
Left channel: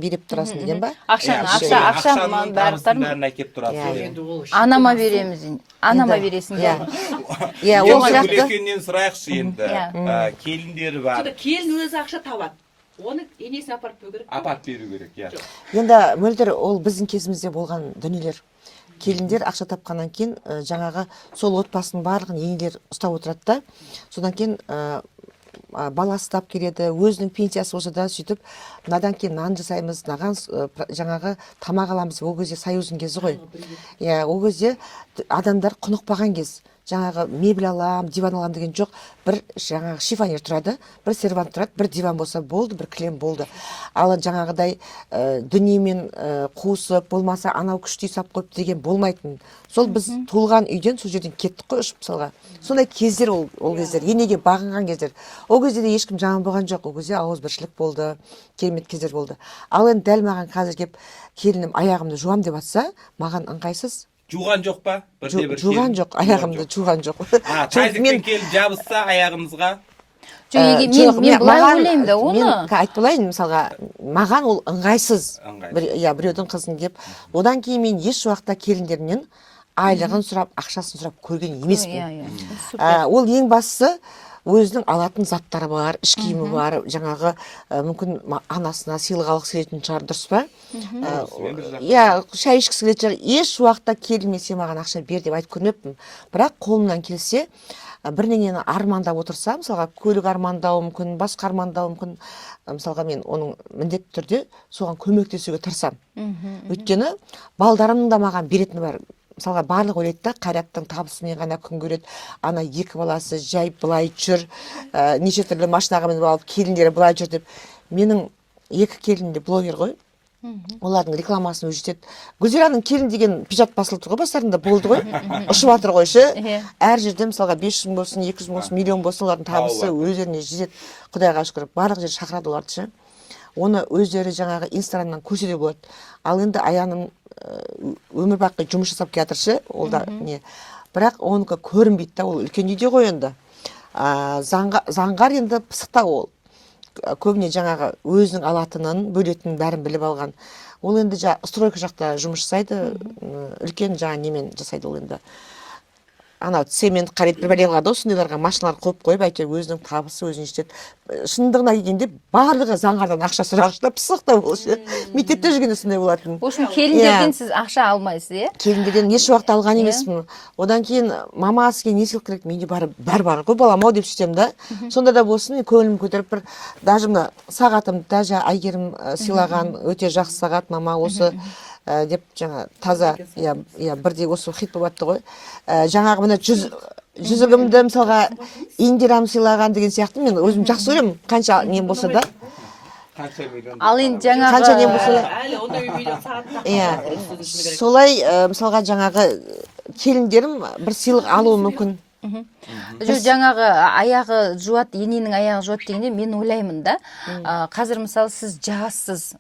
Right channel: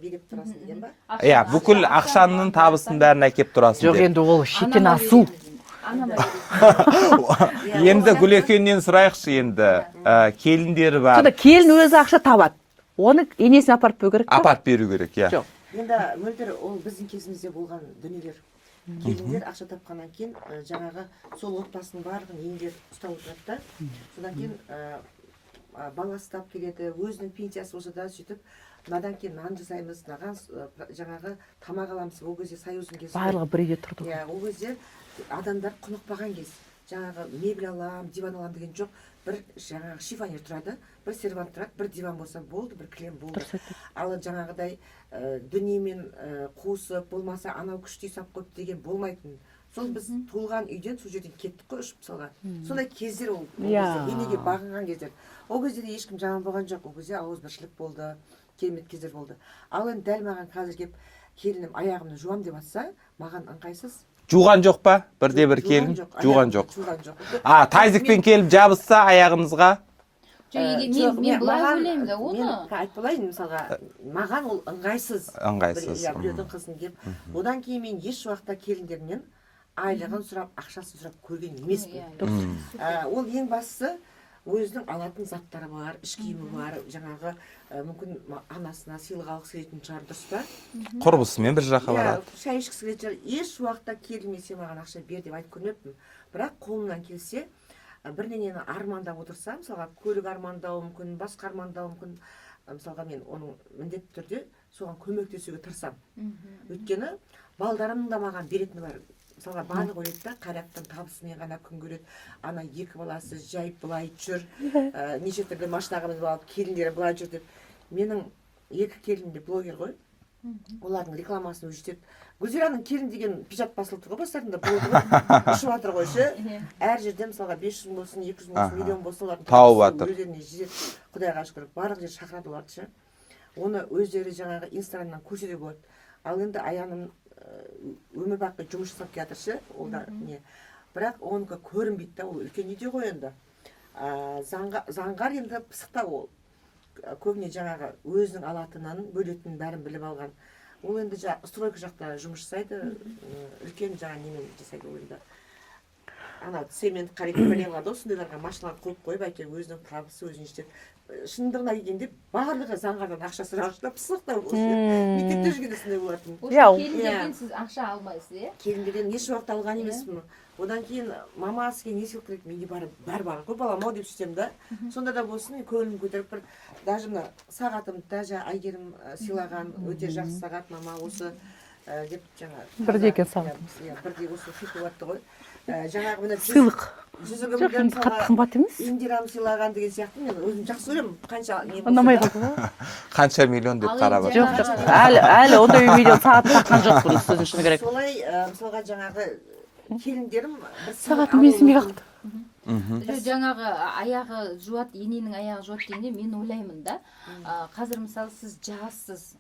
беріп тұрасың деген ба? Бүкіл ақшаның табысын бәрін әкеп тұрасың. Жоқ, енді ол Анама шетен асу. береміз. Анама бересің. Енді Гүлекеңнен сұрайықшы енді. Келіндері бар. Сонда келін өзі ақша табады. Оны енесіне апарып беру керек. Апарып беру керек, иә. Енді Мөлдір, ол біздің кезімізде болған дүниелер. Келіндер ақша тапқаннан кейін жаңағы сол отбасының барлығын енелер ұстап отырады да. Содан кейін баласы тап келеді, өзінің пенсиясы болса да сөйтіп, мынадан кейін нан жасаймыз, мынаған жаңағы тамақ аламыз. Ол кезде союздың кезі ғой. Ол кезде адамдар құнықпаған кез. Жаңағы мебель алам, диван алам деген жоқ. Бір жаңағы шифонер тұрады, бір сервант тұрады, бір диван болса болды, бір кілем болды. Ал жаңағыдай дүниемен қуысып, болмаса анау күшті сап қойып деген болмайтын. Сол біз туылған үйден сол жерден кеттік қой ұшып мысалға. Сондай кездер ол кездер, енеге бағынған кездер. Ол кезде де ешкім жаман болған жоқ. Ол кезде ауызбіршілік болды, керемет кездер болды. Ал енді дәл маған қазір келіп келінім аяғымды жуам деп атса, маған ыңғайсыз. Жуған жоқ па? Бірде бір келін? Жуған жоқ, аяғымды жуған жоқ. Тазикпен келіп жабысса аяғымызға? Мен былай ойлаймын да, оны. Мен айтып болайын, мысалға, маған ол ыңғайсыз. Біреудің қызын деп. Одан кейін мен еш уақытта келіндерінен айлығын сұрап, ақшасын сұрап көрген емеспін. Ол ең бастысы өзінің алатын заттары бар, іш киімі бар, жаңағы мүмкін анасына сыйлық алғысы келетін шығар, дұрыс па? Құрбысымен бір жаққа. Шай ішкісі келетін шығар. Еш уақытта келін сен маған ақша бер деп айтып көрмеппін. Бірақ қолымнан келсе, бірдеңені армандап отырса, мысалға көлік армандауы мүмкін, басқа армандауы мүмкін, мысалға мен оның міндетті түрде соған көмектесуге тырысамын. Өйткені балдарымның да маған беретіні бар. Мысалға барлық ойлайды да, Қайраттың табысымен ғана күн көреді. Ана екі баласы жай былай жүр, неше түрлі машинаға мініп алып, келіндері былай жүр деп. Менің екі келін де блогер ғой. Олардың рекламасын өзі жетеді. Гүлзираның келін деген пижат басылып тұр ғой, бастарында болды ғой. Ұшып жатыр ғой ше. Әр жерде мысалға 500 мың болсын, 200 мың болсын, миллион болсын, олардың табысы өздеріне жетеді. Құдайға шүкір, барлық жер шақырады оларды ше. Оны өздері жаңағы Инстаграмнан көрсе болады. Ал енді Аяным өмір бақи жұмыс жасап келатыр ше, ол да не. бірақ оныкі көрінбейді да, ол үлкен үйде ғой енді. Заңғар енді пысықта ол. Көбіне жаңағы өзінің алатынын, бөлетінін бәрін біліп алған. Ол енді стройка жақта жұмыс жасайды, үлкен жаңа немен жасайды ол енді. Ана цемент қарайды, бір бәле қылады, осындайларға машиналар қойып, әйтеуір өзінің табысы өзіне жетеді. Шындығына келгенде барлығы заңғардан ақша сұрағышта пысықта болшы. Мектепте жүргенде сондай болатын. Келіндерден сіз ақша алмайсыз, иә? Келіндерден еш уақыт алған емеспін. Одан кейін мама сізге не сыйлық керек? Менде бәрі бар ғой балам-ау деп сөйтем да. Сонда да болсын, көңілім көтеріп бір даже мына сағатымды да Әйгерім сыйлаған өте жақсы сағат мама осы деп жаңа таза бірдей осы хит болып атты ғой. Жаңағы мына жүзігімді мысалға Индирам сыйлаған деген сияқты мен өзім жақсы көремін, қанша не болса да. Қанша миллион деп Ал қарап. енді Қанша не болса да. Әлі ондай миллион сағат таққан жоқ. Солай мысалға жаңағы келіндерім бір сыйлық алуы мүмкін. Жаңағы аяғы жуат, ененің аяғы жуат дегенде мен ойлаймын да, қазір мысалы сіз жассыз,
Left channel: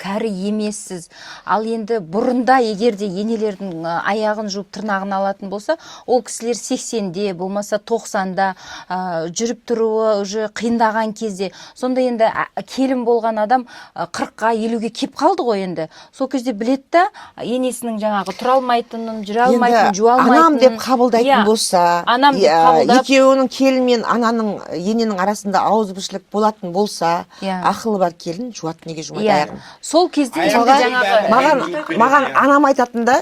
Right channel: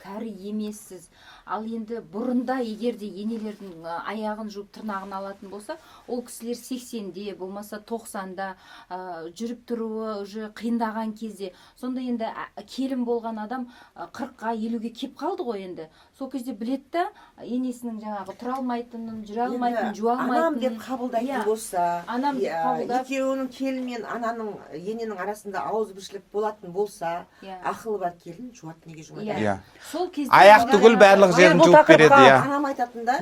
кәрі емессіз, ал енді бұрында егерде енелердің аяғын жуып тырнағын алатын болса, ол кісілер 80-де, болмаса 90-да жүріп тұруы уже қиындаған кезде, сонда енді келін болған адам 40-ға 50-ге кеп қалды ғой енді. Сол кезде білет та, енесінің жаңағы тұра алмайтынын, жүре алмайтынын, жуа алмайтынын. Анам деп қабылдайтын болса, екеуінің келін мен ананың ененің арасында ауызбіршілік болатын болса, ақылы бар келін жуат неге жумайды. Сол кезде анам айтатын да,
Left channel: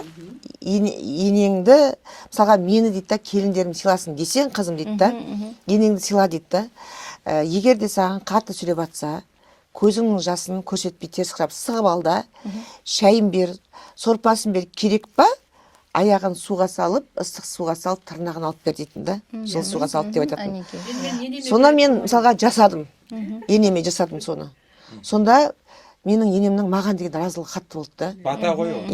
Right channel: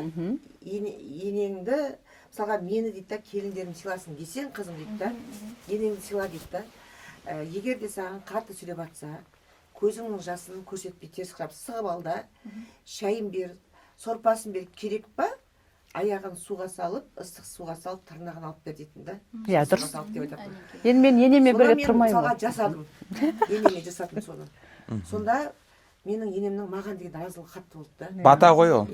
енеңді мысалға мені дейді да, келіндерім сыйласын десең, қызым дейді да, енеңді сыйла дейді да. Егер де саған қатты сөйлеп жатса, көзіңнің жасын көрсетпей теріс қарап сығып ал да, шайын бер, сорпасын бер, керек па? Аяғын суға салып, ыстық суға салып, тырнағын алып бер дейтін да. Суға салып деп айтатын. Сонда мен мысалға жасадым. Енеме жасадым соны. Сонда менің енемнің маған деген разылығы қатты болды да. Бата ғой ол.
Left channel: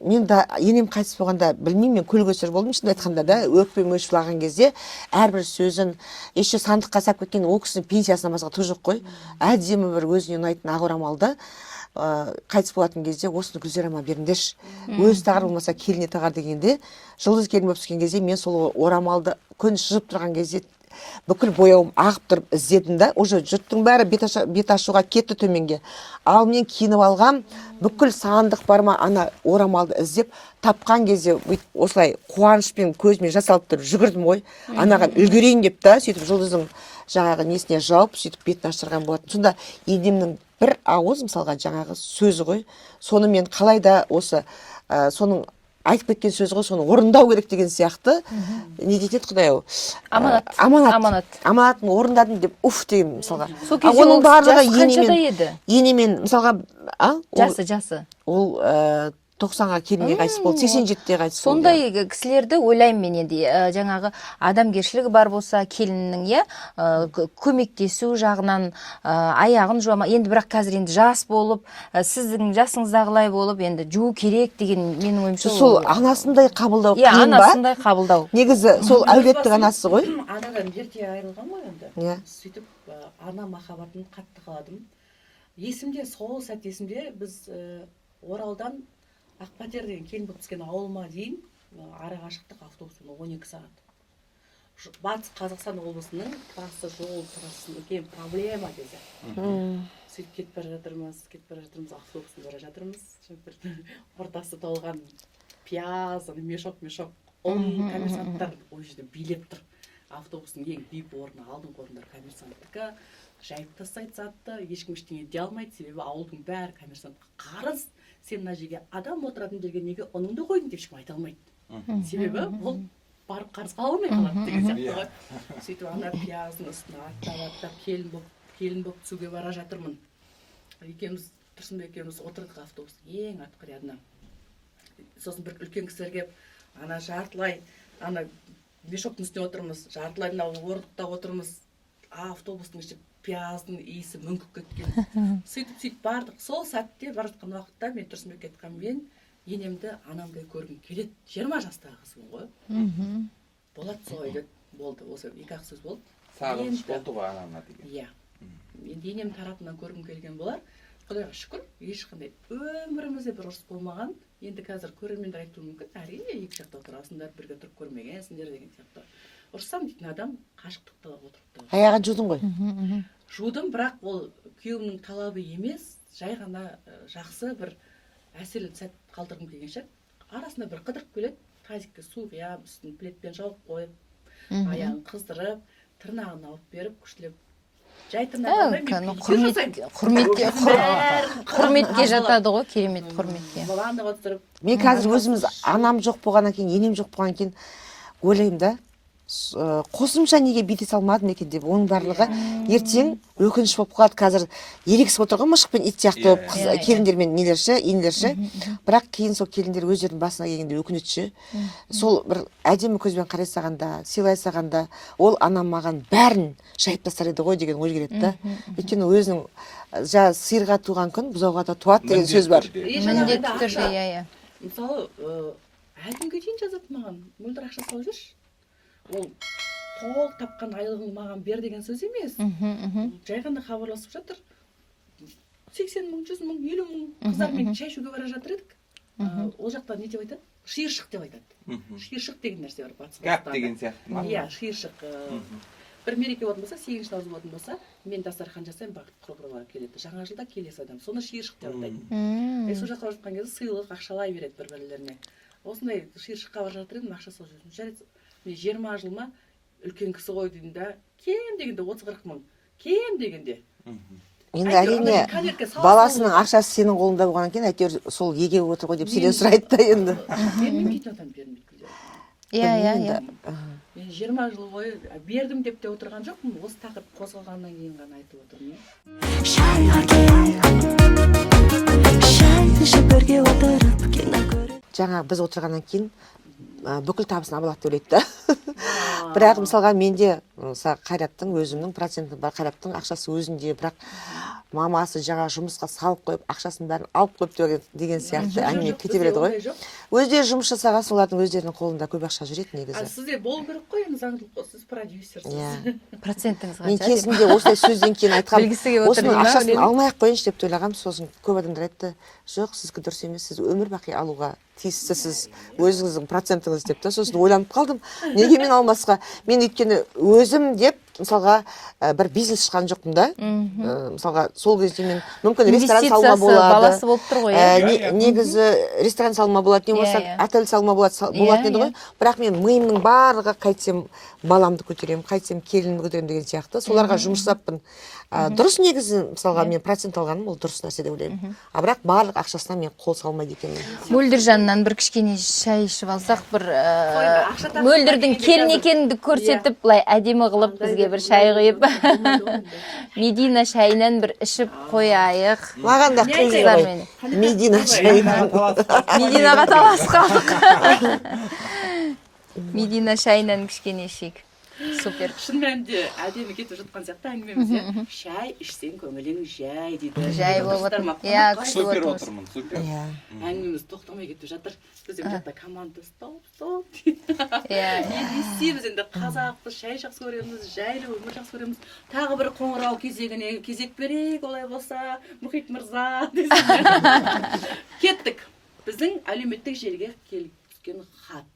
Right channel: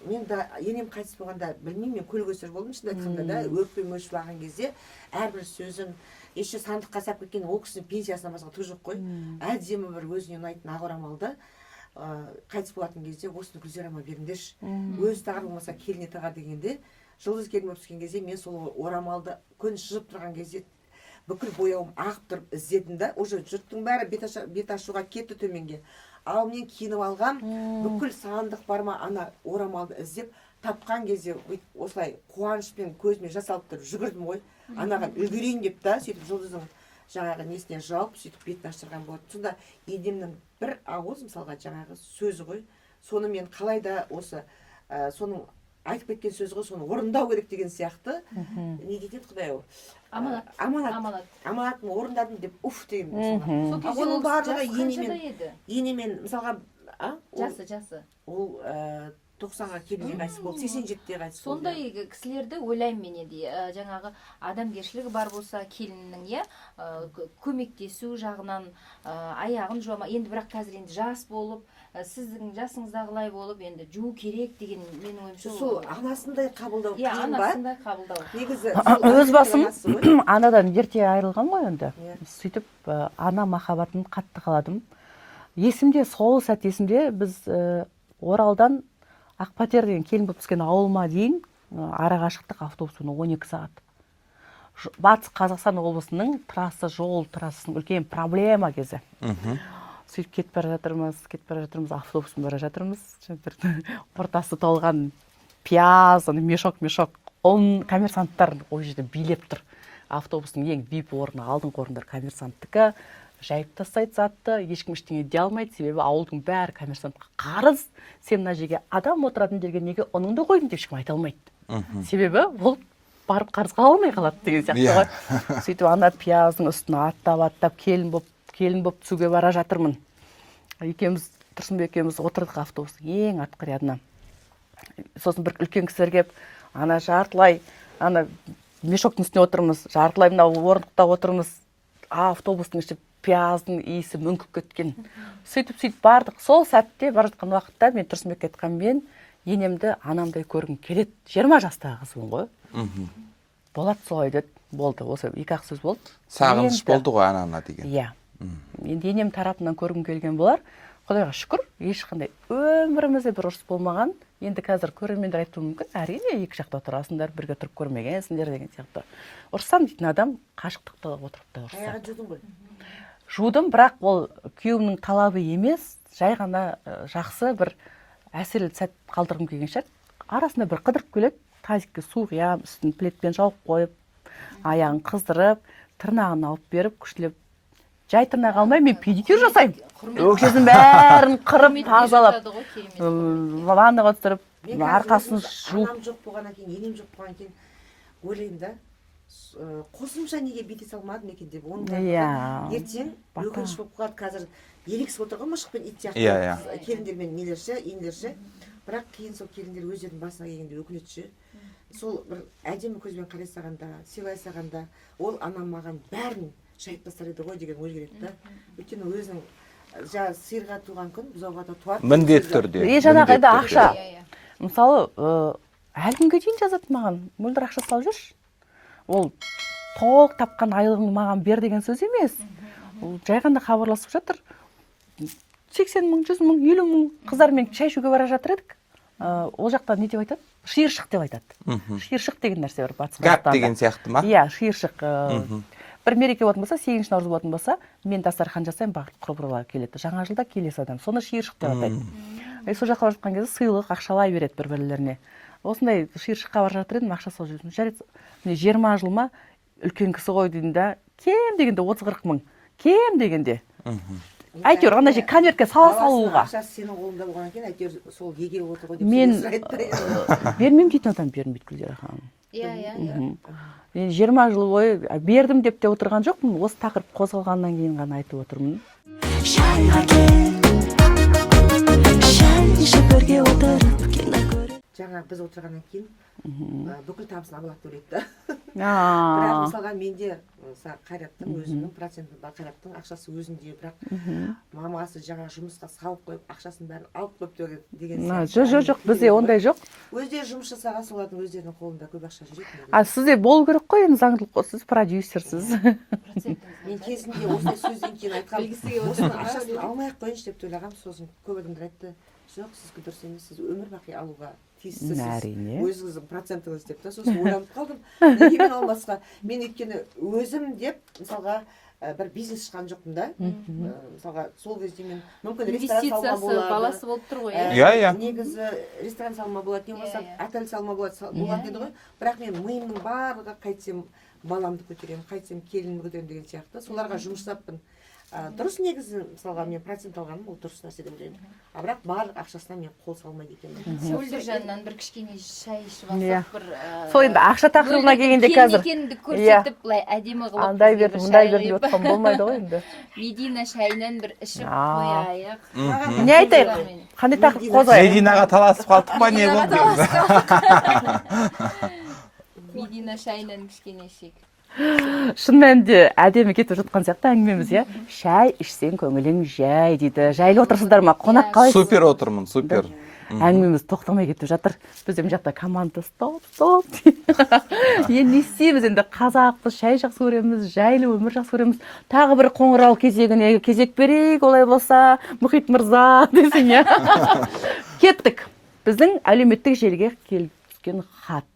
Мен да енем қайтыс болғанда білмеймін, мен көл-көсір болдым шынымды айтқанда да, өкпем өшіп алған кезде әрбір сөзін еще сандыққа салып кеткен ол кісінің пенсиясынан басқа түк жоқ қой. Әдемі бір өзіне ұнайтын ақ орамалды қайтыс болатын кезде осыны Гүлзирама беріңдерші. Өзі тағар болмаса келіне тағар дегенде, жұлдыз келін болып түскен кезде мен сол орамалды күн шыжып тұрған кезде бүкіл бояуым ағып тұрып іздедім да, уже жұрттың бәрі бет ашуға кетті төменге. Ал мен киініп алғам, бүкіл сандық барма ана орамалды іздеп, тапқан кезде осылай қуанышпен көзіме жас алып тұрып жүгірдім ғой. Анаған үлгерейін деп та, сөйтіп жұлдыздың жаңағы несіне жауып, сөйтіп бетін аштырған болатын. Сонда енемнің бір ауыз мысалға жаңағы сөзі ғой. Соны мен қалай да осы соның айтып кеткен сөз ғой, соны орындау керек деген сияқты. Не дейді Құдай-ау? Аманатын орындадым деп уф деген мысалға. Оның барлығы енемен мысалға жасы. Ол 90-ға келінге қайтыс болды, 87-те қайтыс болды. Сондай кісілерді ойлаймын мен енді, жаңағы адамгершілігі бар болса келіннің, көмектесу жағынан аяғын жуама. Енді бірақ қазір енді жас болып, сіздің жасыңыздағылай болып, енді жуу керек деген менің ойымша. Сол анасындай қабылдау қиын ба? Анасындай қабылдау. Негізі сол әлбетті анасы ғой. Анадан ерте айырылған ғой енді. Сөйтіп ана махаббатын қатты қаладым. Есімде, сол сәт есімде, біз Оралдан Ақпатер деген келін болып түскен ауылыма дейін ара қашықтық автобуспен 12 сағат. Батыс Қазақстан облысының жол трассасының үлкен проблема кезі. Сөйтіп кетіп бара жатырмыз, автобуспен бара жатырмыз. Ортасы толған пияз, мешок, коммерсанттар ол жерде билеп тұр. Автобустың ең VIP орны, алдыңғы орындар коммерсанттікі. Жайып тастайды затты, ешкім ештеңе дей алмайды, себебі ауылдың бәрі коммерсантқа қарыз. Сен мына жерге адам отыратын жерге неге оныңды қойдың деп ешкім айта алмайды. Себебі ол барып қарызға алмай қалады деген сияқты ғой. Сөйтіп ана пияздың үстіне аттап келін боп түсуге бара жатырмын. Тұрсынбек екеуміз отырдық автобустың ең артқы рядына. Сосын бір үлкен кісілер келіп, ана жартылай, ана мешоктың үстіне отырмыз, жартылай мына орындықта отырмыз. Автобустың іші пияздың иісі мүңкіп кеткен. Сөйтіп бардық. Сол сәтте бар жатқан уақытта мен Тұрсынбекке айтқанмен енемді анамдай көргім келеді. 20 жастағы қызбын ғой. Болады солай деді. Болды. Осы екі-ақ сөз болды. Сағыныш болды ғой анана деген. Иә. Енді енем тарапынан көргім келген болар. Құдайға шүкір, ешқандай өмірімізде бір ұрыс болмаған. Енді қазір көрермендер айтуы мүмкін, әрине екі жақта отырасыңдар, бірге тұрып көрмегенсіңдер деген сияқты. Ұрыссам дейтін адам қашықтықта отырыпты. аяғын жудың ғой. Жудым, бірақ ол күйеуімнің талабы емес, жай ғана жақсы бір әсерлі сәт қалдырғым келген шығар. Арасында бір қыдырып келеді, тазикке су құям, үстін плитпен жауып қойып, аяғын қыздырып, тырнағын алып беріп, күштілеп. Жай тырнақ алмай, мен педикюр жасаймын. Құрметке бәрін құрметке жатады ғой, керемет құрметке. ваннаға түсіріп. Мен қазір өзіміз анам жоқ болғаннан кейін, енем жоқ болғаннан кейін ойлаймын да, қосымша неге бүйте салмадым екен деп. Оның барлығы ертең өкініш болып қалады. Қазір ерегісіп отырған мышық пен ит сияқты болып келіндер мен нелерші, енелерші. Бірақ кейін сол келіндер өздерінің басына келгенде өкінетші. Сол бір әдемі көзбен қарай сағанда, сыйлай сағанда, ол анам маған бәрін жайып тастар еді ғой деген ой келеді да. Өйткені өзінің сиырға туған күн бұзауға да туады деген сөз бар. Жаңағы енді ақша. Мысалы, әлі күнге дейін жазады маған, мөлдір ақша салып жүрші. Ол толық тапқан айлығыңды маған бер деген сөз емес. Жай ғана хабарласып жатыр. 80 мың, 100 мың, 50 мың қыздармен шай ішуге бара жатыр едік. Ол жақта не деп айтады? Шиыршық деп айтады. Шиыршық деген нәрсе бар батыс қазақстанда. Гәп деген сияқты ма? Иә, шиыршық. Бір мереке болатын болса, 8 наурыз болатын болса, мен дастархан жасаймын, бақыт құрбылар келеді. Жаңа жылда келесі адам. Соны шиыршық деп атайды. Сол жаққа бара жатқан кезде сыйлық, ақшалай береді бір-бірлеріне. Осындай шиыршыққа бара жатыр едім, ақша салып жүрдім. Жарайды, міне 20 жыл ма үлкен кісі ғой деймін да, кем дегенде 30-40 мың. Кем дегенде. Әйтеуір ана конвертке сала баласының ақшасы сенің қолыңда болғаннан кейін әйтеуір сол еге отыр ғой деп сенен сұрайды да енді. Бермеймін дейтін адам бермейді Гүлзира ханым. Иә. Мен 20 жыл бойы бердім деп те отырған жоқпын. Осы тақырып қозғалғаннан кейін ғана айтып отырмын. Шайға кел, шай ішіп бірге отырып кино көріп. Жаңа біз отырғаннан кейін бүкіл табысын абалады деп ойлайды да. Бірақ мысалға менде Қайраттың өзімнің проценті бар, Қайраттың ақшасы өзінде, бірақ мамасы жаңа жұмысқа салып қойып, ақшасын бәрін алып қойып деген сияқты. Жоқ, бізде ондай жоқ. Өздері жұмыс жасаған, солардың өздерінің қолында көп ақша жүреді негізі. Сізде болу керек қой, енді заңдылық, сіз продюсерсіз. Процентіңіз Мен кезінде осылай сөзден кейін айтқам, осының ақшасын алмай ақ қойыншы деп ойлағам, сосын көп адамдар айтты, жоқ, сізге дұрыс емес, сіз өмір бақи алуға тиіссіз, өзіңіздің процентіңіз деп та. Сосын ойланып қалдым, неге мен алмасқа? Мен өйткені өзім деп мысалға бір бизнес шыққан жоқпын да. Мысалға сол кезде мен мүмкін ресторан салма болады. Баласы болып тұр ғой. Негізі ресторан салма болады, не болса отель салма болатын еді ғой. Бірақ мен миымның барлығы қайтсем баламды көтеремін, қайтсем келінімді көтеремін деген сияқты. Соларға жұмыс жасаппын. Дұрыс негізі, мысалға мен процент алғаным, ол дұрыс нәрсе деп ойлаймын. Бірақ барлық ақшасына мен қол салмайды екенмін. Мөлдір жанынан бір кішкене шай ішіп алсақ, бір сол енді ақша тақырыбына келгенде қазір келін екенді көрсетіп, былай әдемі қылып бізге бір шай құйып, Медина шайынан бір ішіп қояйық. Маған да Қыздармен. Мединаға таласып қалдық па? Мединаға таласып қалдық. Медина шайынан кішкене ішейік. Супер. Шын мәнінде әдемі кетіп жатқан сияқты әңгімеміз, иә. Шай ішсең көңілің жай дейді. Жайлы отырсыздар ма? Қонақ қалай? Супер отырмын, супер. Әңгімеміз тоқтамай кетіп жатыр. Біз мына жақта команда стоп. Енді не істейміз, енді қазақпыз, шай жақсы көреміз, жайлы өмір жақсы көреміз. Тағы бір қоңырау кезегіне кезек берейік, олай болса, Мұхит мырза десін, иә. Кеттік. Біздің әлеуметтік желіге келіп түскен хат.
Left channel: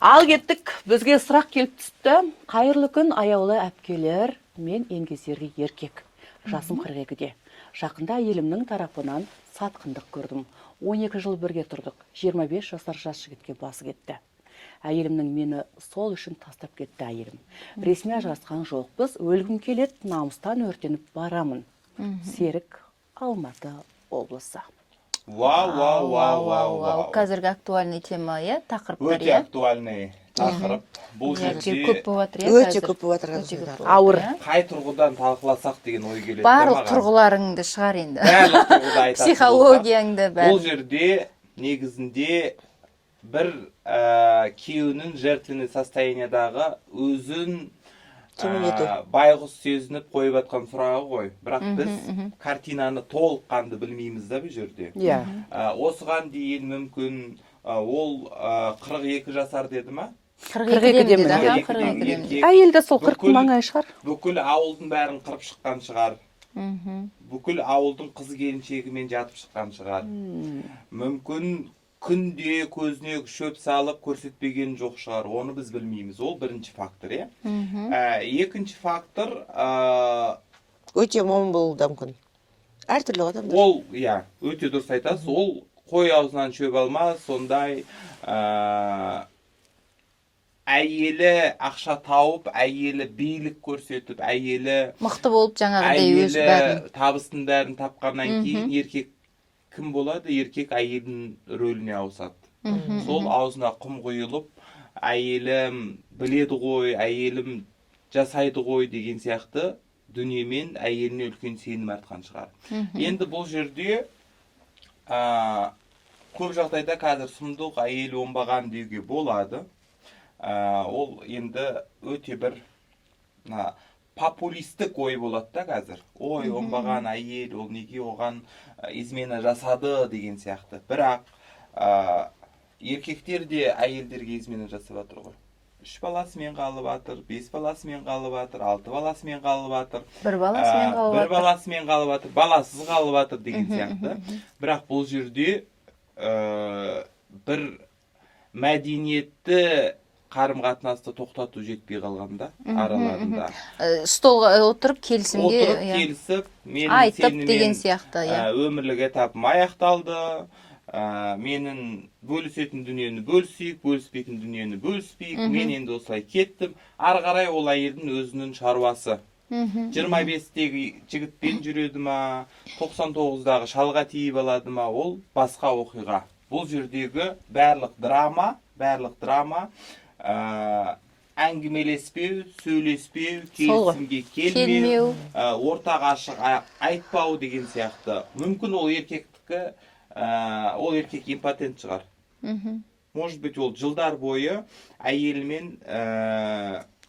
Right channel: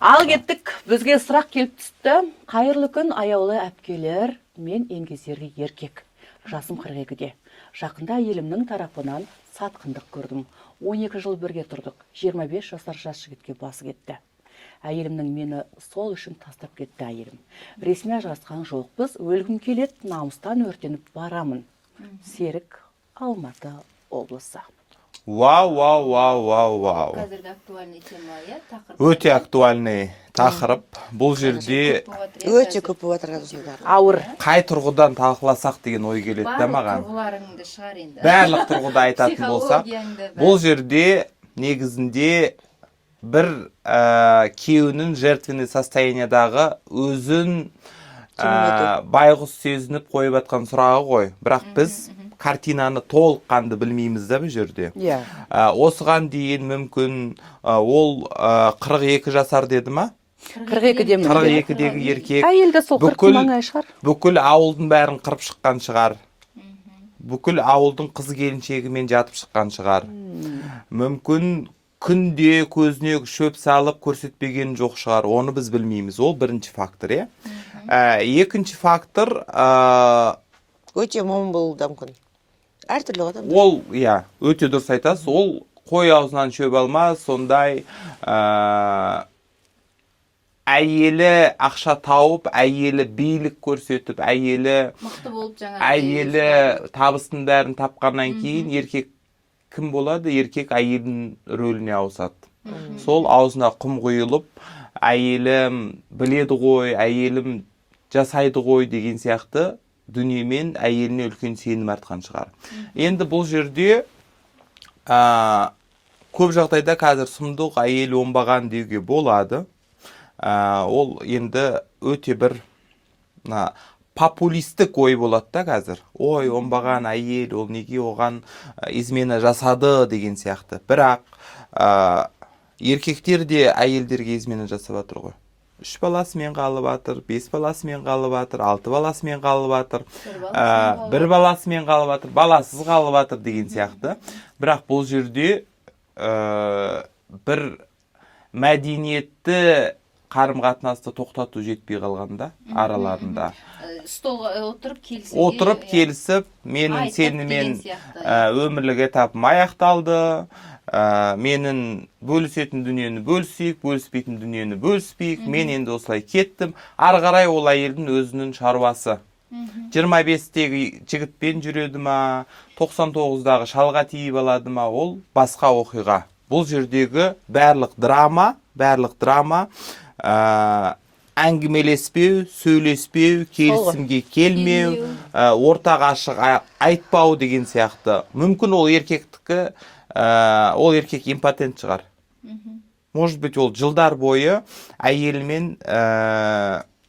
Ал кеттік, бізге сұрақ келіп түсті. Қайырлы күн, аяулы әпкелер, мен еңгезерге еркек. Жасым 42-де. Жақында елімнің тарапынан сатқындық көрдім. 12 жыл бірге тұрдық. 25 жасар жас жігітке басы кетті. Әйелімнің мені сол үшін тастап кетті әйелім. Ресми ажырасқан жоқпыз, өлгім келет, намыстан өртеніп барамын. Серік, Алматы облысы. Вау. Қазіргі актуальный тема, иә? Өте актуальный тақырып. Бұл жерде өте көп болып жатыр. Ауыр. қай тұрғыдан талқыласақ деген ой келеді барлық маған. тұрғыларыңды шығар енді. Барлық тұрғыда айтатын болсақ. Психологияңды Бұл жерде негізінде бір күйеуінің жертвенный состояниядағы өзін байғұс сезініп қойып жатқан сұрағы ғой. Бірақ біз картинаны толыққанды білмейміз да бұл жерде. Осыған дейін мүмкін ол 42 жасар деді ма? 42-дегі еркек. Әйелді сол 40 маңай шығар. Бүкіл ауылдың бәрін қырып шыққан шығар. бүкіл ауылдың қыз келіншегімен жатып шыққан шығар. Мүмкін күнде көзіне шөп салып көрсетпеген жоқ шығар. Оны біз білмейміз. Ол бірінші фактор, екінші фактор өте момын болуы да мүмкін. Әртүрлі адамдар. ол, өте дұрыс айтасыз. Ол қой аузынан шөп алмас, сондай әйелі ақша тауып, әйелі билік көрсетіп, әйелі мықты болып жаңағыдай әйелі табыстың бәрін тапқаннан кейін еркек кім болады? Еркек әйелдің рөліне ауысады. Сол аузына құм құйылып, әйелім біледі ғой, әйелім жасайды ғой деген сияқты дүниемен әйеліне үлкен сенім артқан шығар. Енді бұл жерде көп жағдайда қазір сұмдық әйел оңбаған деуге болады. Ол енді өте бір популистік ой болады да қазір. Ой, оңбаған әйел, ол неге оған измена жасады деген сияқты. Бірақ еркектер де әйелдерге измена жасап жатыр ғой. 3 баласымен қалып жатыр, 5 баласымен қалып жатыр, 6 баласымен қалып жатыр, 1 баласымен қалып жатыр, баласыз қалып жатыр деген сияқты. Бірақ бұл жерде бір мәдениетті қарым-қатынасты тоқтату жетпей қалғанда араларында. Столға отырып келісіп, менің сенімен өмірлік этапым аяқталды, менің бөлісетін дүниені бөлісейік, бөліспейтін дүниені бөліспейік, мен енді осылай кеттім. Ары қарай ол әйелдің өзінің шаруасы. 25-тегі жігітпен жүреді ма, 99-дағы шалға тиіп алады ма, ол басқа оқиға. Бұл жердегі барлық драма әңгімелеспеу, сөйлеспеу, келісімге келмеу, ортаға ашық айтпау деген сияқты. Мүмкін ол еркектікі, ол еркек импотент шығар. Может быть, ол жылдар бойы әйелімен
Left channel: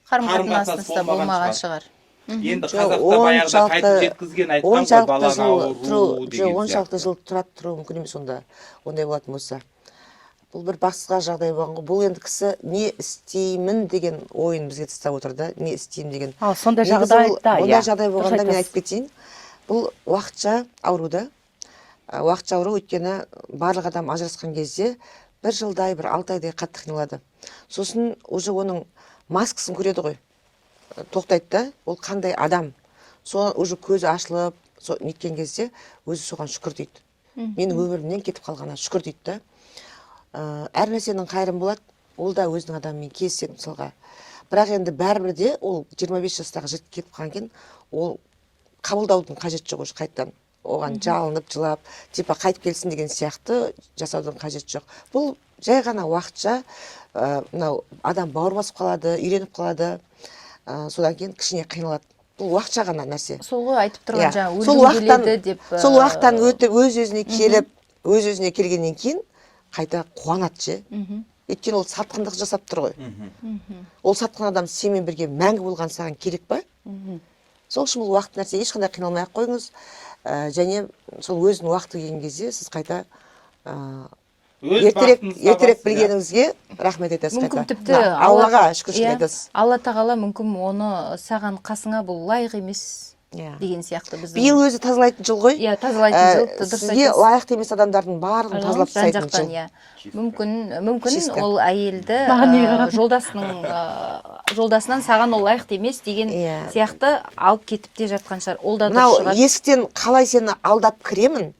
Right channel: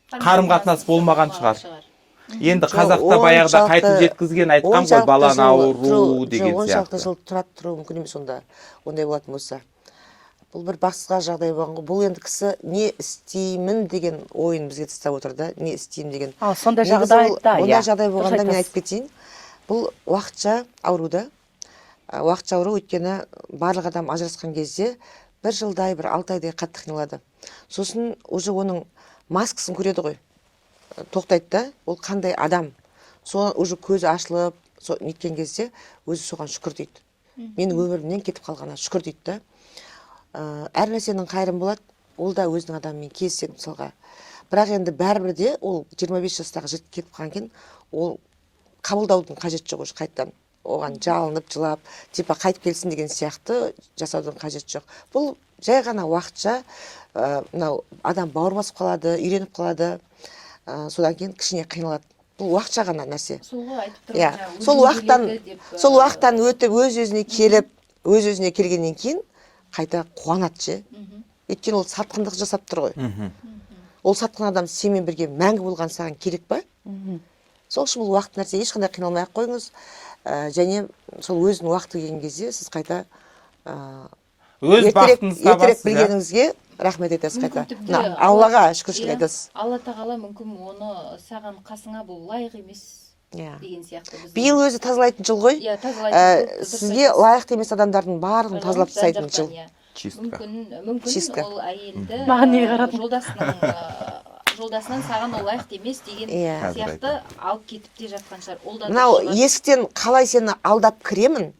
қарым-қатынас болмаған шығар. Енді қазақта баяғыда қайтып жеткізген айтқан ғой, баланы ауру деген сияқты. 16 жыл тұру мүмкін емес онда. Ондай болатын болса. Бұл бір бақсыға жағдай болған ғой. Бұл енді кісі не істеймін деген ойын бізге тастап отыр да. Не істеймін деген. Сондай жағдайда, ондай жағдай болғанда мен айтып кетейін. Бұл уақытша ауру да. Уақытша ауру өйткені барлық адам ажырасқан кезде 1 жылдай, 6 айдай қатты қиналады. Сосын уже оның маскасын көреді ғой. Тоқтайды да, ол қандай адам. Соған уже көзі ашылып, неткен кезде өзі соған шүкір дейді. Менің өмірімнен кетіп қалғанына шүкір дейді да. Әр нәрсенің қайрым болады, ол да өзінің адамымен кездеседі мысалға. Бірақ енді бәрібір де ол 25 жастағы жігіт кетіп қалған кейін, ол қабылдаудың қажеті жоқ уже қайттан. Оған жалынып, жылап, типа қайтып келсін деген сияқты жасаудың қажеті жоқ. Бұл жай ғана уақытша, адам бауыр басып қалады, үйреніп қалады. Содан кейін кішкене қиналады. Бұл уақытша ғана нәрсе. Сол ғой айтып тұрған жаңа сол уақыттан өтіп өз-өзіне келіп, өз-өзіне келгеннен кейін қайта қуанады же. Өйткені ол сатқындық жасап тұр ғой. Ол сатқын адам сенімен бірге мәңгі болған саған керек па? Сол үшін бұл уақыт нәрсе, ешқандай қиналмай ақ қойыңыз. Және сол өзінің уақыты келген кезде сіз қайта ертерек білгеніңізге рахмет айтасыз қайта. Аллаға шүкіршілік айтасыз. Алла тағала мүмкін оны саған қасыңа бұл лайық емес деген сияқты. Биыл өзі тазалайтын жыл ғой. Сізге лайықты емес адамдардың барлығын тазалап тастайтын жыл. Мүмкін ол әйелді жолдасынан саған ол лайықты емес деген сияқты алып кетіп те жатқан шығар. Ол да мынау есіктен қалай сені алдап кіремін,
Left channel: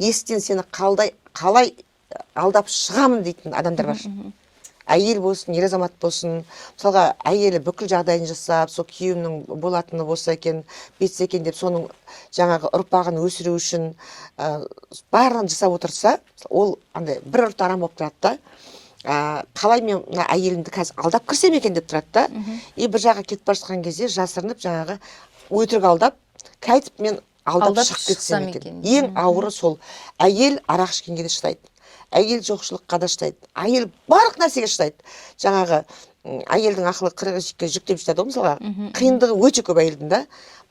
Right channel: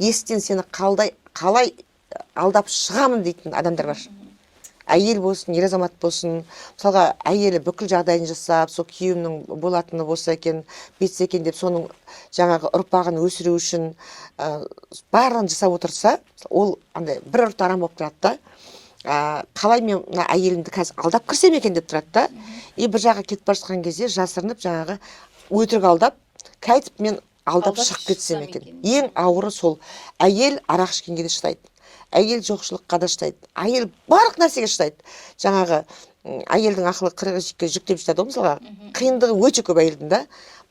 есіктен сені қалай алдап шығамын дейтін адамдар бар. Әйел болсын, ер азамат болсын, мысалға әйелі бүкіл жағдайын жасап, сол күйеуімнің болатыны болса екен, бетсе екен деп соның жаңағы ұрпағын өсіру үшін барлығын жасап отырса, ол андай бір ұрт арам болып тұрады да. Қалай мен әйелімді қазір алдап кірсем екен деп тұрады да. И бір жаққа кетіп бара жатқан кезде жасырынып жаңағы өтірік алдап, қайтып мен алдап шығып кетсем екен. Ең ауыры сол. Әйел арақ ішкенге де шыдайды. Әйел жоқшылыққа да шыдайды. Әйел барлық нәрсеге шыдайды. Жаңағы әйелдің ақылы 40-ге жүктеп жатады ғой мысалға. Қиындығы өте көп әйелдің да.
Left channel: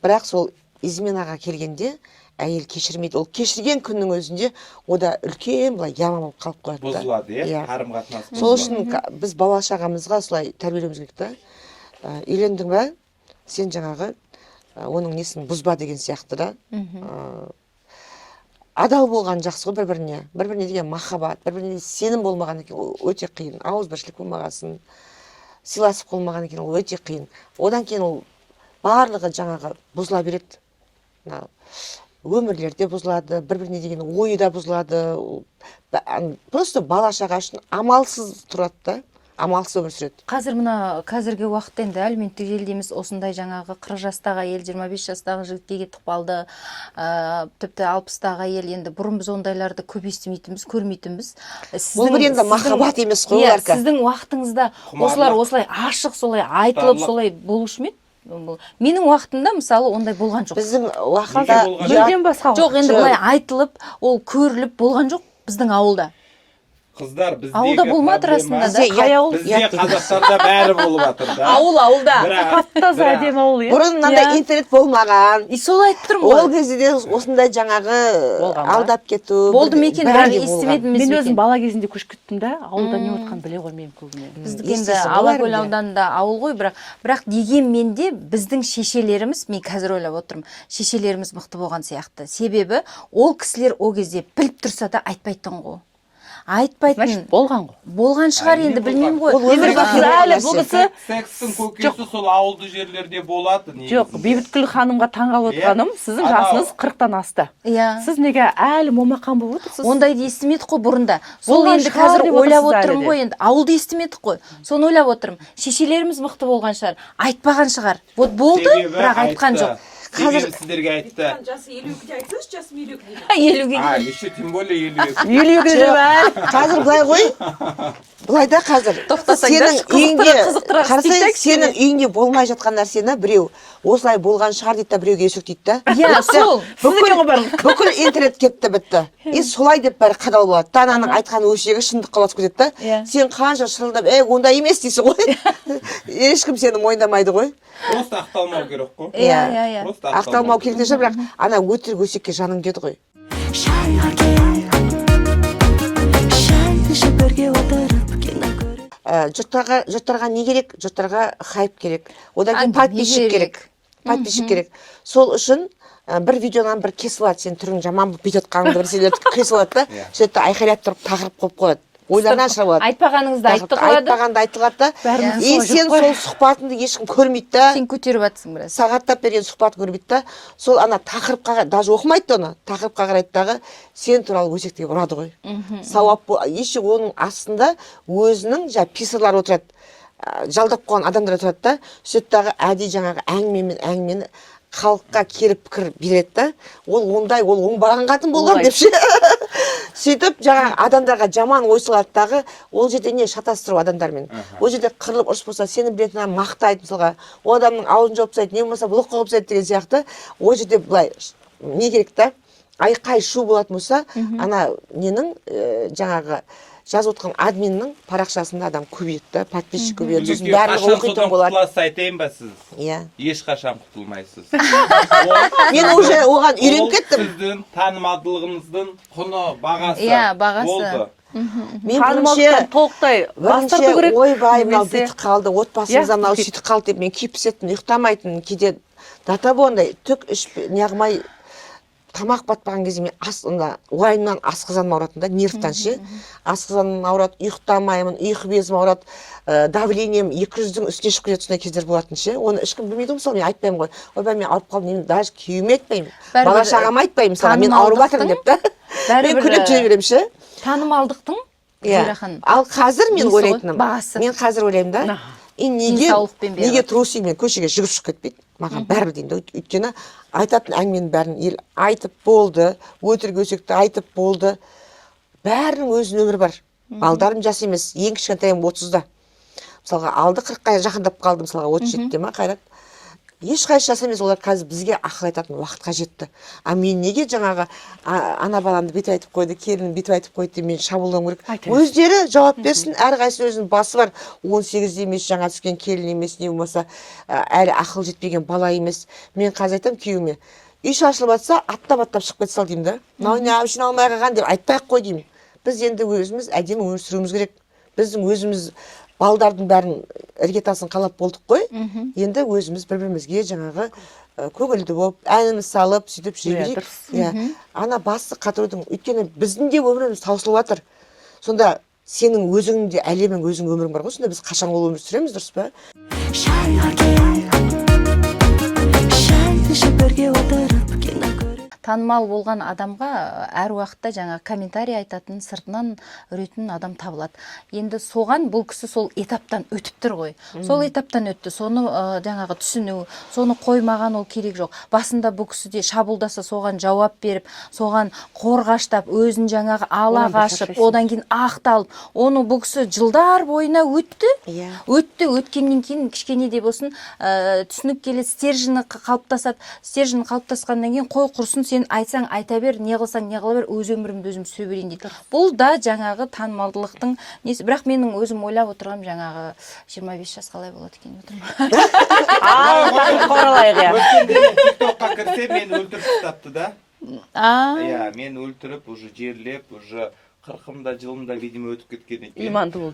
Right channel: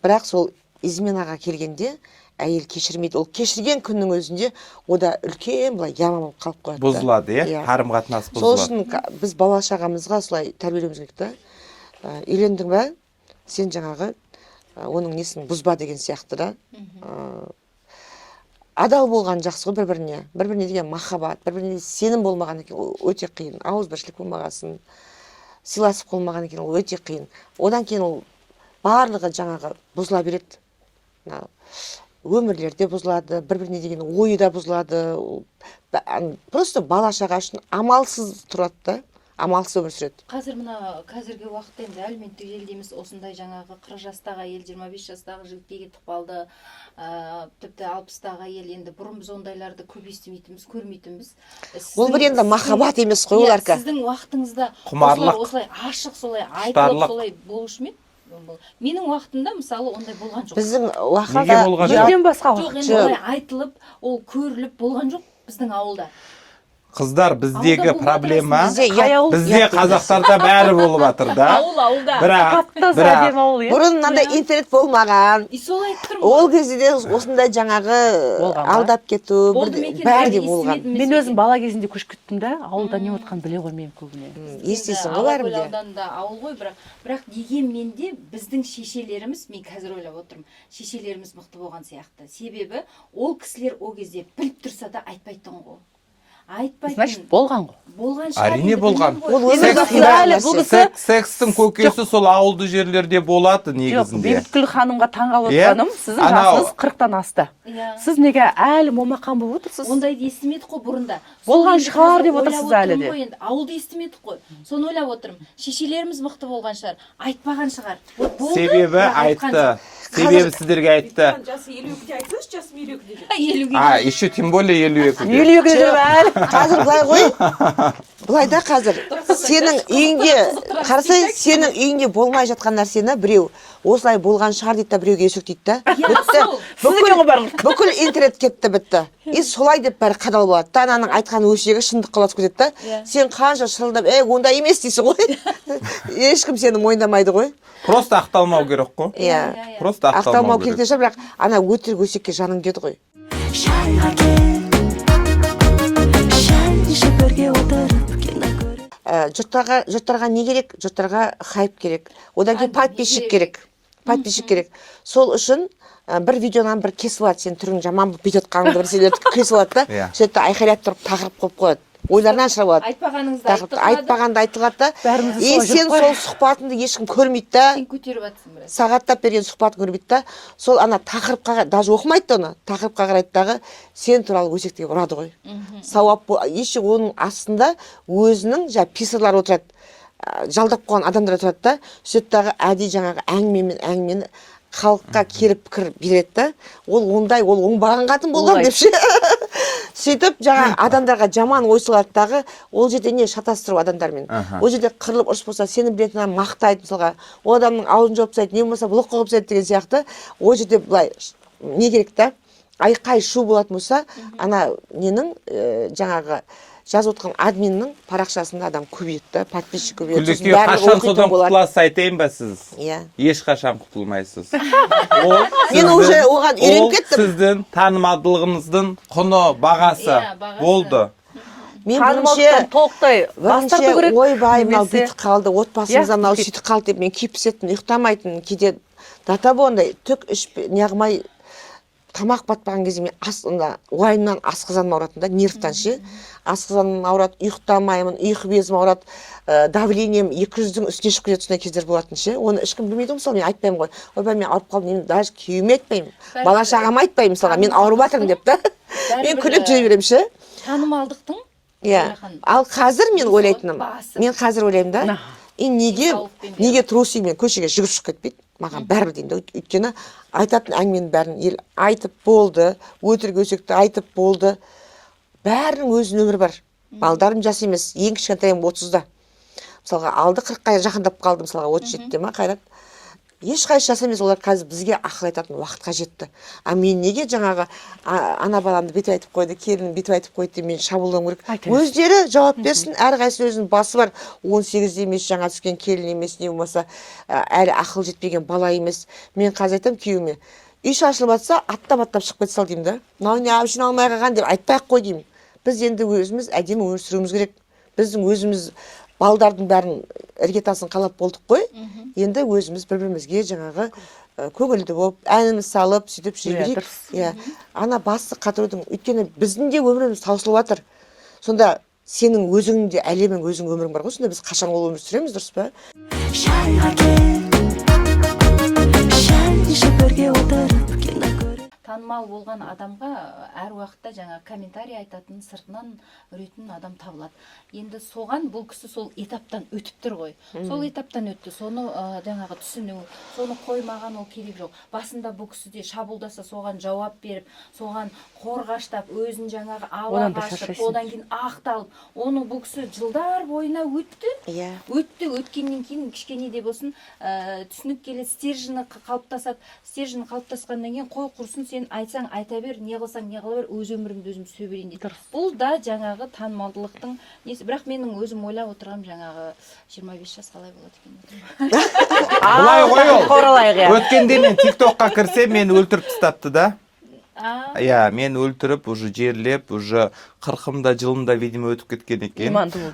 Бірақ сол изменаға келгенде әйел кешірмейді. Ол кешірген күннің өзінде ода үлкен былай яма болып қалып қояды. Бұзылады, қарым-қатынас бұзылады. Сол үшін біз бала шағамызға солай тәрбиелеуіміз керек та. Үйлендің ба? Сен жаңағы оның несін бұзба деген сияқты да. Адал болған жақсы ғой бір-біріне деген махаббат, бір-біріне сенім болмаған екен ол өте қиын. Ауызбіршілік болмағасын, сыйласып болмаған екен ол өте қиын. Одан кейін ол барлығы жаңағы бұзыла береді. Өмірлерде бұзылады, бір-біріне деген ойы да бұзылады. Просто бала шаға үшін амалсыз тұрады да, амалсыз өмір сүреді. Қазір мына қазіргі уақытта енді әлеуметтік желдеміз осындай жаңағы 40 жастағы әйел 25 жастағы жігітке кетіп қалды, тіпті 60-тағы әйел, енді бұрын біз ондайларды көп естімейтінбіз, көрмейтінбіз. Ол бір енді махаббат емес қой оларка. Сіздің уақытыңызда осылай ашық, солай айтылып, солай болушы ма еді? Менің уақытымда мысалы ондай болған жоқ. Біздің уақытта мүлдем басқа жоқ, енді олай айтылып, ол көріліп болған жоқ біздің ауылда. Қыздар, біздегі проблема, бізде қазақтарда бәрі болып жатыр да. Ауылда. Таптаз әдемі ауыл, бұрын мынандай интернет болмаған. Солай айтып тұрмын ғой. Ол кезде де осындай жаңағы алдап кету, бәрі де болған. Мен өзім бала кезінде көшіп кеттім да, ауылда не отқанын біле қоймаймын көбіне. Естесің Алакөл ауданында ауыл ғой, бірақ дегенмен де біздің шешелеріміз, мен қазір ойлап отырмын, шешелеріміз мықты болған сияқты. Себебі ол кісілер ол кезде біліп тұрса да айтпайтын ғой. Значит, болған ғой. Болған шығар, енді білмеймін ғой. Ол өмір бақи секстің көкесі сол ауылды жерлерде болады негізінде. Жоқ, Бейбіткүл ханымға таңғалып отырғаным, сіздің жасыңыз 40-тан асты. Сіз неге әлі момақан болып отырсыз? Ондайды естімедік қой бұрында. Болған шығар деп отырсыз әлі де. Ауылды естімедік қой. Соны ойлап отырмын. Шешелеріміз мықты болған шығар, айтпаған шығар. Вот болды, бірақ айтқан жоқ. Себебі сіздерге айтты. Жасы 52-де айтсаңыз, жасым 52-де. 52-де. Еще тем более 52. 52-де жүріп Қазір былай ғой. Былай да қазір. Сенің үйіңде, қарасай, сенің үйіңде болмай жатқан нәрсені біреу осылай болған шығар дейді да біреуге есік дейді да. Бүкіл интернет кетті бітті. И солай деп бәрі қадал болады. Ананың айтқан өсегі шындық қалады кетеді да. Сен қанша шырылдап, ондай емес дейсің ғой. Ешкім сені мойындамайды ғой. Просто ақталмау керек қой. Иә. Просто ақталмау керек те бірақ ана өтірік өсекке жаның деді ғой. Шайға кел, шай ішіп бірге отырып кино көріп. Жұрттарға не керек? Жұрттарға хайп керек. Одан кейін подписчик керек. Подписчик керек. Сол үшін бір видеонан бір кесіп алады, сен түрің жаман болып бүйтіп отқаныңды бір себепті кесіп алады да, сөйтіп айқайлап тұрып тақырып қойып қояды. Ойларынан шығарып алады. Айтпағаныңызды айтып қояды. Айтпағанды айтылады да. И сен сол сұхбатыңды ешкім көрмейді да. Сен көтеріп жатсың біраз. Сағаттап берген сұхбатын көрмейді да. Сол ана тақырыпқа даже оқымайды оны. Тақырыпқа қарайды дағы сен туралы өсектегі ұрады ғой. Сауап еші оның астында өзінің писарлар отырады. Жалдап қойған адамдар отырады да. Сөйтіп дағы әдей жаңағы әңгімені халыққа келіп пікір береді да. Ол оңбаған қатын болған деп ше. Сөйтіп жаңа адамдарға жаман ой салады дағы, ол жерде не шатастыру адамдармен. Ол жерде қырылып ұрыс болса, сені білетінен мақтайды мысалға. Ол адамның аузын жауып тастайды, не болмаса блок қойып тастайды деген сияқты. Ол жерде былай не керек та? Айқай шу болатын болса, ана ненің жаңағы жазып отқан админнің парақшасында адам көбейеді да, подписчик көбейеді. Қашан содан құтыласыз айтайын ба сіз? Иә. Ешқашан құтылмайсыз. Мен уже оған үйреніп кеттім. Сіздің танымалдылығыңыздың құны, бағасы болды. Мен бірінші ойбай мынау бүйтіп қалды, отбасымызда мынау сөйтіп қалды деп мен күйіп пісетін, ұйықтамайтын, кейде дата болғандай түк неғымай тамақ батпаған кезде мен уайымнан асқазаным ауыратын да, нервтан ше. Асқазаным ауырады, ұйықтамаймын, ұйқы безім ауырады, давлением 200-дің үстіне шығып кетеді, сондай кездер болатын ше. Оны ешкім білмейді мысалы, мен айтпаймын ғой. Ойбай мен ауырып қалдым, мен даже күйеуіме айтпаймын. Бала шағама айтпаймын мысалға, мен ауырып жатырмын деп та. Мен күліп жүре беремін ше. Танымалдықтың Ал қазір мен ойлайтыным, мен қазір ойлаймын да, неге трусый мен көшеге жүгіріп шығып кетпейді? Маған бәрібір деймін да, өйткені айтатын әңгіменің бәрін ел айтып болды, өтірік өсекті айтып болды. Бәрінің өзінің өмірі бар. Балдарым жас емес, ең кішкентайым 30-да. Мысалға алды 40-қа жақындап қалды, мысалға 37-де ма Қайрат. Ешқайсы жас емес, олар қазір бізге ақыл айтатын уақытқа жетті. Мен неге жаңағы ана баламды бүйтіп айтып қойды, келінім бүйтіп айтып қойды деп мен шабуылдауым керек. Өздері жауап берсін, әрқайсысы өзінің басы бар. 18-де емес, жаңа түскен келін емес, не болмаса әлі ақыл жетпеген бала емес. Мен қазір айтамын күйеуіме, үй шашылып жатса, аттап шығып кете сал деймін да. Мынау не әбішін алмай қалған деп айтпай ақ қой деймін. Біз енді өзіміз әдемі өмір сүруіміз керек. Біздің өзіміз балдардың бәрін іргетасын қалап болдық қой. Енді өзіміз бір-бірімізге жаңағы көңілді болып, әніміз салып, сөйтіп жүре берейік. Иә, ана басты қатырудың, өйткені біздің де өміріміз таусылып жатыр. Сонда сенің өзің де әлемің, өзің өмірің бар ғой. Сонда біз қашан ол өмір сүреміз, дұрыс па? шайға кел шай ішіп бірге отырып кино көріп танымал болған адамға әр уақытта жаңа комментарий айтатын, сыртынан үретін адам табылады. Енді соған бұл кісі сол этаптан өтіп тұр ғой. Сол этаптан өтті. Соны жаңағы түсіну, соны қоймаған ол керек жоқ. Басында бұл кісі де шабуылдаса соған жауап беріп, соған қорғаштап, өзін жаңағы ала қашып, одан кейін ақталып, оны бұл кісі жылдар бойына өтті. Өткеннен кейін кішкене де болсын түсініп келеді, стержені қалыптасады. Стержені қалыптасқаннан кейін қой құрсын, сен айтсаң айта бер, не қылсаң не қыла бер, өз өмірімді өзім сүре берейін дейді. Бұл да жаңағы танымалдылықтың несі. Бірақ менің өзім ойлап отырғаным жаңағы 25 жас қалай болады екен. Қоралайық, иә. Өткенде мен TikTokқа кірсем, мені өлтіріп тастапты да. Иә, мен өлтіріп, уже жерлеп, уже 40-да жылында видимо өтіп кеткен екен. Иманды болды.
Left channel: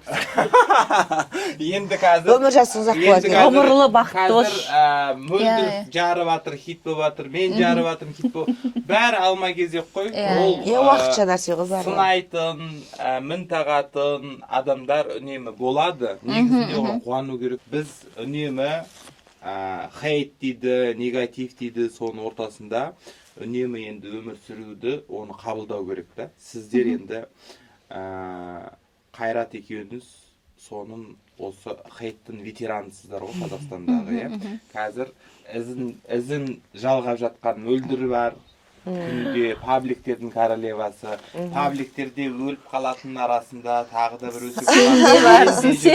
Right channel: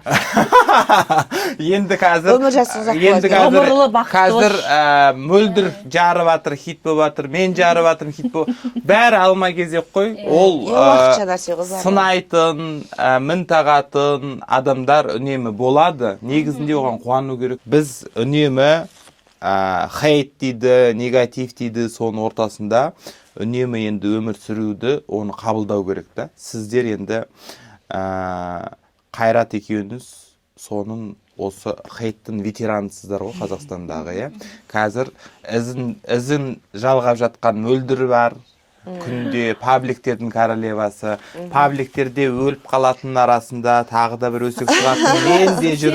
Енді қазір өмір жасың ұзақ болады. Ғұмырлы бақытты қазір мөлдір жарып жатыр, хит болып жатыр, мен жарып жатырмын, хит болып. Бәрі алма кезек қой. Ол уақытша нәрсе ғой бәрі. сынайтын, мін тағатын адамдар үнемі болады. Негізінде оған қуану керек. Біз үнемі хейт дейді, негатив дейді, соның ортасында үнемі енді өмір сүруді, оны қабылдау керек та. Сіздер енді Қайрат екеуіңіз соның осы хейттің ветеранысыздар ғой Қазақстандағы, иә. Қазір ізін жалғап жатқан мөлдір бар. Күнде пабликтердің королевасы, пабликтерде өліп қалатын арасында тағы да бір өсіп тұратын.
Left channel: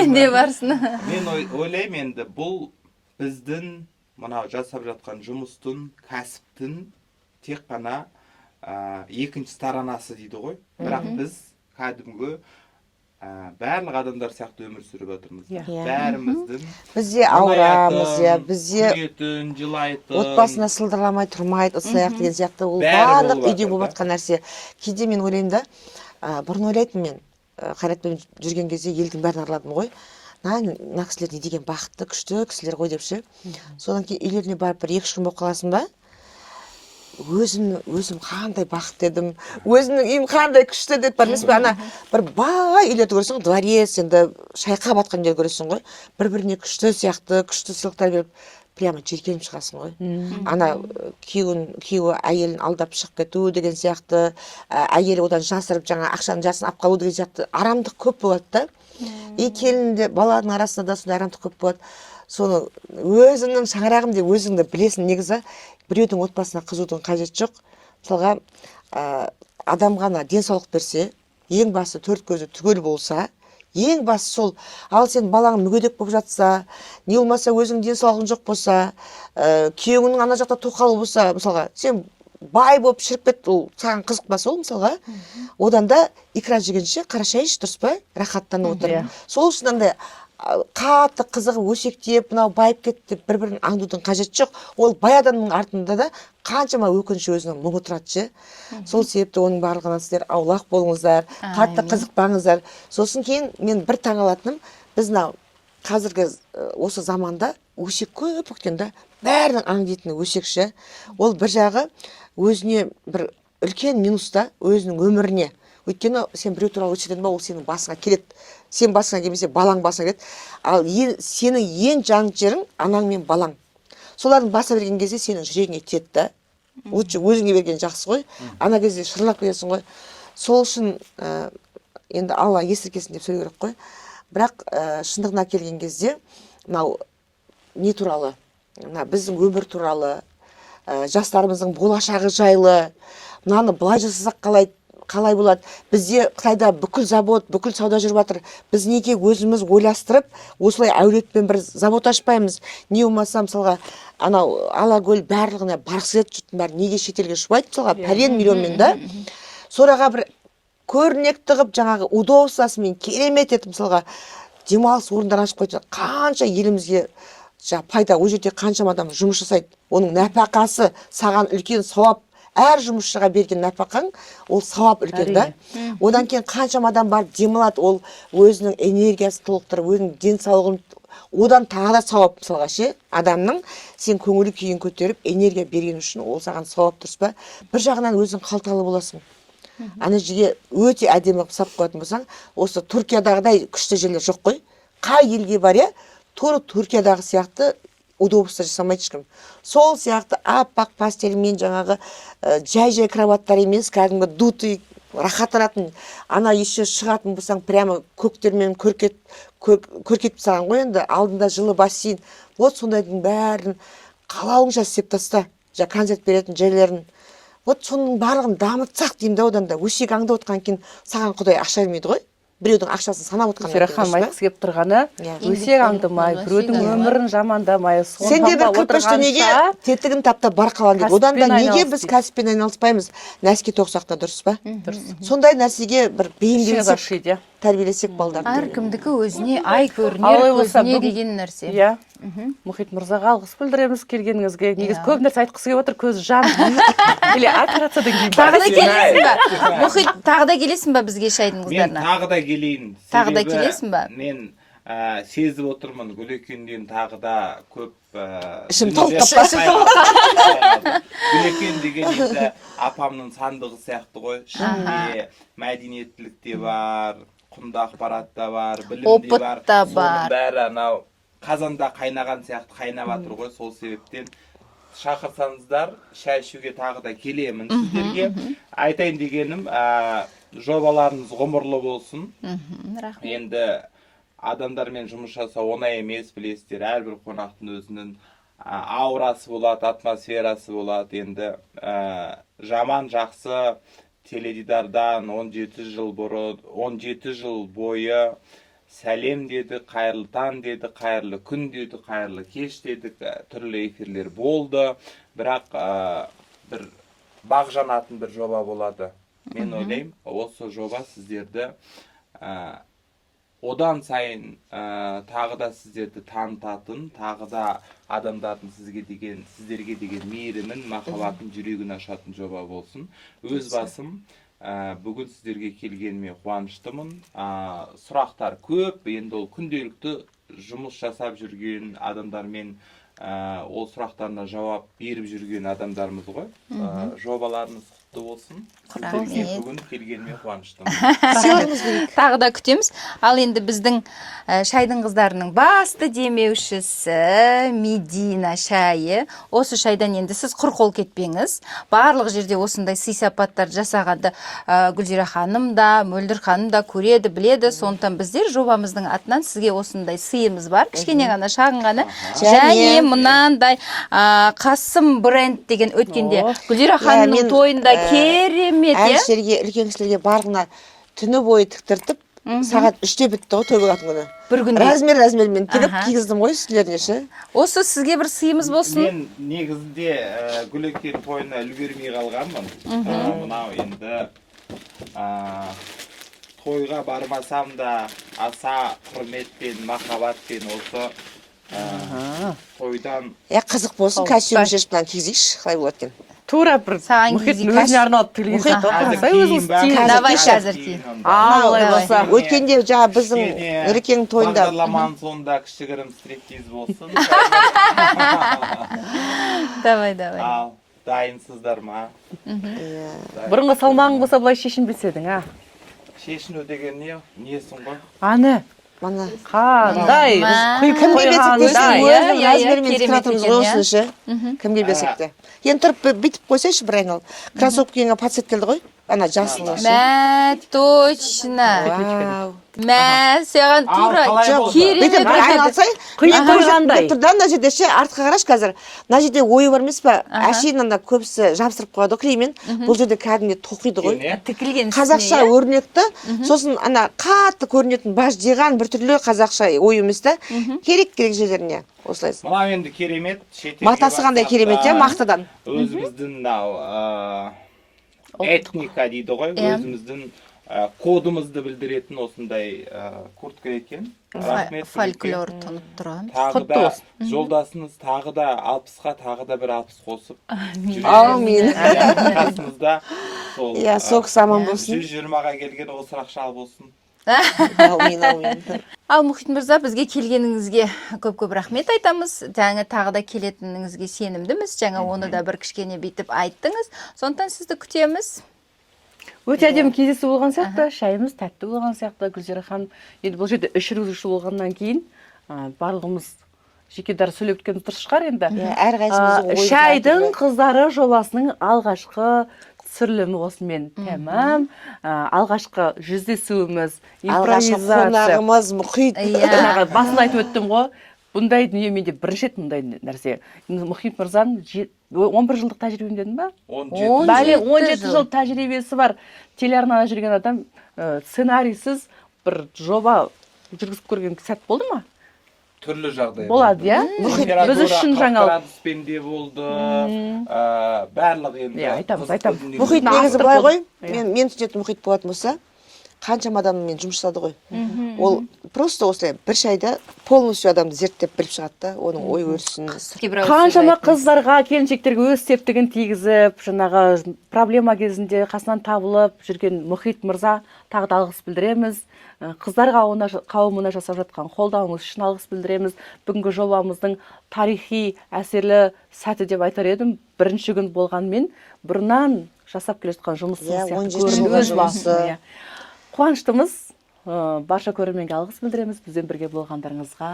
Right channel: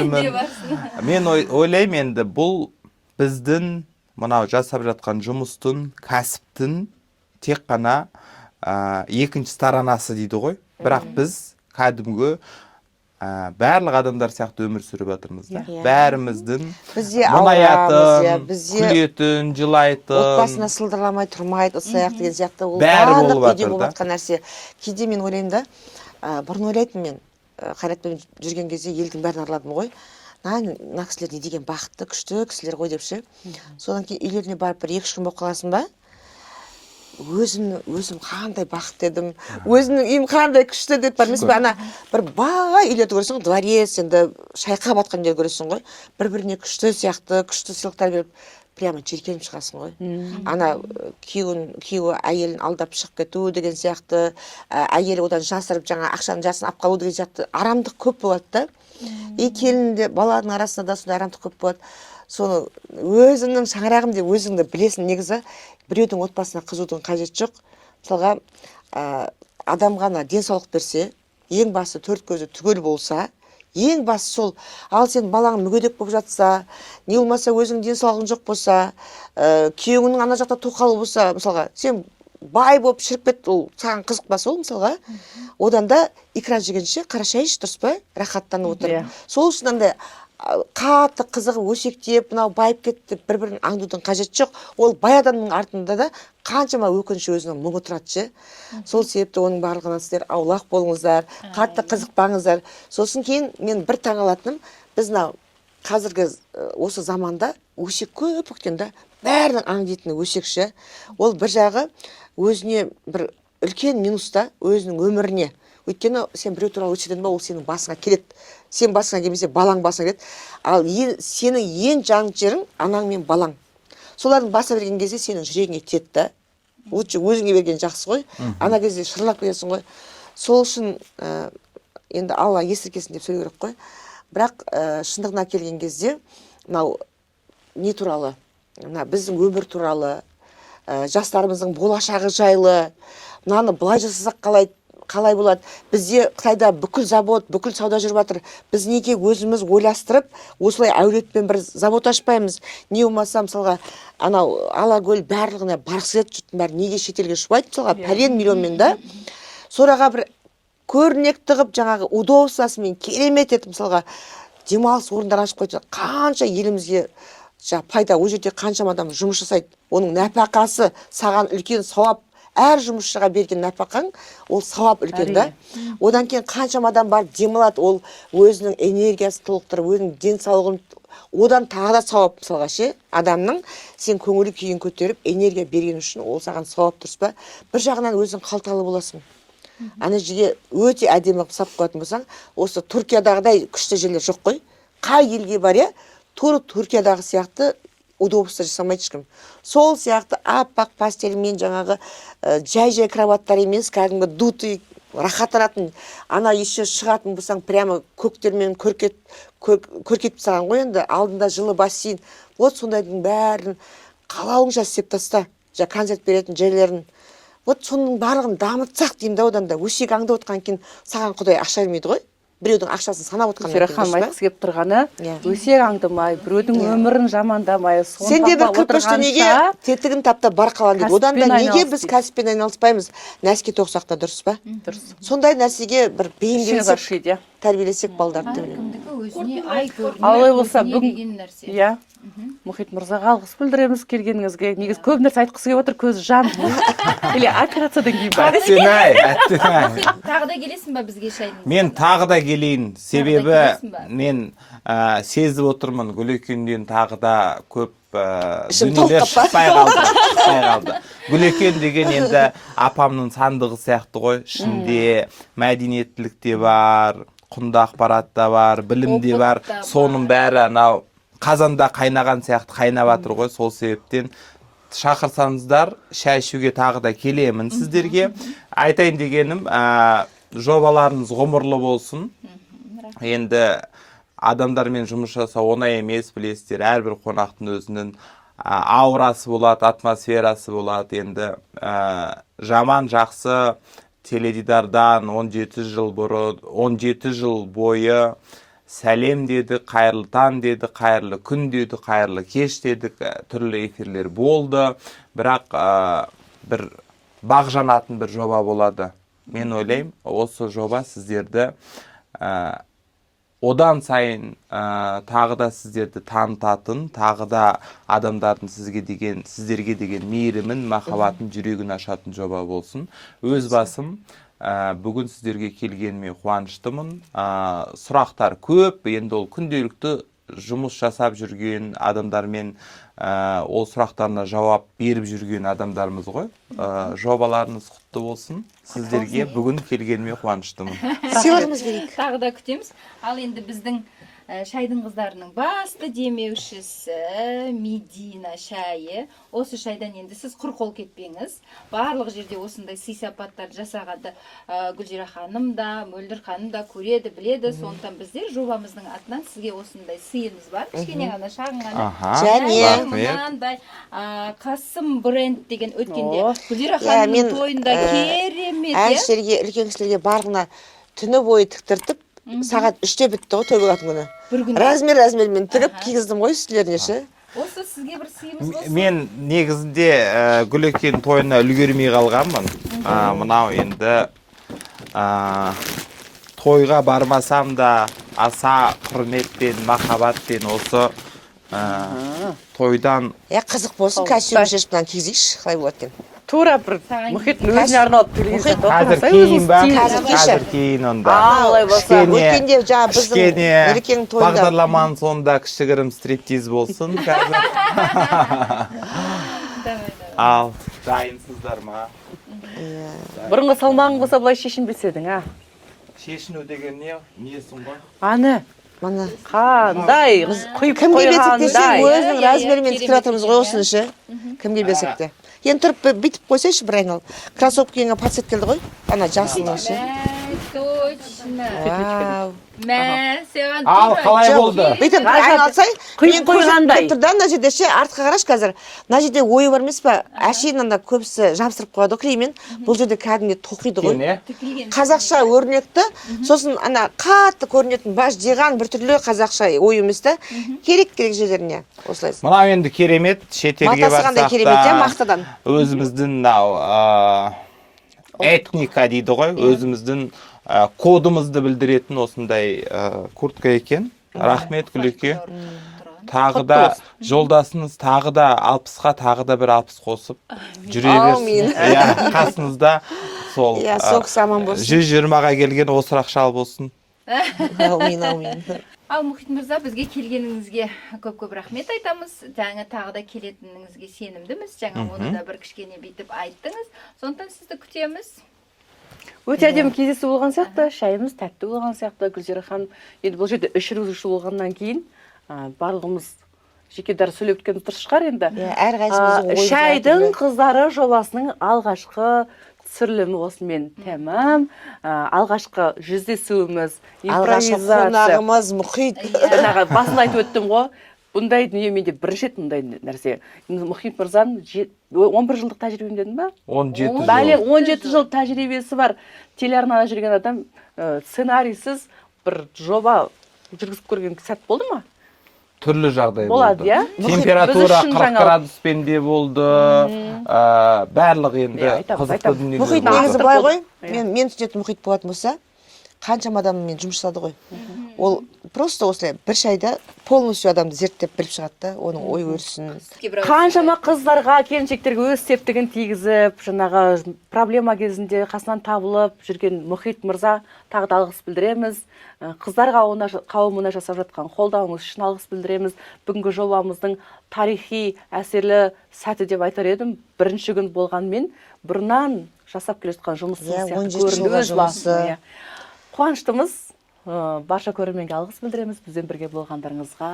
Мен ойлаймын енді бұл біздің мынау жасап жатқан жұмыстың, кәсіптің тек қана екінші сторонасы дейді ғой. Бірақ біз кәдімгі барлық адамдар сияқты өмір сүріп жатырмыз. Бәріміздің бізде ауырамыз, бізде күлетін, жылайтын, отбасына сылдырламай тұрмайды, ұсаяқ деген сияқты ол барлық үйде болып жатқан нәрсе. Кейде мен ойлаймын да, бұрын ойлайтын мен Қайратпен жүрген кезде елдің бәрін араладым ғой. Мына кісілер не деген бақытты, күшті кісілер ғой депші. Содан кейін үйлеріне барып бір 2-3 күн болып қаласың ба? Өзім қандай бақытты едім, өзімнің үйім қандай күшті деп бар емес пе? Ана бір бай үйлерді көресің ғой, дворец, енді шайқа батқан үйлер көресің ғой, бір-біріне күшті сияқты, күшті сыйлықтар беріп, прямо жеркеніп шығасың ғой. Ана күйеуі әйелін алдап шығып кету деген сияқты, әйелі одан жасырып жаңа ақшаның жасын алып қалу деген сияқты арамдық көп болады да. Келінде баланың арасында да сондай арамдық көп болады. Соны өзіңнің шаңырағым деп өзіңді білесің. Негізі біреудің отбасына қызудың қажет жоқ. Мысалға адамға денсаулық берсе, ең басы 4 көзі түгел болса, ең басы сол. Ал сен балаң мүгедек болып жатса, не болмаса өзің денсаулығың жоқ болса, күйеуіңнің ана жақта тоқалы болса, мысалға сен бай болып шіріп кет, ол саған қызықпаса ол мысалға, одан да икра жегенше қара шай іш, дұрыс па? Рахаттанып отыр. Сол үшін андай қатты қызығы өсектеп, мынау байып кетті, бір-бірін аңдудың қажет жоқ. Ол бай адамның артында да қаншама өкініші өзінің мұңы тұрады. Сол себепті оның барлығынан сіздер аулақ болыңыздар, қатты қызықпаңыздар. Сосын кейін мен бір таңалатыным, біз қазіргі осы заманда өсек көп өткенде бәрінің аңдитыны өсекші. Ол бір жағы өзіне бір үлкен минуста өзінің өміріне. Өйткені сен біреу туралы өтседен ба, ол сенің басыңа келеді. Сен басыңа келмесе, балаң басыңа келеді. Ал сенің ең жан жерің анаң мен балаң. Солардың баса берген кезде сенің жүрегіңе тиеді да. Лучше өзіңе берген жақсы ғой. Ана кезде шырлап кетесің ғой. Сол үшін енді Алла естіркесін деп сөйлеу керек қой. Бірақ шындығына келген кезде мынау не туралы? Біздің өмір туралы, жастарымыздың болашағы жайлы, мынаны былай жасасақ қалай болады? Бізде Қытайда бүкіл завод, бүкіл сауда жүріп жатыр. Біз неге өзіміз ойластырып, осылай әулетпен бір завод ашпаймыз? Не болмаса, мысалға, анау Алакөл барлығына барғысы келеді, жұрттың бәрі неге шетелге шуайды, мысалға, пәлен миллионмен да. Сораға бір көрнекті қып, жаңағы удовольствиесімен керемет етіп, мысалға, демалыс орындар ашып қойды. Қанша елімізге пайда, ол жерде қаншама адам жұмыс жасайды. Оның нәпақасы саған үлкен сауап, әр жұмысшыға берген нәпақаң ол сауап үлкен да. Одан кейін қаншама адам барып демалады, ол өзінің энергиясын толықтырып, өзінің денсаулығын, одан тағы да сауап. Мысалға ше, адамның сен көңіл күйін көтеріп энергия берген үшін ол саған сауап, дұрыс па? Бір жағынан өзің қалталы боласың. Ана жерге өте әдемі қылып салып қоятын болсаң, осы Түркиядағыдай күшті жерлер жоқ қой. Қай елге бар я, тура Түркиядағы сияқты удобство жасамайды ешкім. Сол сияқты аппақ пастельмен жаңағы жай-жай кроваттар емес, кәдімгі дутый, рахаттанатын, ана еще шығатын болсаң, прямо көктермен көркетіп саған ғой енді, алдында жылы бассейн. Вот сондайдың бәрін қалауыңша істеп таста, концерт беретін жерлерін. Вот соның барлығын дамытсақ деймін да, одан да өсек аңды отқан кейін саған Құдай ақша бермейді ғой. Біреудің ақшасын санап отқан. Гүлзира ханым айтқысы келіп тұрғаны, өсек аңдымай, біреудің өмірін жамандамай, сенде бір кірпіш дүниеге тетігін таптап бар қалан дейді. Одан да неге біз кәсіппен айналыспаймыз? Нәске тоқсақ та, дұрыс па? Дұрыс. Сондай нәрсеге бір бейімделсек, тәрбиелесек балдарды. Әркімдікі өзіне ай Алай болса, көрінер деген нәрсе. Иә. Мұхит мырзаға алғыс білдіреміз келгеніңізге. Негіз көп нәрсе айтқысы келіп отыр, көзі жан. Или операциядан кейін бар. Мұхит, тағы да келесің ба бізге шайдың қыздарына? Мен тағы да келейін. Тағы да келесің ба? Себебі мен сезіп отырмын, Гүлекенден тағы да көп ішім толып қалды. Гүлекен деген енді апамның сандығы сияқты ғой. Ішінде мәдениеттілік те бар, құнды ақпарат та бар, білім де бар. Соның бәрі анау қазанда қайнаған сияқты қайнап жатыр ғой. Сол себептен шақырсаңыздар, шай ішуге тағы да келемін сіздерге. Айтайын дегенім, жобаларыңыз ғұмырлы болсын. Енді адамдармен жұмыс жасау оңай емес, білесіздер. Әрбір қонақтың өзінің аурасы болады, атмосферасы болады. Енді жаман жақсы теледидардан 17 жыл бойы сәлем деді, қайырлы таң деді, қайырлы күн деді, қайырлы кеш дедік, түрлі эфирлер болды. Бірақ бір бақ жанатын бір жоба болады. Мен ойлаймын, осы жоба сіздерді одан сайын тағы да сіздерді танытатын, тағы да адамдардың сіздерге деген мейірімін, махаббатын, жүрегін ашатын жоба болсын. Өз басым бүгін сіздерге келгеніме қуаныштымын. Сұрақтар көп, енді ол күнделікті жұмыс жасап жүрген адамдармен ол сұрақтарына жауап беріп жүрген адамдарымыз ғой. Жобаларыңыз құтты болсын. Сіздерге бүгін келгеніме қуаныштымын. Сыйлығымыз керек. Тағы да күтеміз. Ал енді біздің шайдың қыздарының басты демеушісі Медина шайы. Осы шайдан енді сіз құр қол кетпеңіз. Барлық жерде осындай сый-сапаттар жасағанды Гүлзира ханым да, Мөлдір ханым да көреді, біледі. Сондықтан біздер жобамыздың атынан сізге осындай сыйымыз бар. Кішкене ғана, шағын ғана. Және мынандай Қасым бренд деген өткенде Гүлзира ханымның тойында керемет. Әншілерге, үлкен кісілерге барлығына түні бойы тіктіртіп, сағат 3-те бітті ғой той болатын күні. Бір күнде. Размер-размермен тігіп кигіздім ғой үстілеріне ше. Осы сізге бір сыйымыз болсын. Мен негізінде Гүлекен тойына үлгермей қалғанмын. Мынау енді тойға бармасам да аса құрметпен, махаббатпен осы тойдан Қызық болсын, костюм шешіп кигізейші, қалай болады екен. Тура бір Мұхиттың өзіне арналып телевизор тоқырсай өзіңіз кейін олай болса. Өткенде жаңа біздің Нұрекеңнің тойында бағдарламаның соңында кішігірім стриптиз болсын. Давай. Ал, дайынсыздар ма? Бұрынғы салмағың болса бұлай шешінбеседің, Шешіну деген несің ғой? Аны Мана қандай құйып кімге берсек те қойғандай. өзінің размерімен тіктір жатырмыз ғой осыны ше. Кімге берсек те. Енді тұрып бүйтіп қойсайшы бір айналып. Кроссовка киген пацет келді ғой. Ана жасылы ше. Мә, точно. Вау. Мә, саған қалай тура болды? Бүйтіп айналсай, Құйып қойғандай. тұр да, мына жерде ше, артқа қарашы қазір. Мына жерде ойы бар емес па? Әшейін анда көбісі жабыстырып қояды клеймен. Бұл жерде кәдімгі тоқиды ғой. тікілген Қазақша өрнекті, сосын ана қатты көрінетін баж жиған бір түрлі қазақша ой емес та. Керек жерлеріне осылайсың. Мынау енді керемет, шетелге Матасы қандай керемет, мақтадан. Өзіміздің этника дейді ғой, өзіміздің кодымызды білдіретін осындай куртка екен. Рахмет Гүлеке. Фольклор тынып тұрған. Тағы Құтты да болсын. жолдасыңыз тағы да 60-қа тағы да бір 60 қосып жүре Аумин. берсін. Иә, қасыңызда сол Иә, сол кісі аман болсын. 120-ға келген осырақ шал болсын. Аумин, аумин. Ал Мұхит мырза, бізге келгеніңізге көп-көп рахмет айтамыз. Жаңа тағы да келетініңізге сенімдіміз. Жаңа оны да бір кішкене бүйтіп айттыңыз. Сондықтан сізді күтеміз. Өте әдемі кездесу болған сияқты, шайымыз тәтті болған сияқты. Гүлзира ханым, енді бұл жерде 3 жүргізуші болғаннан кейін барлығымыз жеке дара сөйлеп өткеніміз дұрыс шығар енді. Иә, әрқайсымыздың ойы Шайдың қыздары жобасының алғашқы түсірілімі осымен тәмам. Алғашқы жүздесуіміз, алғашқы импровизация. қонағымыз Мұхит. Жаңағы басында айтып өттім ғой. Бұндай дүние менде бірінші рет мұндай нәрсе. Мұхит мырзаның 11 жылдық тәжірибем дедім ба? 17 Бәле жыл. 17 жыл тәжірибесі бар. Телеарнада жүрген адам сценарийсіз бір жоба жүргізіп көрген сәт болды ма? Түрлі жағдай Болады, иә? Температура Біз үшін 40 жаңалық. градуспен де болды. Барлық енді Иә, айтамыз, қызықты айтамыз. дүние. Мұхит Нақты негізі былай ғой, болды. мен түсінетін Мұхит болатын болса, қаншама адаммен жұмыс жасады ғой. Ол просто осылай бір шайда полностью адамды зерттеп біліп шығады да, оның ой өрісін. Қаншама қыздарға, келіншектерге өз септігін тигізіп, жаңағы проблема кезінде қасынан табылып жүрген Мұхит мырза тағы да алғыс білдіреміз. Қыздар қауымына жасап жатқан қолдауыңыз үшін алғыс білдіреміз. Бүгінгі жобамыздың тарихи әсерлі сәті деп айтар едім. Бірінші күн болғанмен бұрыннан жасап келе жатқан жұмысымыз Иә, сияқты 17 көрінді жылғы өз жұмысы. басым, иә. Қуаныштымыз. Барша көрерменге алғыс білдіреміз. Бізбен бірге болғандарыңызға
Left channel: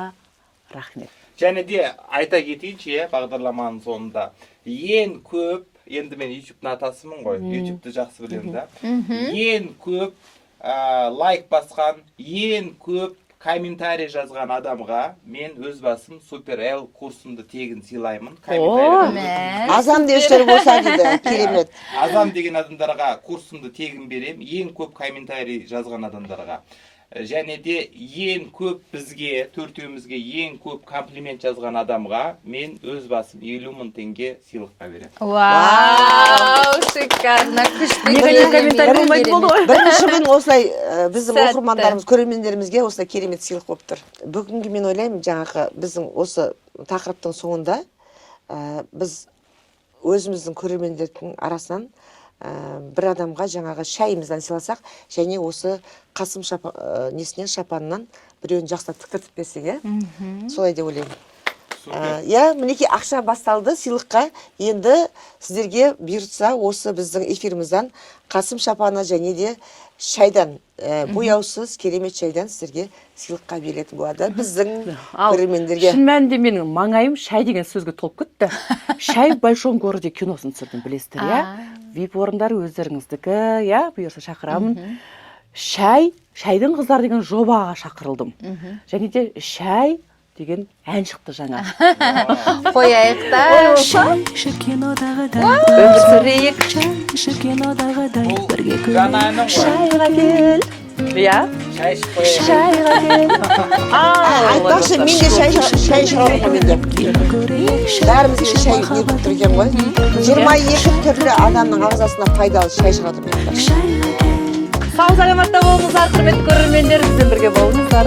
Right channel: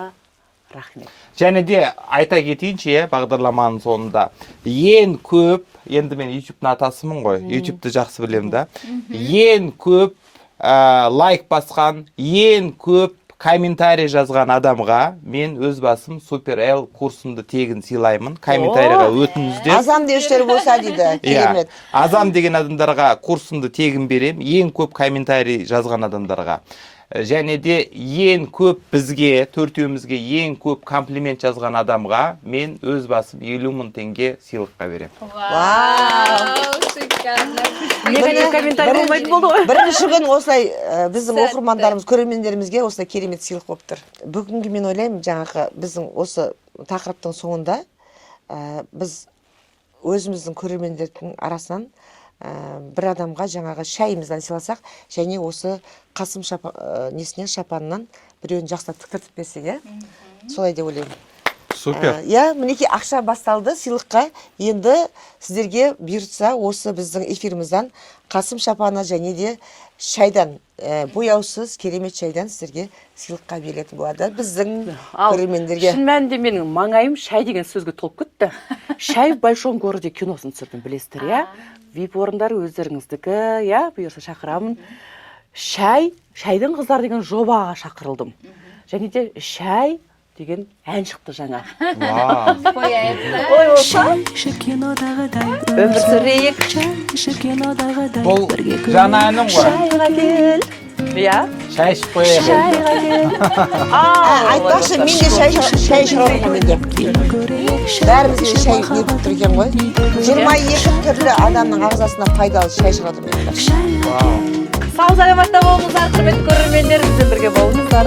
рахмет. Және де айта кетейінші, бағдарламаның соңында ең көп, енді мен YouTube-ның атасымын ғой, YouTube-ті жақсы білемін да. Ең көп лайк басқан, ең көп комментарий жазған адамға мен өз басым Супер L курсымды тегін сыйлаймын. Комментарийға өтіңіздер. Азам деушілер болса дейді, керемет. Азам деген адамдарға курсымды тегін берем, ең көп комментарий жазған адамдарға. Және де ең көп бізге, төртеумізге ең көп комплимент жазған адамға мен өз басым 50 000 теңге сыйлыққа берем. Вау, шикарно. Негатив комментарий болмайтын болды ғой. Бірінші күн осылай біздің Сәтті. оқырмандарымыз, көрермендерімізге осылай керемет сыйлық болып тұр. Бүгінгі мен ойлаймын, жаңағы біздің осы тақырыптың соңында біз өзіміздің көрермендердің арасынан бір адамға жаңағы шайымыздан сыйласақ, және осы Қасым несінен шапанынан біреуін жақсылап тіктіртіп берсек, иә? Солай деп ойлаймын. Супер. Иә, мінекей ақша басталды сыйлыққа. Енді сіздерге бұйыртса осы біздің эфирімізден Қасым шапаны және де шайдан, бояусыз керемет шайдан сіздерге сыйлыққа берілетін болады. Біздің көрермендерге. Шын мәнінде менің маңайым шай деген сөзге толып кетті. Шай в большом городе киносын түсірдім, білесіздер, иә? VIP орындар өздеріңіздікі, иә, бұйырса шақырамын. Шайдың қыздар деген жобаға шақырылдым. Және де шай деген ән шықты жаңа. Қояйық та. Шай іші кинодағыдай Өмір сүрейік. Шай іші кинодағыдай Бұл бірге жаңа әнің ғой. Шайға кел. Иә? Шай ішіп қояйық. Шайға кел. Айтпақшы, мен де шай шығармын ғой менде. Бәрімізге шай нетіп тұр екен ғой. 22 түрлі адамның ағзасына пайдалы шай шығады менде. Сау саламатта болыңыздар, құрметті көрермендер, бізбен бірге болыңыздар.